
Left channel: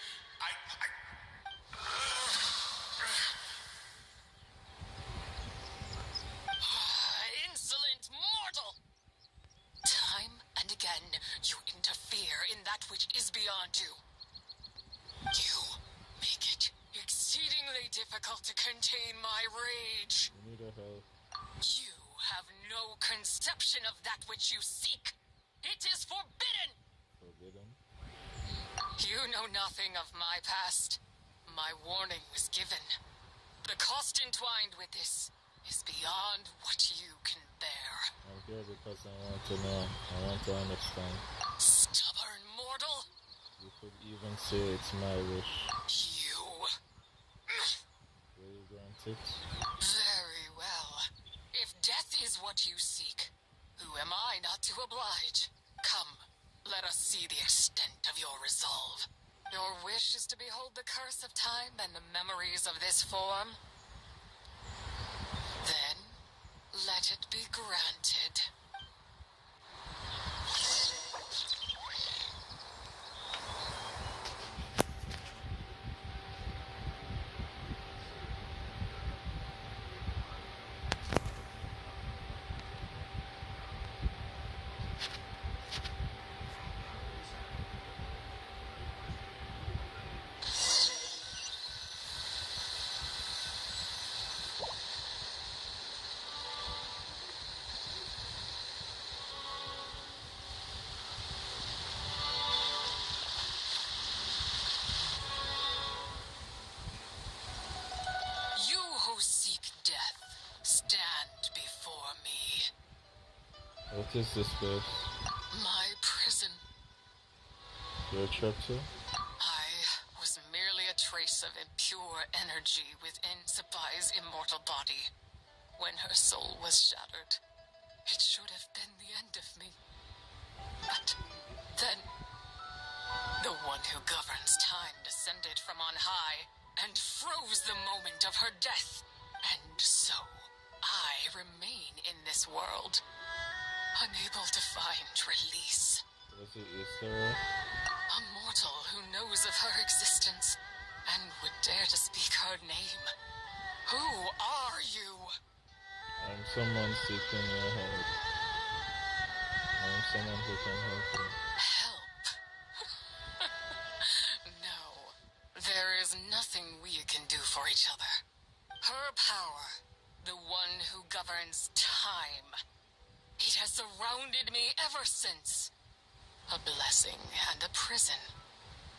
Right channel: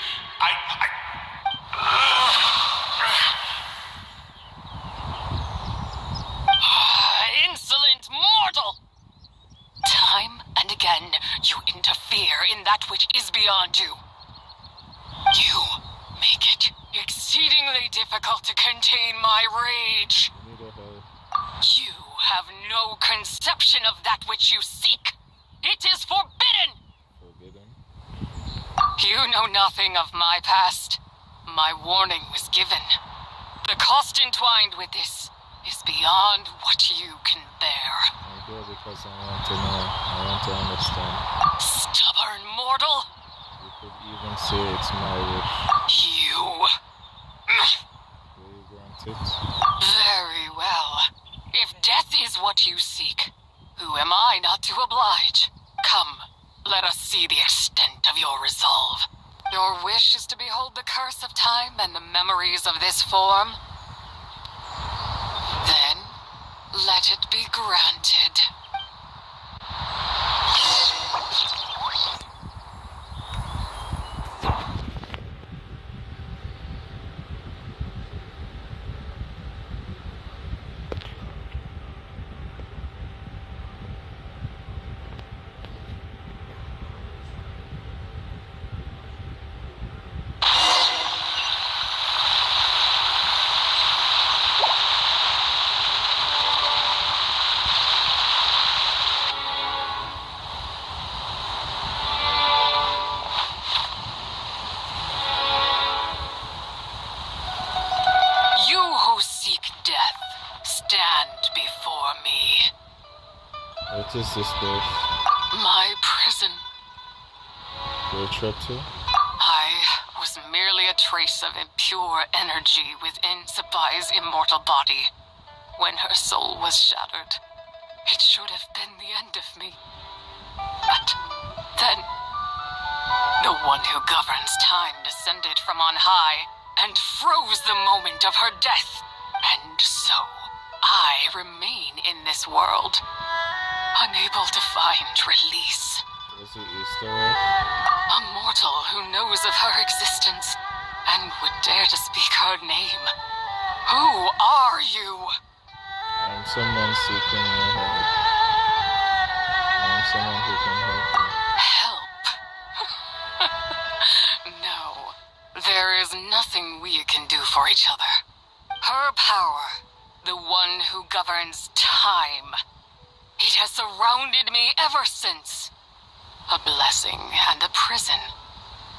You make it exceedingly difficult to contain my rage. I need a help. You have no conception of that which you seek. It is forbidden. Forbidden? You know nothing of my past. My warning was given. The cost entwined with this is beyond what you can bear. I'm here because I want to know. I want to understand. Stubborn mortal. You could even say it's my wish. You. Will you grant it? Very well. If death is what you seek, who am I not to oblige? Come, let us see the extent of your resolve. Your wish is to behold the curse of time and the memories of this form. Then, let it be granted. What is this place? My prison. You're trapped here? I was merely a trace of impure energy within Sabai's immortal body. When her soul was shattered, it should have been the end of me. But then, the one who governs time descended from on high and froze the moment of her death. And so, I remain in this world, unable to find release. Was it Easter egg? A mortal who knows of her existence and would dare to speak her name. Who are you? I'm someone seeking your help. I'm someone who can help you. Help? No. There is nothing we can do for each other. Her power, the one who governs time, it has surrounded me ever since. A blessing and a prison,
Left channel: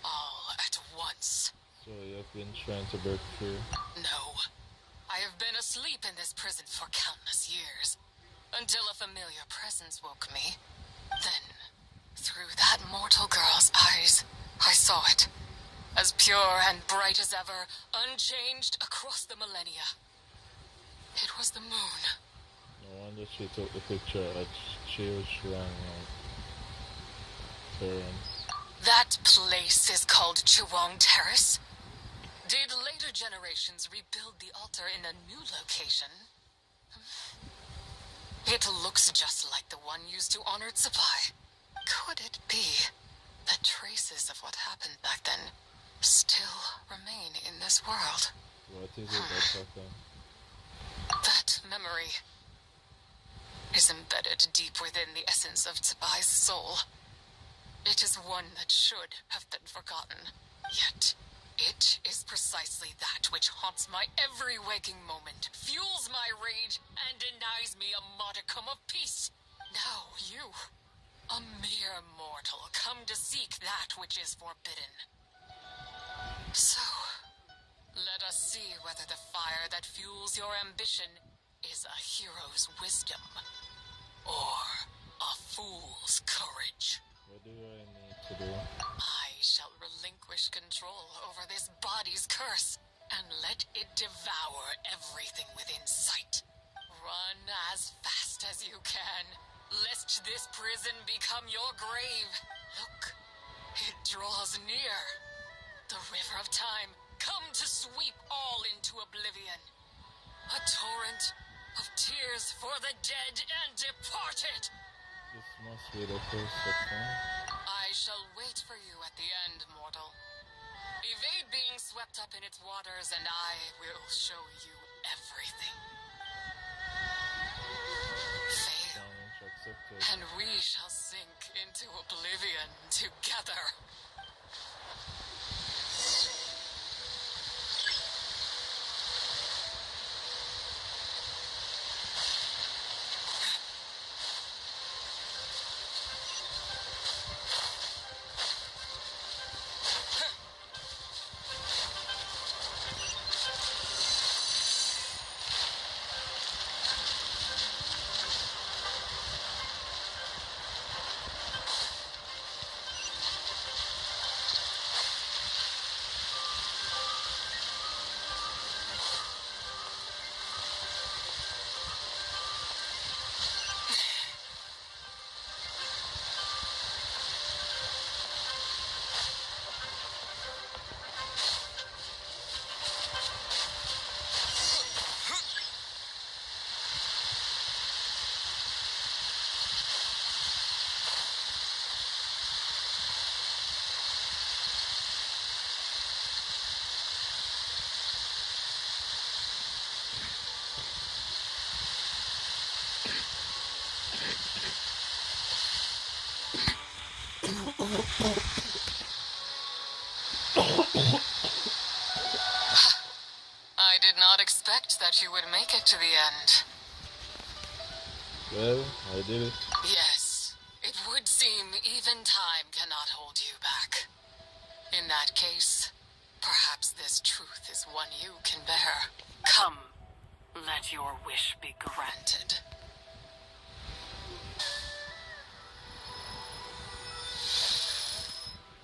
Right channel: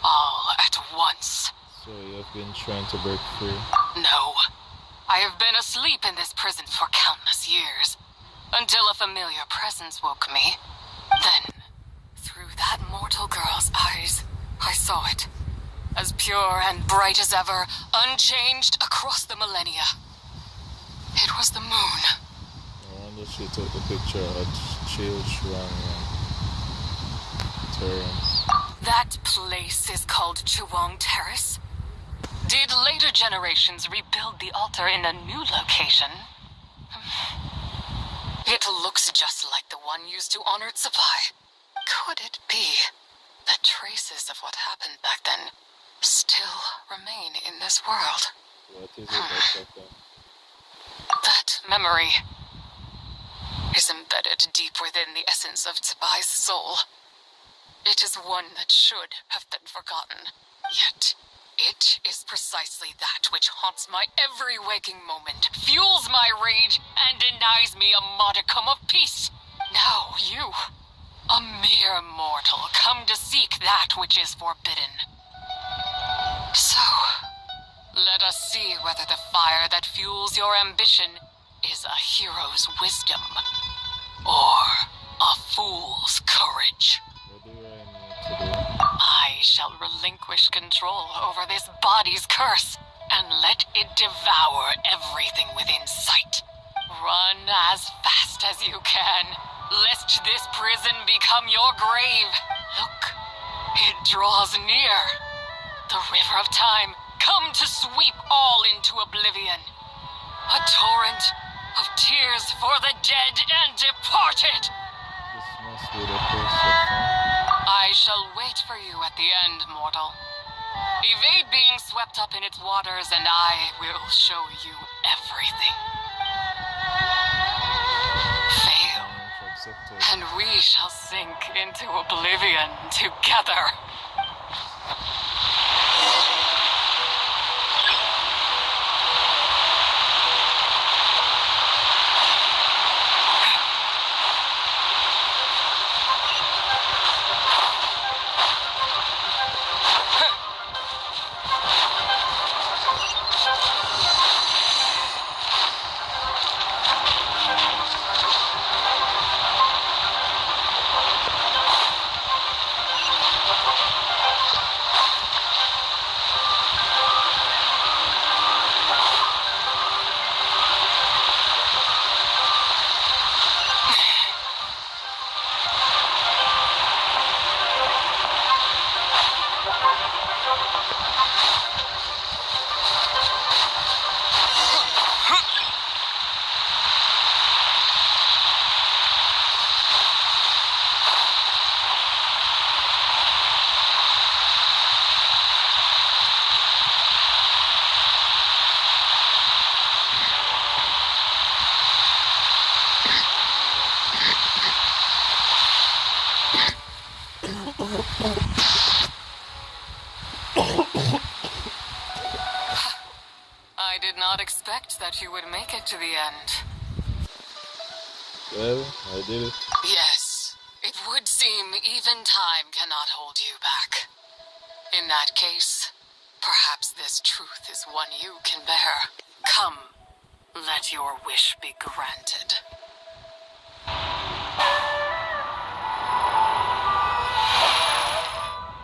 all at once. So you've been trying to break free? No. I have been asleep in this prison for countless years, until a familiar presence woke me. Then, through that mortal girl's eyes, I saw it. As pure and bright as ever, unchanged across the millennia. It was the moon. I wonder if she took the picture at Chill Shrine and Terrence. That place is called Chuang Terrace. Did later generations rebuild the altar in a new location? It looks just like the one used to honor Tsabai. Could it be that traces of what happened back then still remain in this world? What is it that's happened? That memory is embedded deep within the essence of Tsabai's soul. It is one that should have been forgotten. Yet, it is precisely that which haunts my every waking moment, fuels my rage, and denies me a modicum of peace. Now you, a mere mortal, come to seek that which is forbidden. So, let us see whether the fire that fuels your ambition is a hero's wisdom, or a fool's courage. What do I need to do? I shall relinquish control over this body's curse, and let it devour everything within sight. Run as fast as you can, lest this prison become your grave. Look, it draws near. The river of time, come to sweep all into oblivion. A torrent of tears for the dead and departed. This must be the curse of time. I shall wait for you at the end, mortal. Evade being swept up in its waters, and I will show you everything. Fail, Challenge accepted. and we shall sink into oblivion together. I did not expect that you would make it to the end. Well, I did it. Yes, it would seem even time cannot hold you back. In that case, perhaps this truth is one you can bear. Come, let your wish be granted.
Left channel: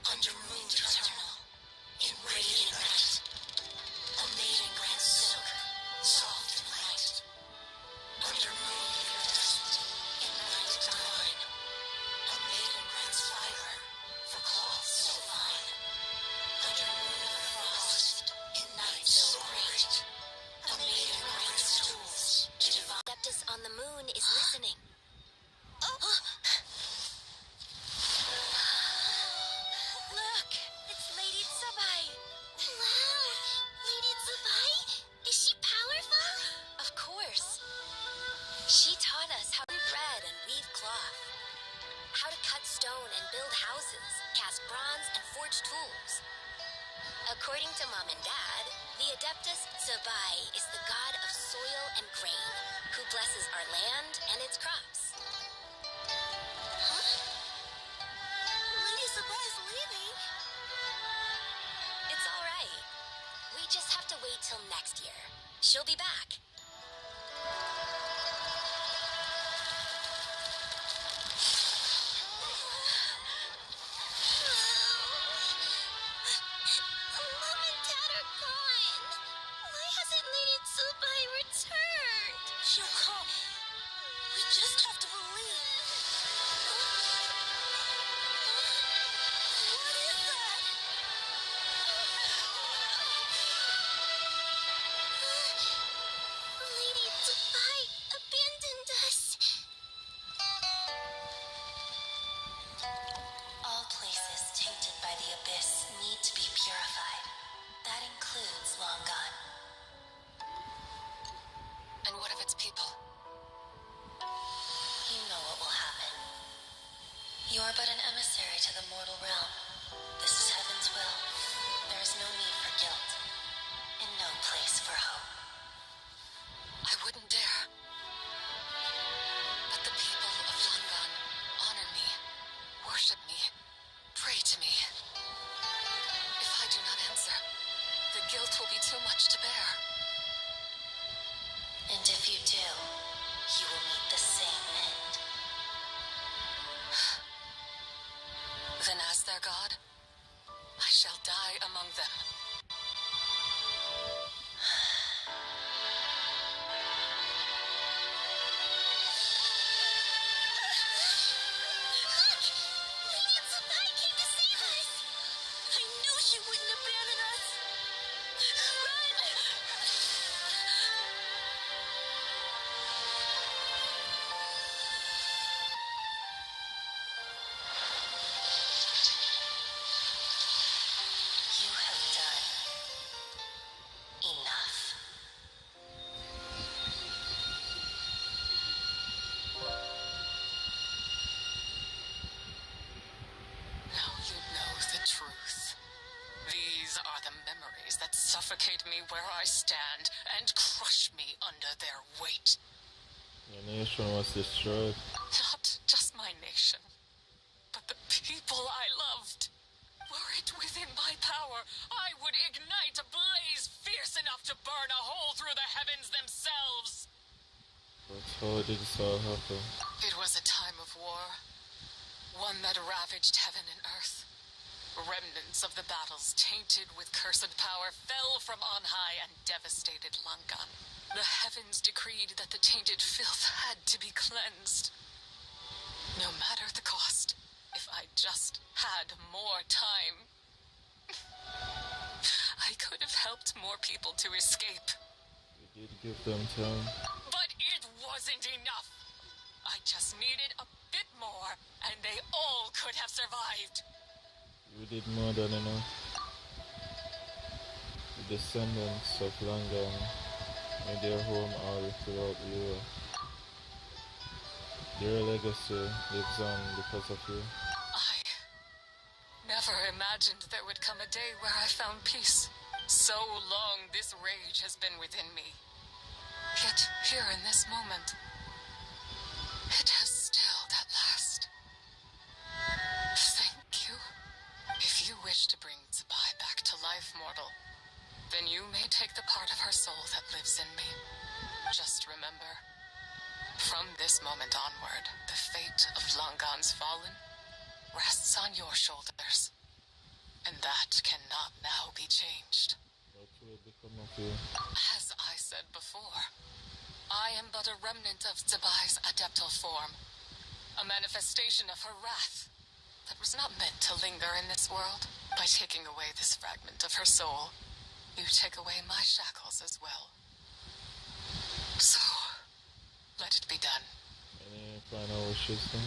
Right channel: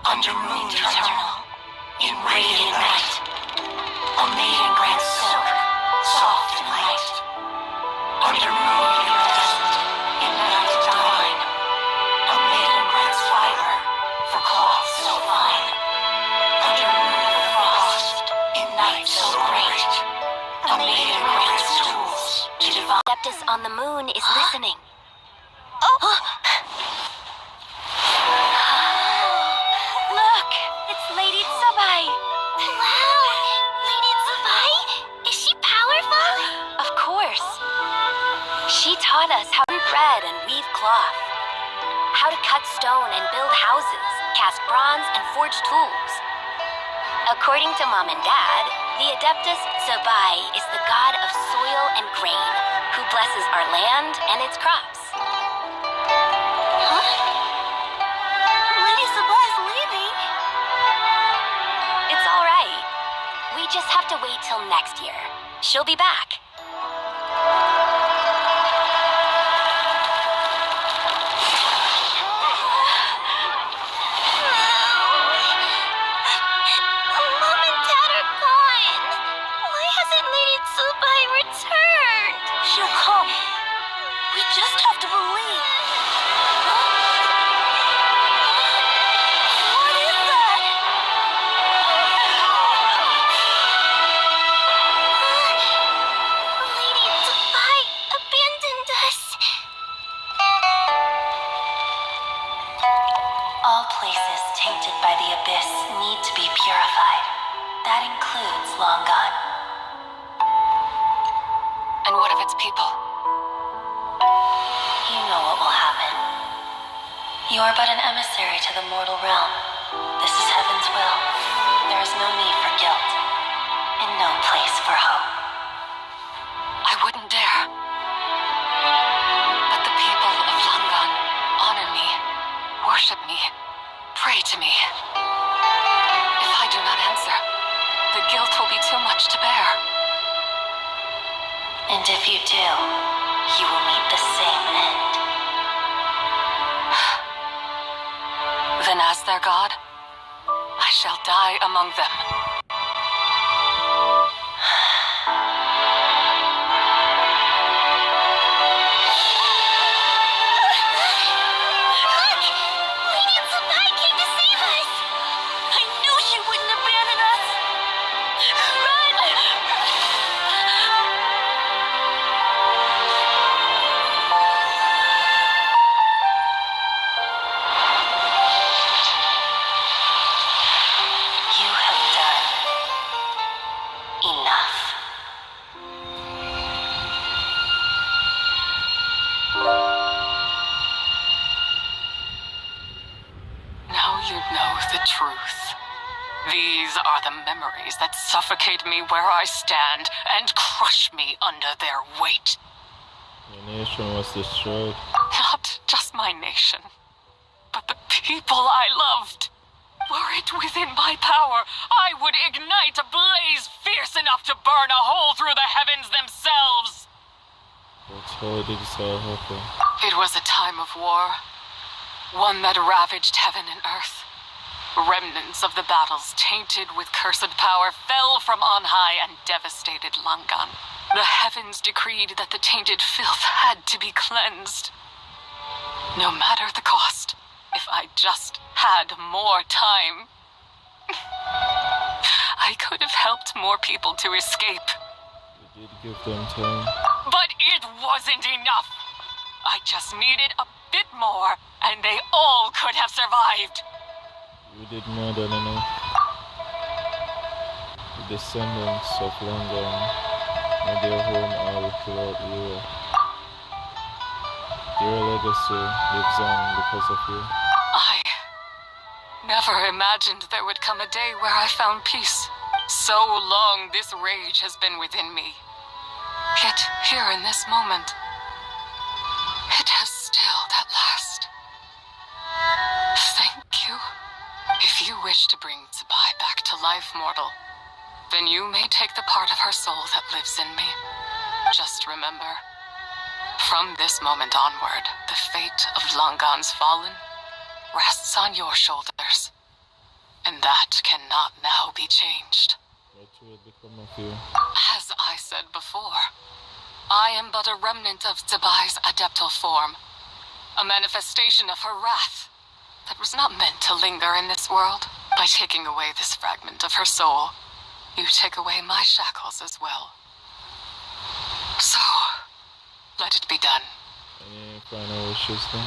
Under moon eternal, in radiant night, a maiden grants silk, soft and light. Under moon iridescent, in night divine, a maiden grants fiber, for cloth so fine. Under moon of frost, in night so great, a maiden grants tools to divine. Adeptus on the moon is listening. Look, it's Lady Tsubai. Wow, Lady Tsubai? Is she powerful? Of course. She taught us how to thread and weave cloth, how to cut stone and build houses, cast bronze and forge tools. According to Mom and Dad, the Adeptus Tsubai is the god of soil and grain, who blesses our land and its crops. Lady Tsubai is leaving. It's all right. We just have to wait till next year. She'll be back. Mom and Dad are gone. Why hasn't Lady Tsubai returned? She'll come. We just have to believe. What is that? Lady Tsubai abandoned us. All places tainted by the abyss need to be purified. That includes Long Gone. And what of its people? You know what will happen. You are but an emissary to the mortal realm. This is heaven's will. There is no need for guilt, and no place for hope. I wouldn't dare. But the people of Langan honor me, worship me, pray to me. If I do not answer, the guilt will be too much to bear. And if you do, you will meet the same end. Then as their god, I shall die among them. Lady Tsubai came to save us. I knew she wouldn't abandon us. Run! You have done enough. Now you know the truth. These are the memories that suffocate me where I stand and crush me under their weight. The nation was destroyed. Not just my nation, but the people I loved. Were it within my power, I would ignite a blaze fierce enough to burn a hole through the heavens themselves. That's how this all happened. It was a time of war, one that ravaged heaven and earth. Remnants of the battles tainted with cursed power fell from on high and devastated Langan. The heavens decreed that the tainted filth had to be cleansed. No matter the cost, if I just had more time. helped more people to escape. You did give them time. But it wasn't enough. I just needed a bit more, and they all could have survived. You did more than enough. The descendants of Longan made their home all throughout Europe. Their legacy lives on because of you. I never imagined there would come a day where I found peace. So long this rage has been within me. Yet here in this moment, it has stilled at last. Thank you. If you wish to bring Tsubai back to life, mortal, then you may take the part of her soul that lives in me. Just remember, from this moment onward, the fate of Longan's fallen rests on your shoulders. And that cannot now be changed. What will become of you? As I said before, I am but a remnant of Tsubai's adeptal form. A manifestation of her wrath that was not meant to linger in this world. By taking away this fragment of her soul, you take away my shackles as well. So, let it be done. Any final wishes then?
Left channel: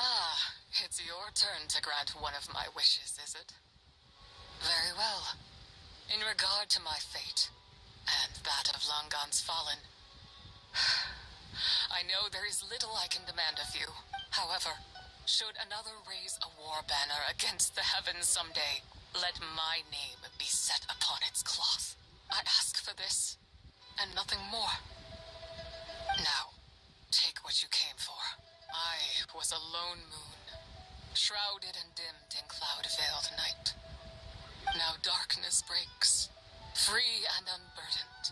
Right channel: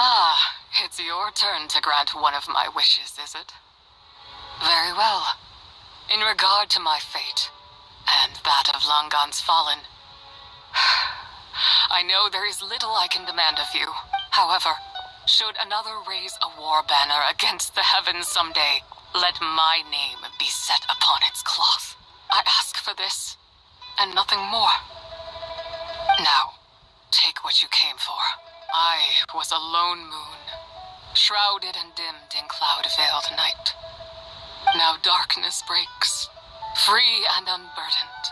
Ah, it's your turn to grant one of my wishes, is it? Very well. In regard to my fate, and that of Longan's fallen, I know there is little I can demand of you. However, should another raise a war banner against the heavens someday, let my name be set upon its cloth. I ask for this, and nothing more. Now, take what you came for. I was a lone moon, shrouded and dimmed in cloud-veiled night. Now darkness breaks, free and unburdened.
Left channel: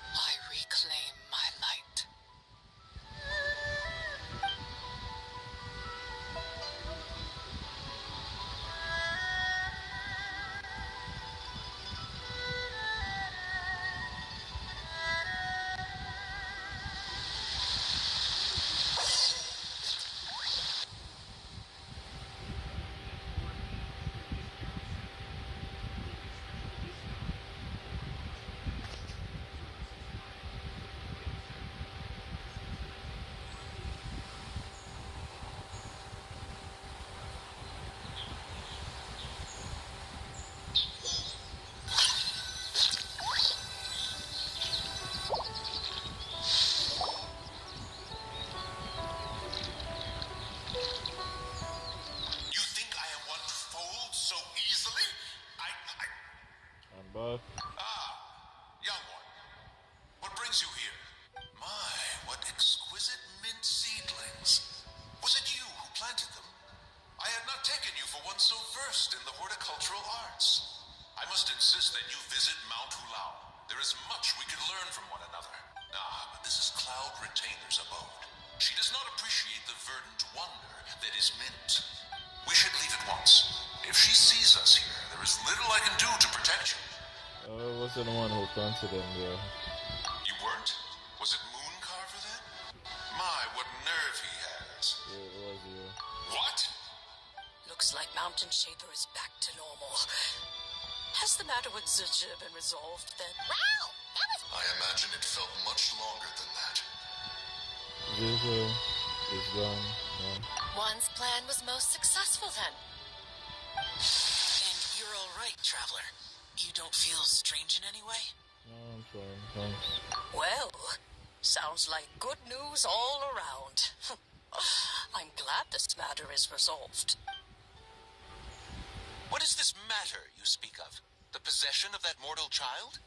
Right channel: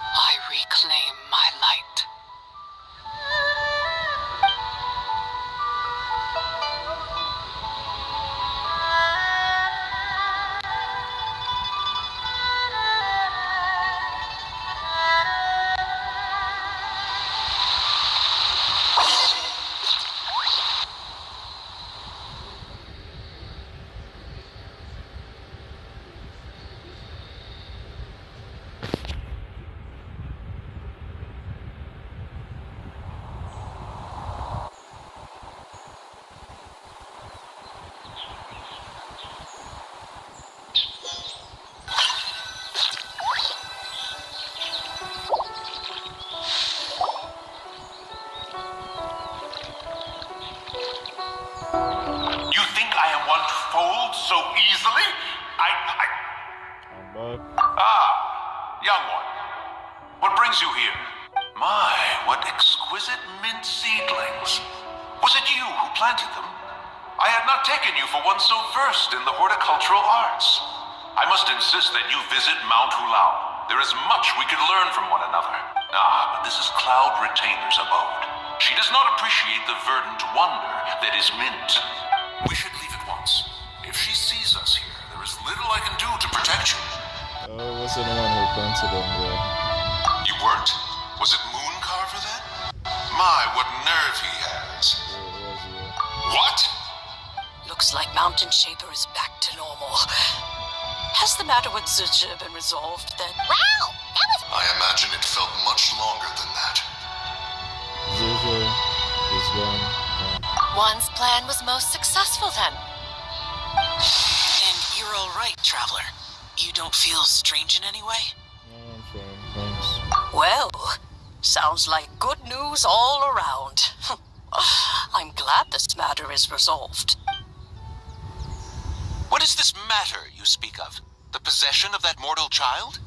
I reclaim my light. So easily? I'm back. Young one. What brings you here? My, what exquisite mint seedlings. Was it you who planted them? I had not taken you for one so versed in the horticultural arts. I must insist that you visit Mount Hulao. There is much we could learn from one another. But this is Cloud Retainer's abode. She does not appreciate the verdant wonder that is mint. We should leave at once. If she sees us here, there is little I can do to protect you. I wasn't the one who planted them there. You weren't? Was it Mooncarver then? My, what nerve he has. Yeah, it was you. What? Looks like Mountain Shaper is back to normal. Has the matter with Zuja been resolved then? Wow! That was... I imagine it felt much longer than that. Zuja is gone. Yeah. One's plan was most successful then. And you're all right, Traveler. You don't feel strange in any way? No, I'm fine, thanks. Well, sounds like good news all around. I'm glad this matter is resolved. What is this matter you speak of? The possession of that mortal child?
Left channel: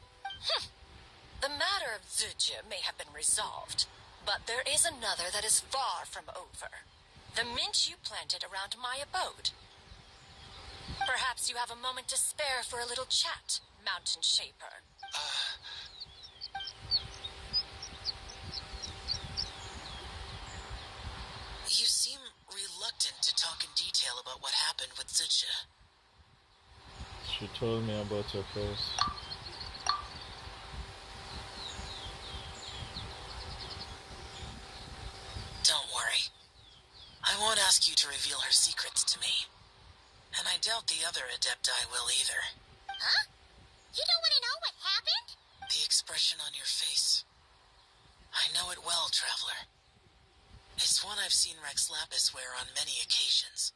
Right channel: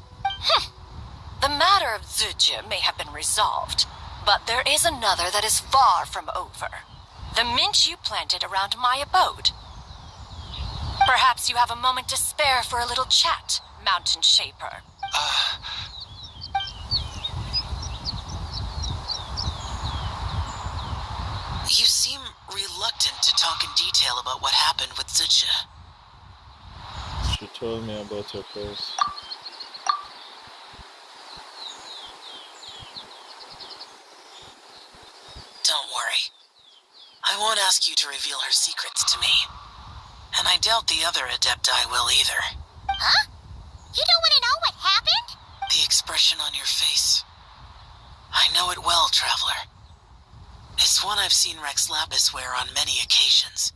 The matter of Zuja may have been resolved, but there is another that is far from over. The mint you planted around my abode. Perhaps you have a moment to spare for a little chat, Mountain Shaper. You seem reluctant to talk in detail about what happened with Zuja. She told me about her curse. Don't worry. I won't ask you to reveal her secrets to me. And I doubt the other Adepti will either. Huh? You don't want to know seen Rex Lapis wear on many occasions.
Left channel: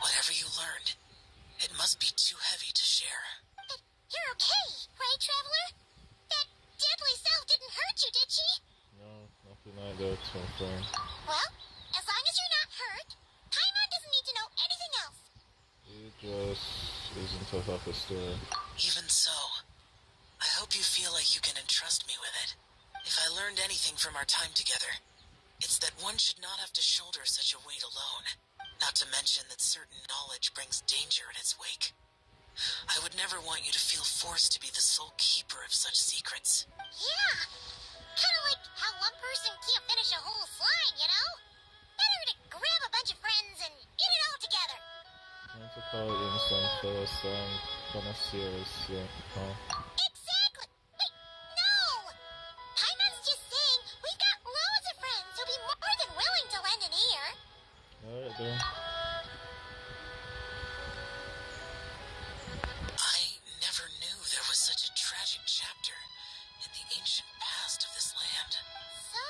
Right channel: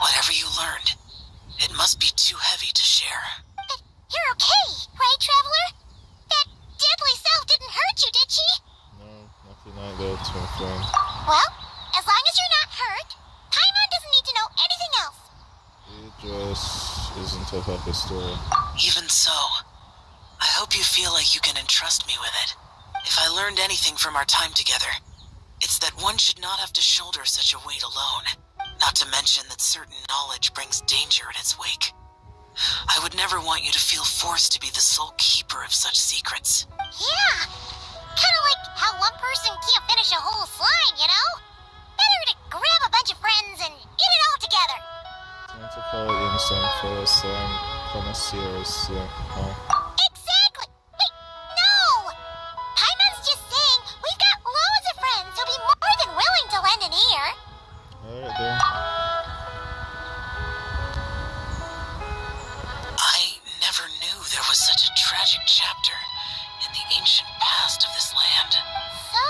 Whatever you learned, it must be too heavy to share. But you're okay, right, Traveler? That deadly self didn't hurt you, did she? No, nothing like that, my friend. Well, as long as you're not hurt, Paimon doesn't need to know anything else. It just isn't a happy story. Even so, I hope you feel like you can entrust me with it. If I learned anything from our time together, it's that one should not have to shoulder such a weight alone. Not to mention that certain knowledge brings danger in its wake. I would never want you to feel forced to be the sole keeper of such secrets. Yeah. Kind of like how one person can't finish a whole slime, you know? Better to grab a bunch of friends and eat it all together. Time to call in some first connoisseurs, huh? Exactly! Wait, no! Paimon's just saying we've got loads of friends who'll be more than willing to lend an ear. Alright then. I never knew there was such a tragic chapter in the ancient past of this land. So,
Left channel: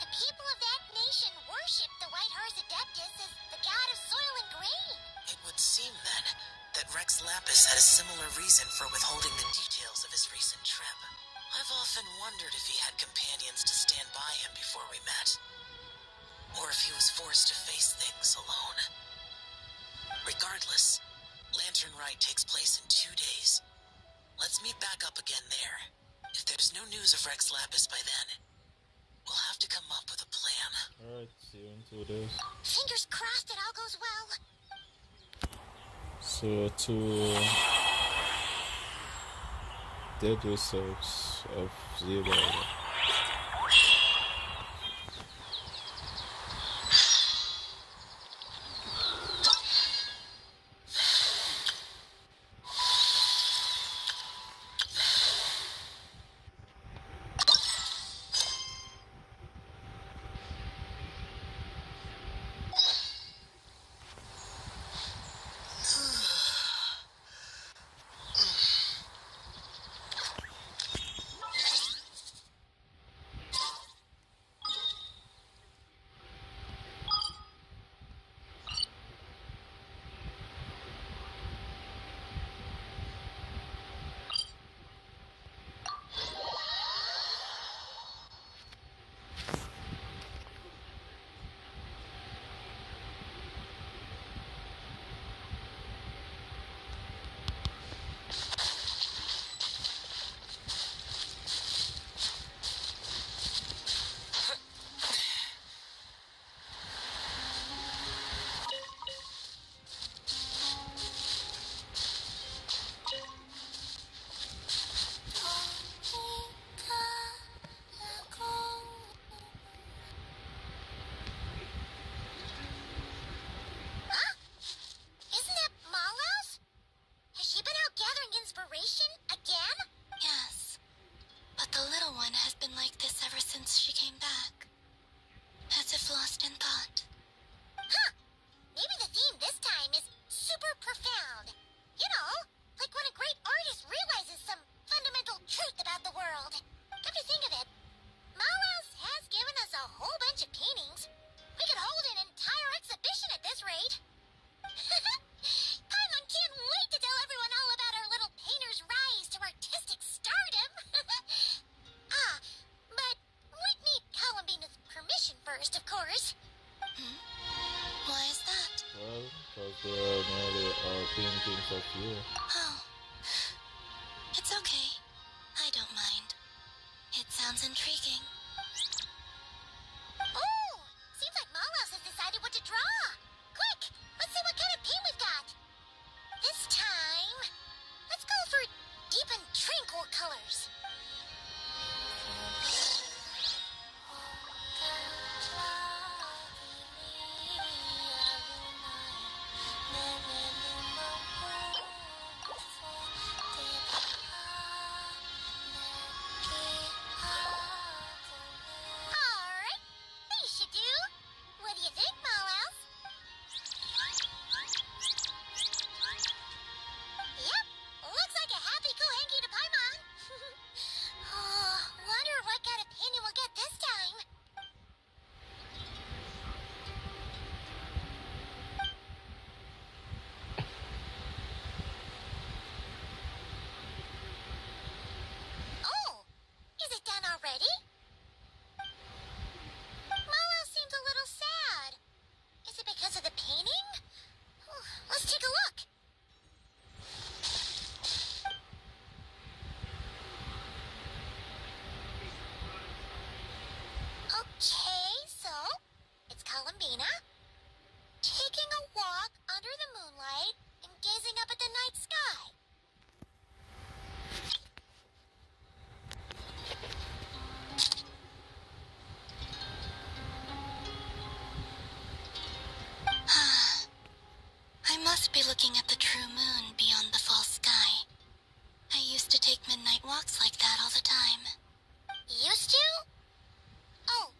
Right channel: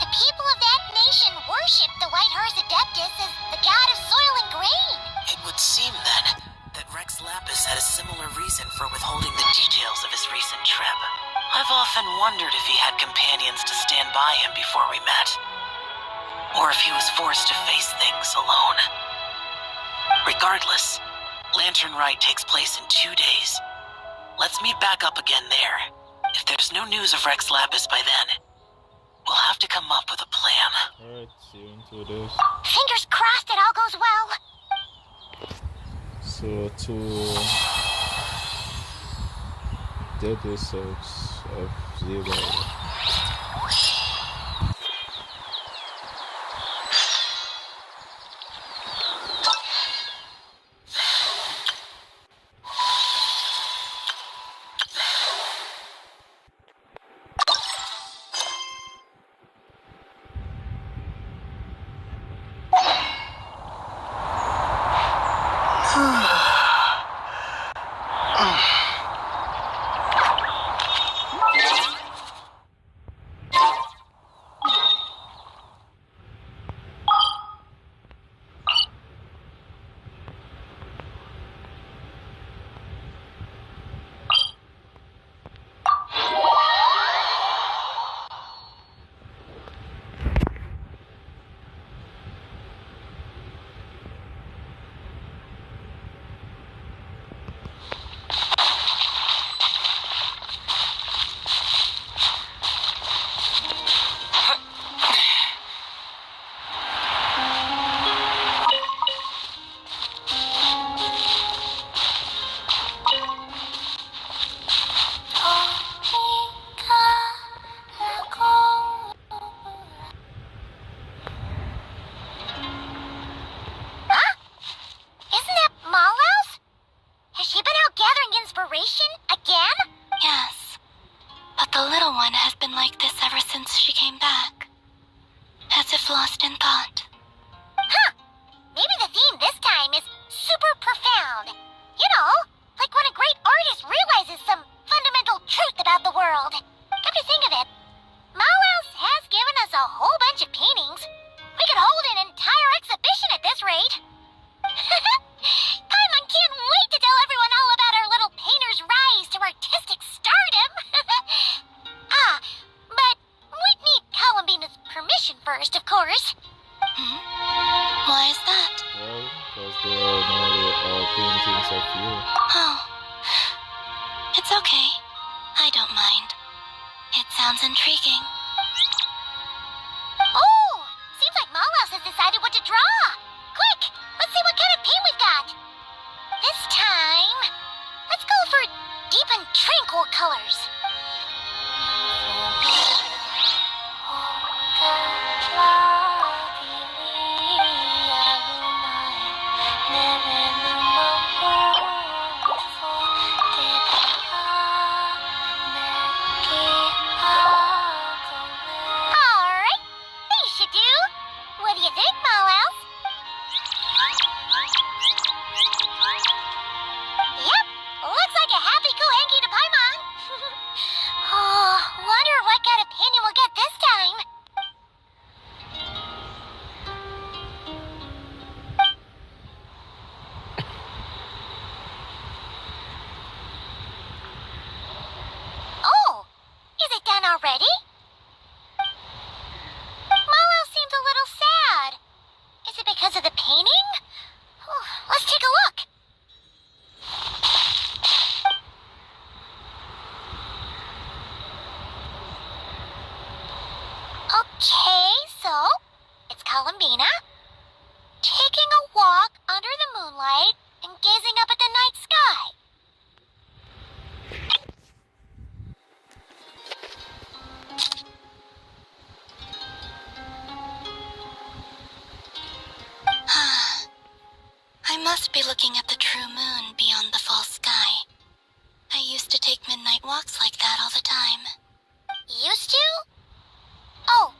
the people of that nation worship the white horse Adeptus as the god of soil and grain. It would seem then that Rex Lapis had a similar reason for withholding the details of his recent trip. I've often wondered if he had companions to stand by him before we met, or if he was forced to face things alone. Regardless, Lantern Rite takes place in 2 days. Let's meet back up again there. If there's no news of Rex Lapis by then, we'll have to come up with a plan. Alright, see you in 2 days. Fingers crossed it all goes well. So, 2 deadly souls of Zero. lost in thought. Huh. Maybe the theme this time is super profound. You know, like when a great artist realizes some fundamental truth about the world. Come to think of it, Malhouse has given us a whole bunch of paintings. We could hold an entire exhibition at this rate. Paimon can't wait to tell everyone all about our little painter's rise to artistic stardom. But we'd need Columbina's permission first, of course. Why is that? Well, because they are nearly all paintings of you. Oh. It's okay. I don't mind. It sounds intriguing. Oh! Seems like Malhouse has decided what to draw. Quick! Let's see what kind of paint we've got. This time, let's go for deep and tranquil colors. Alright, these should do. What do you think, Malhouse? Yep, looks like a happy Kohenki to Paimon. looking at the true moon beyond the false sky. I used to take midnight walks like that all the time. Used to? Oh,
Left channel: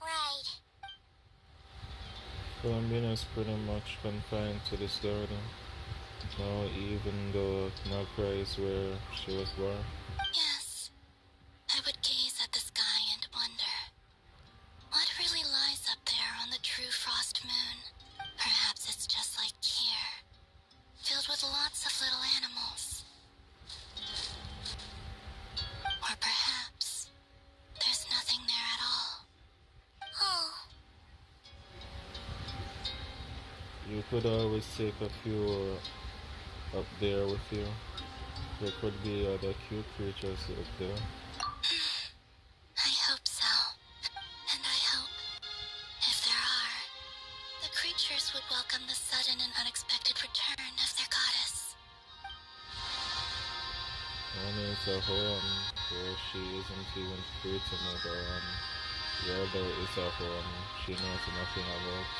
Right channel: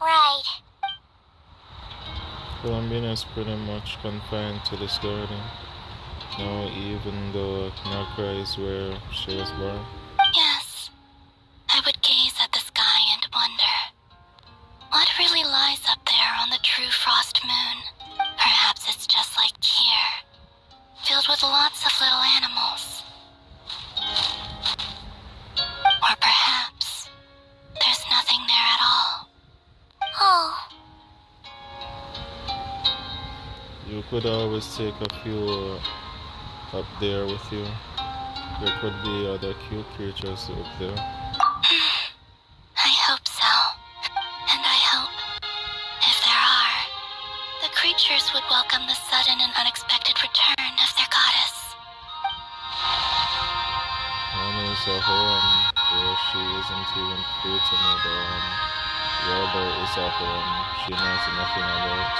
right. Columbia is pretty much confined to this garden. Now, even though Nagra is where she was born. Yes. I would gaze at the sky and wonder, what really lies up there on the true frost moon? Perhaps it's just like here, filled with lots of little animals. Or perhaps there's nothing there at all. Oh. You could always take a few up there with you. There could be other cute creatures up there. I hope so. And I hope, if there are, the creatures would welcome the sudden and unexpected return of their goddess. One is a home where she isn't even free to move on. The other is a home she knows nothing about.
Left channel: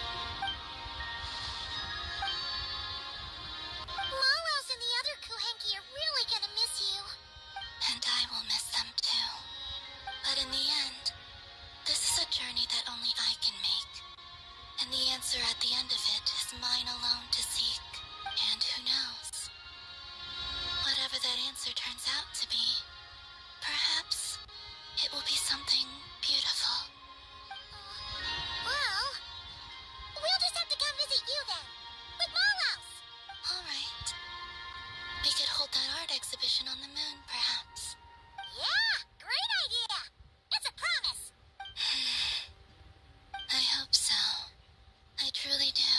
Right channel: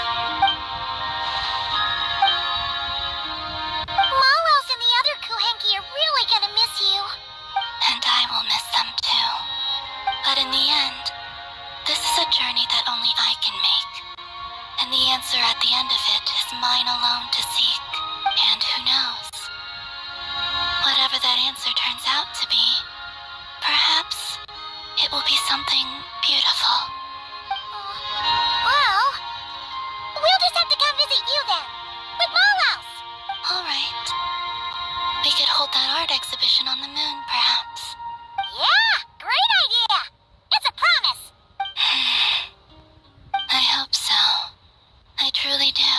Molos and the other Kuhenki are really gonna miss you. And I will miss them too. But in the end, this is a journey that only I can make. And the answer at the end of it is mine alone to seek. And who knows? Whatever that answer turns out to be, perhaps it will be something beautiful. Well, we'll just have to come visit you then, with Molos. All right. We could hold that art exhibition on the moon, perhaps. Yeah, great idea. It's a promise. I hope so. I truly do.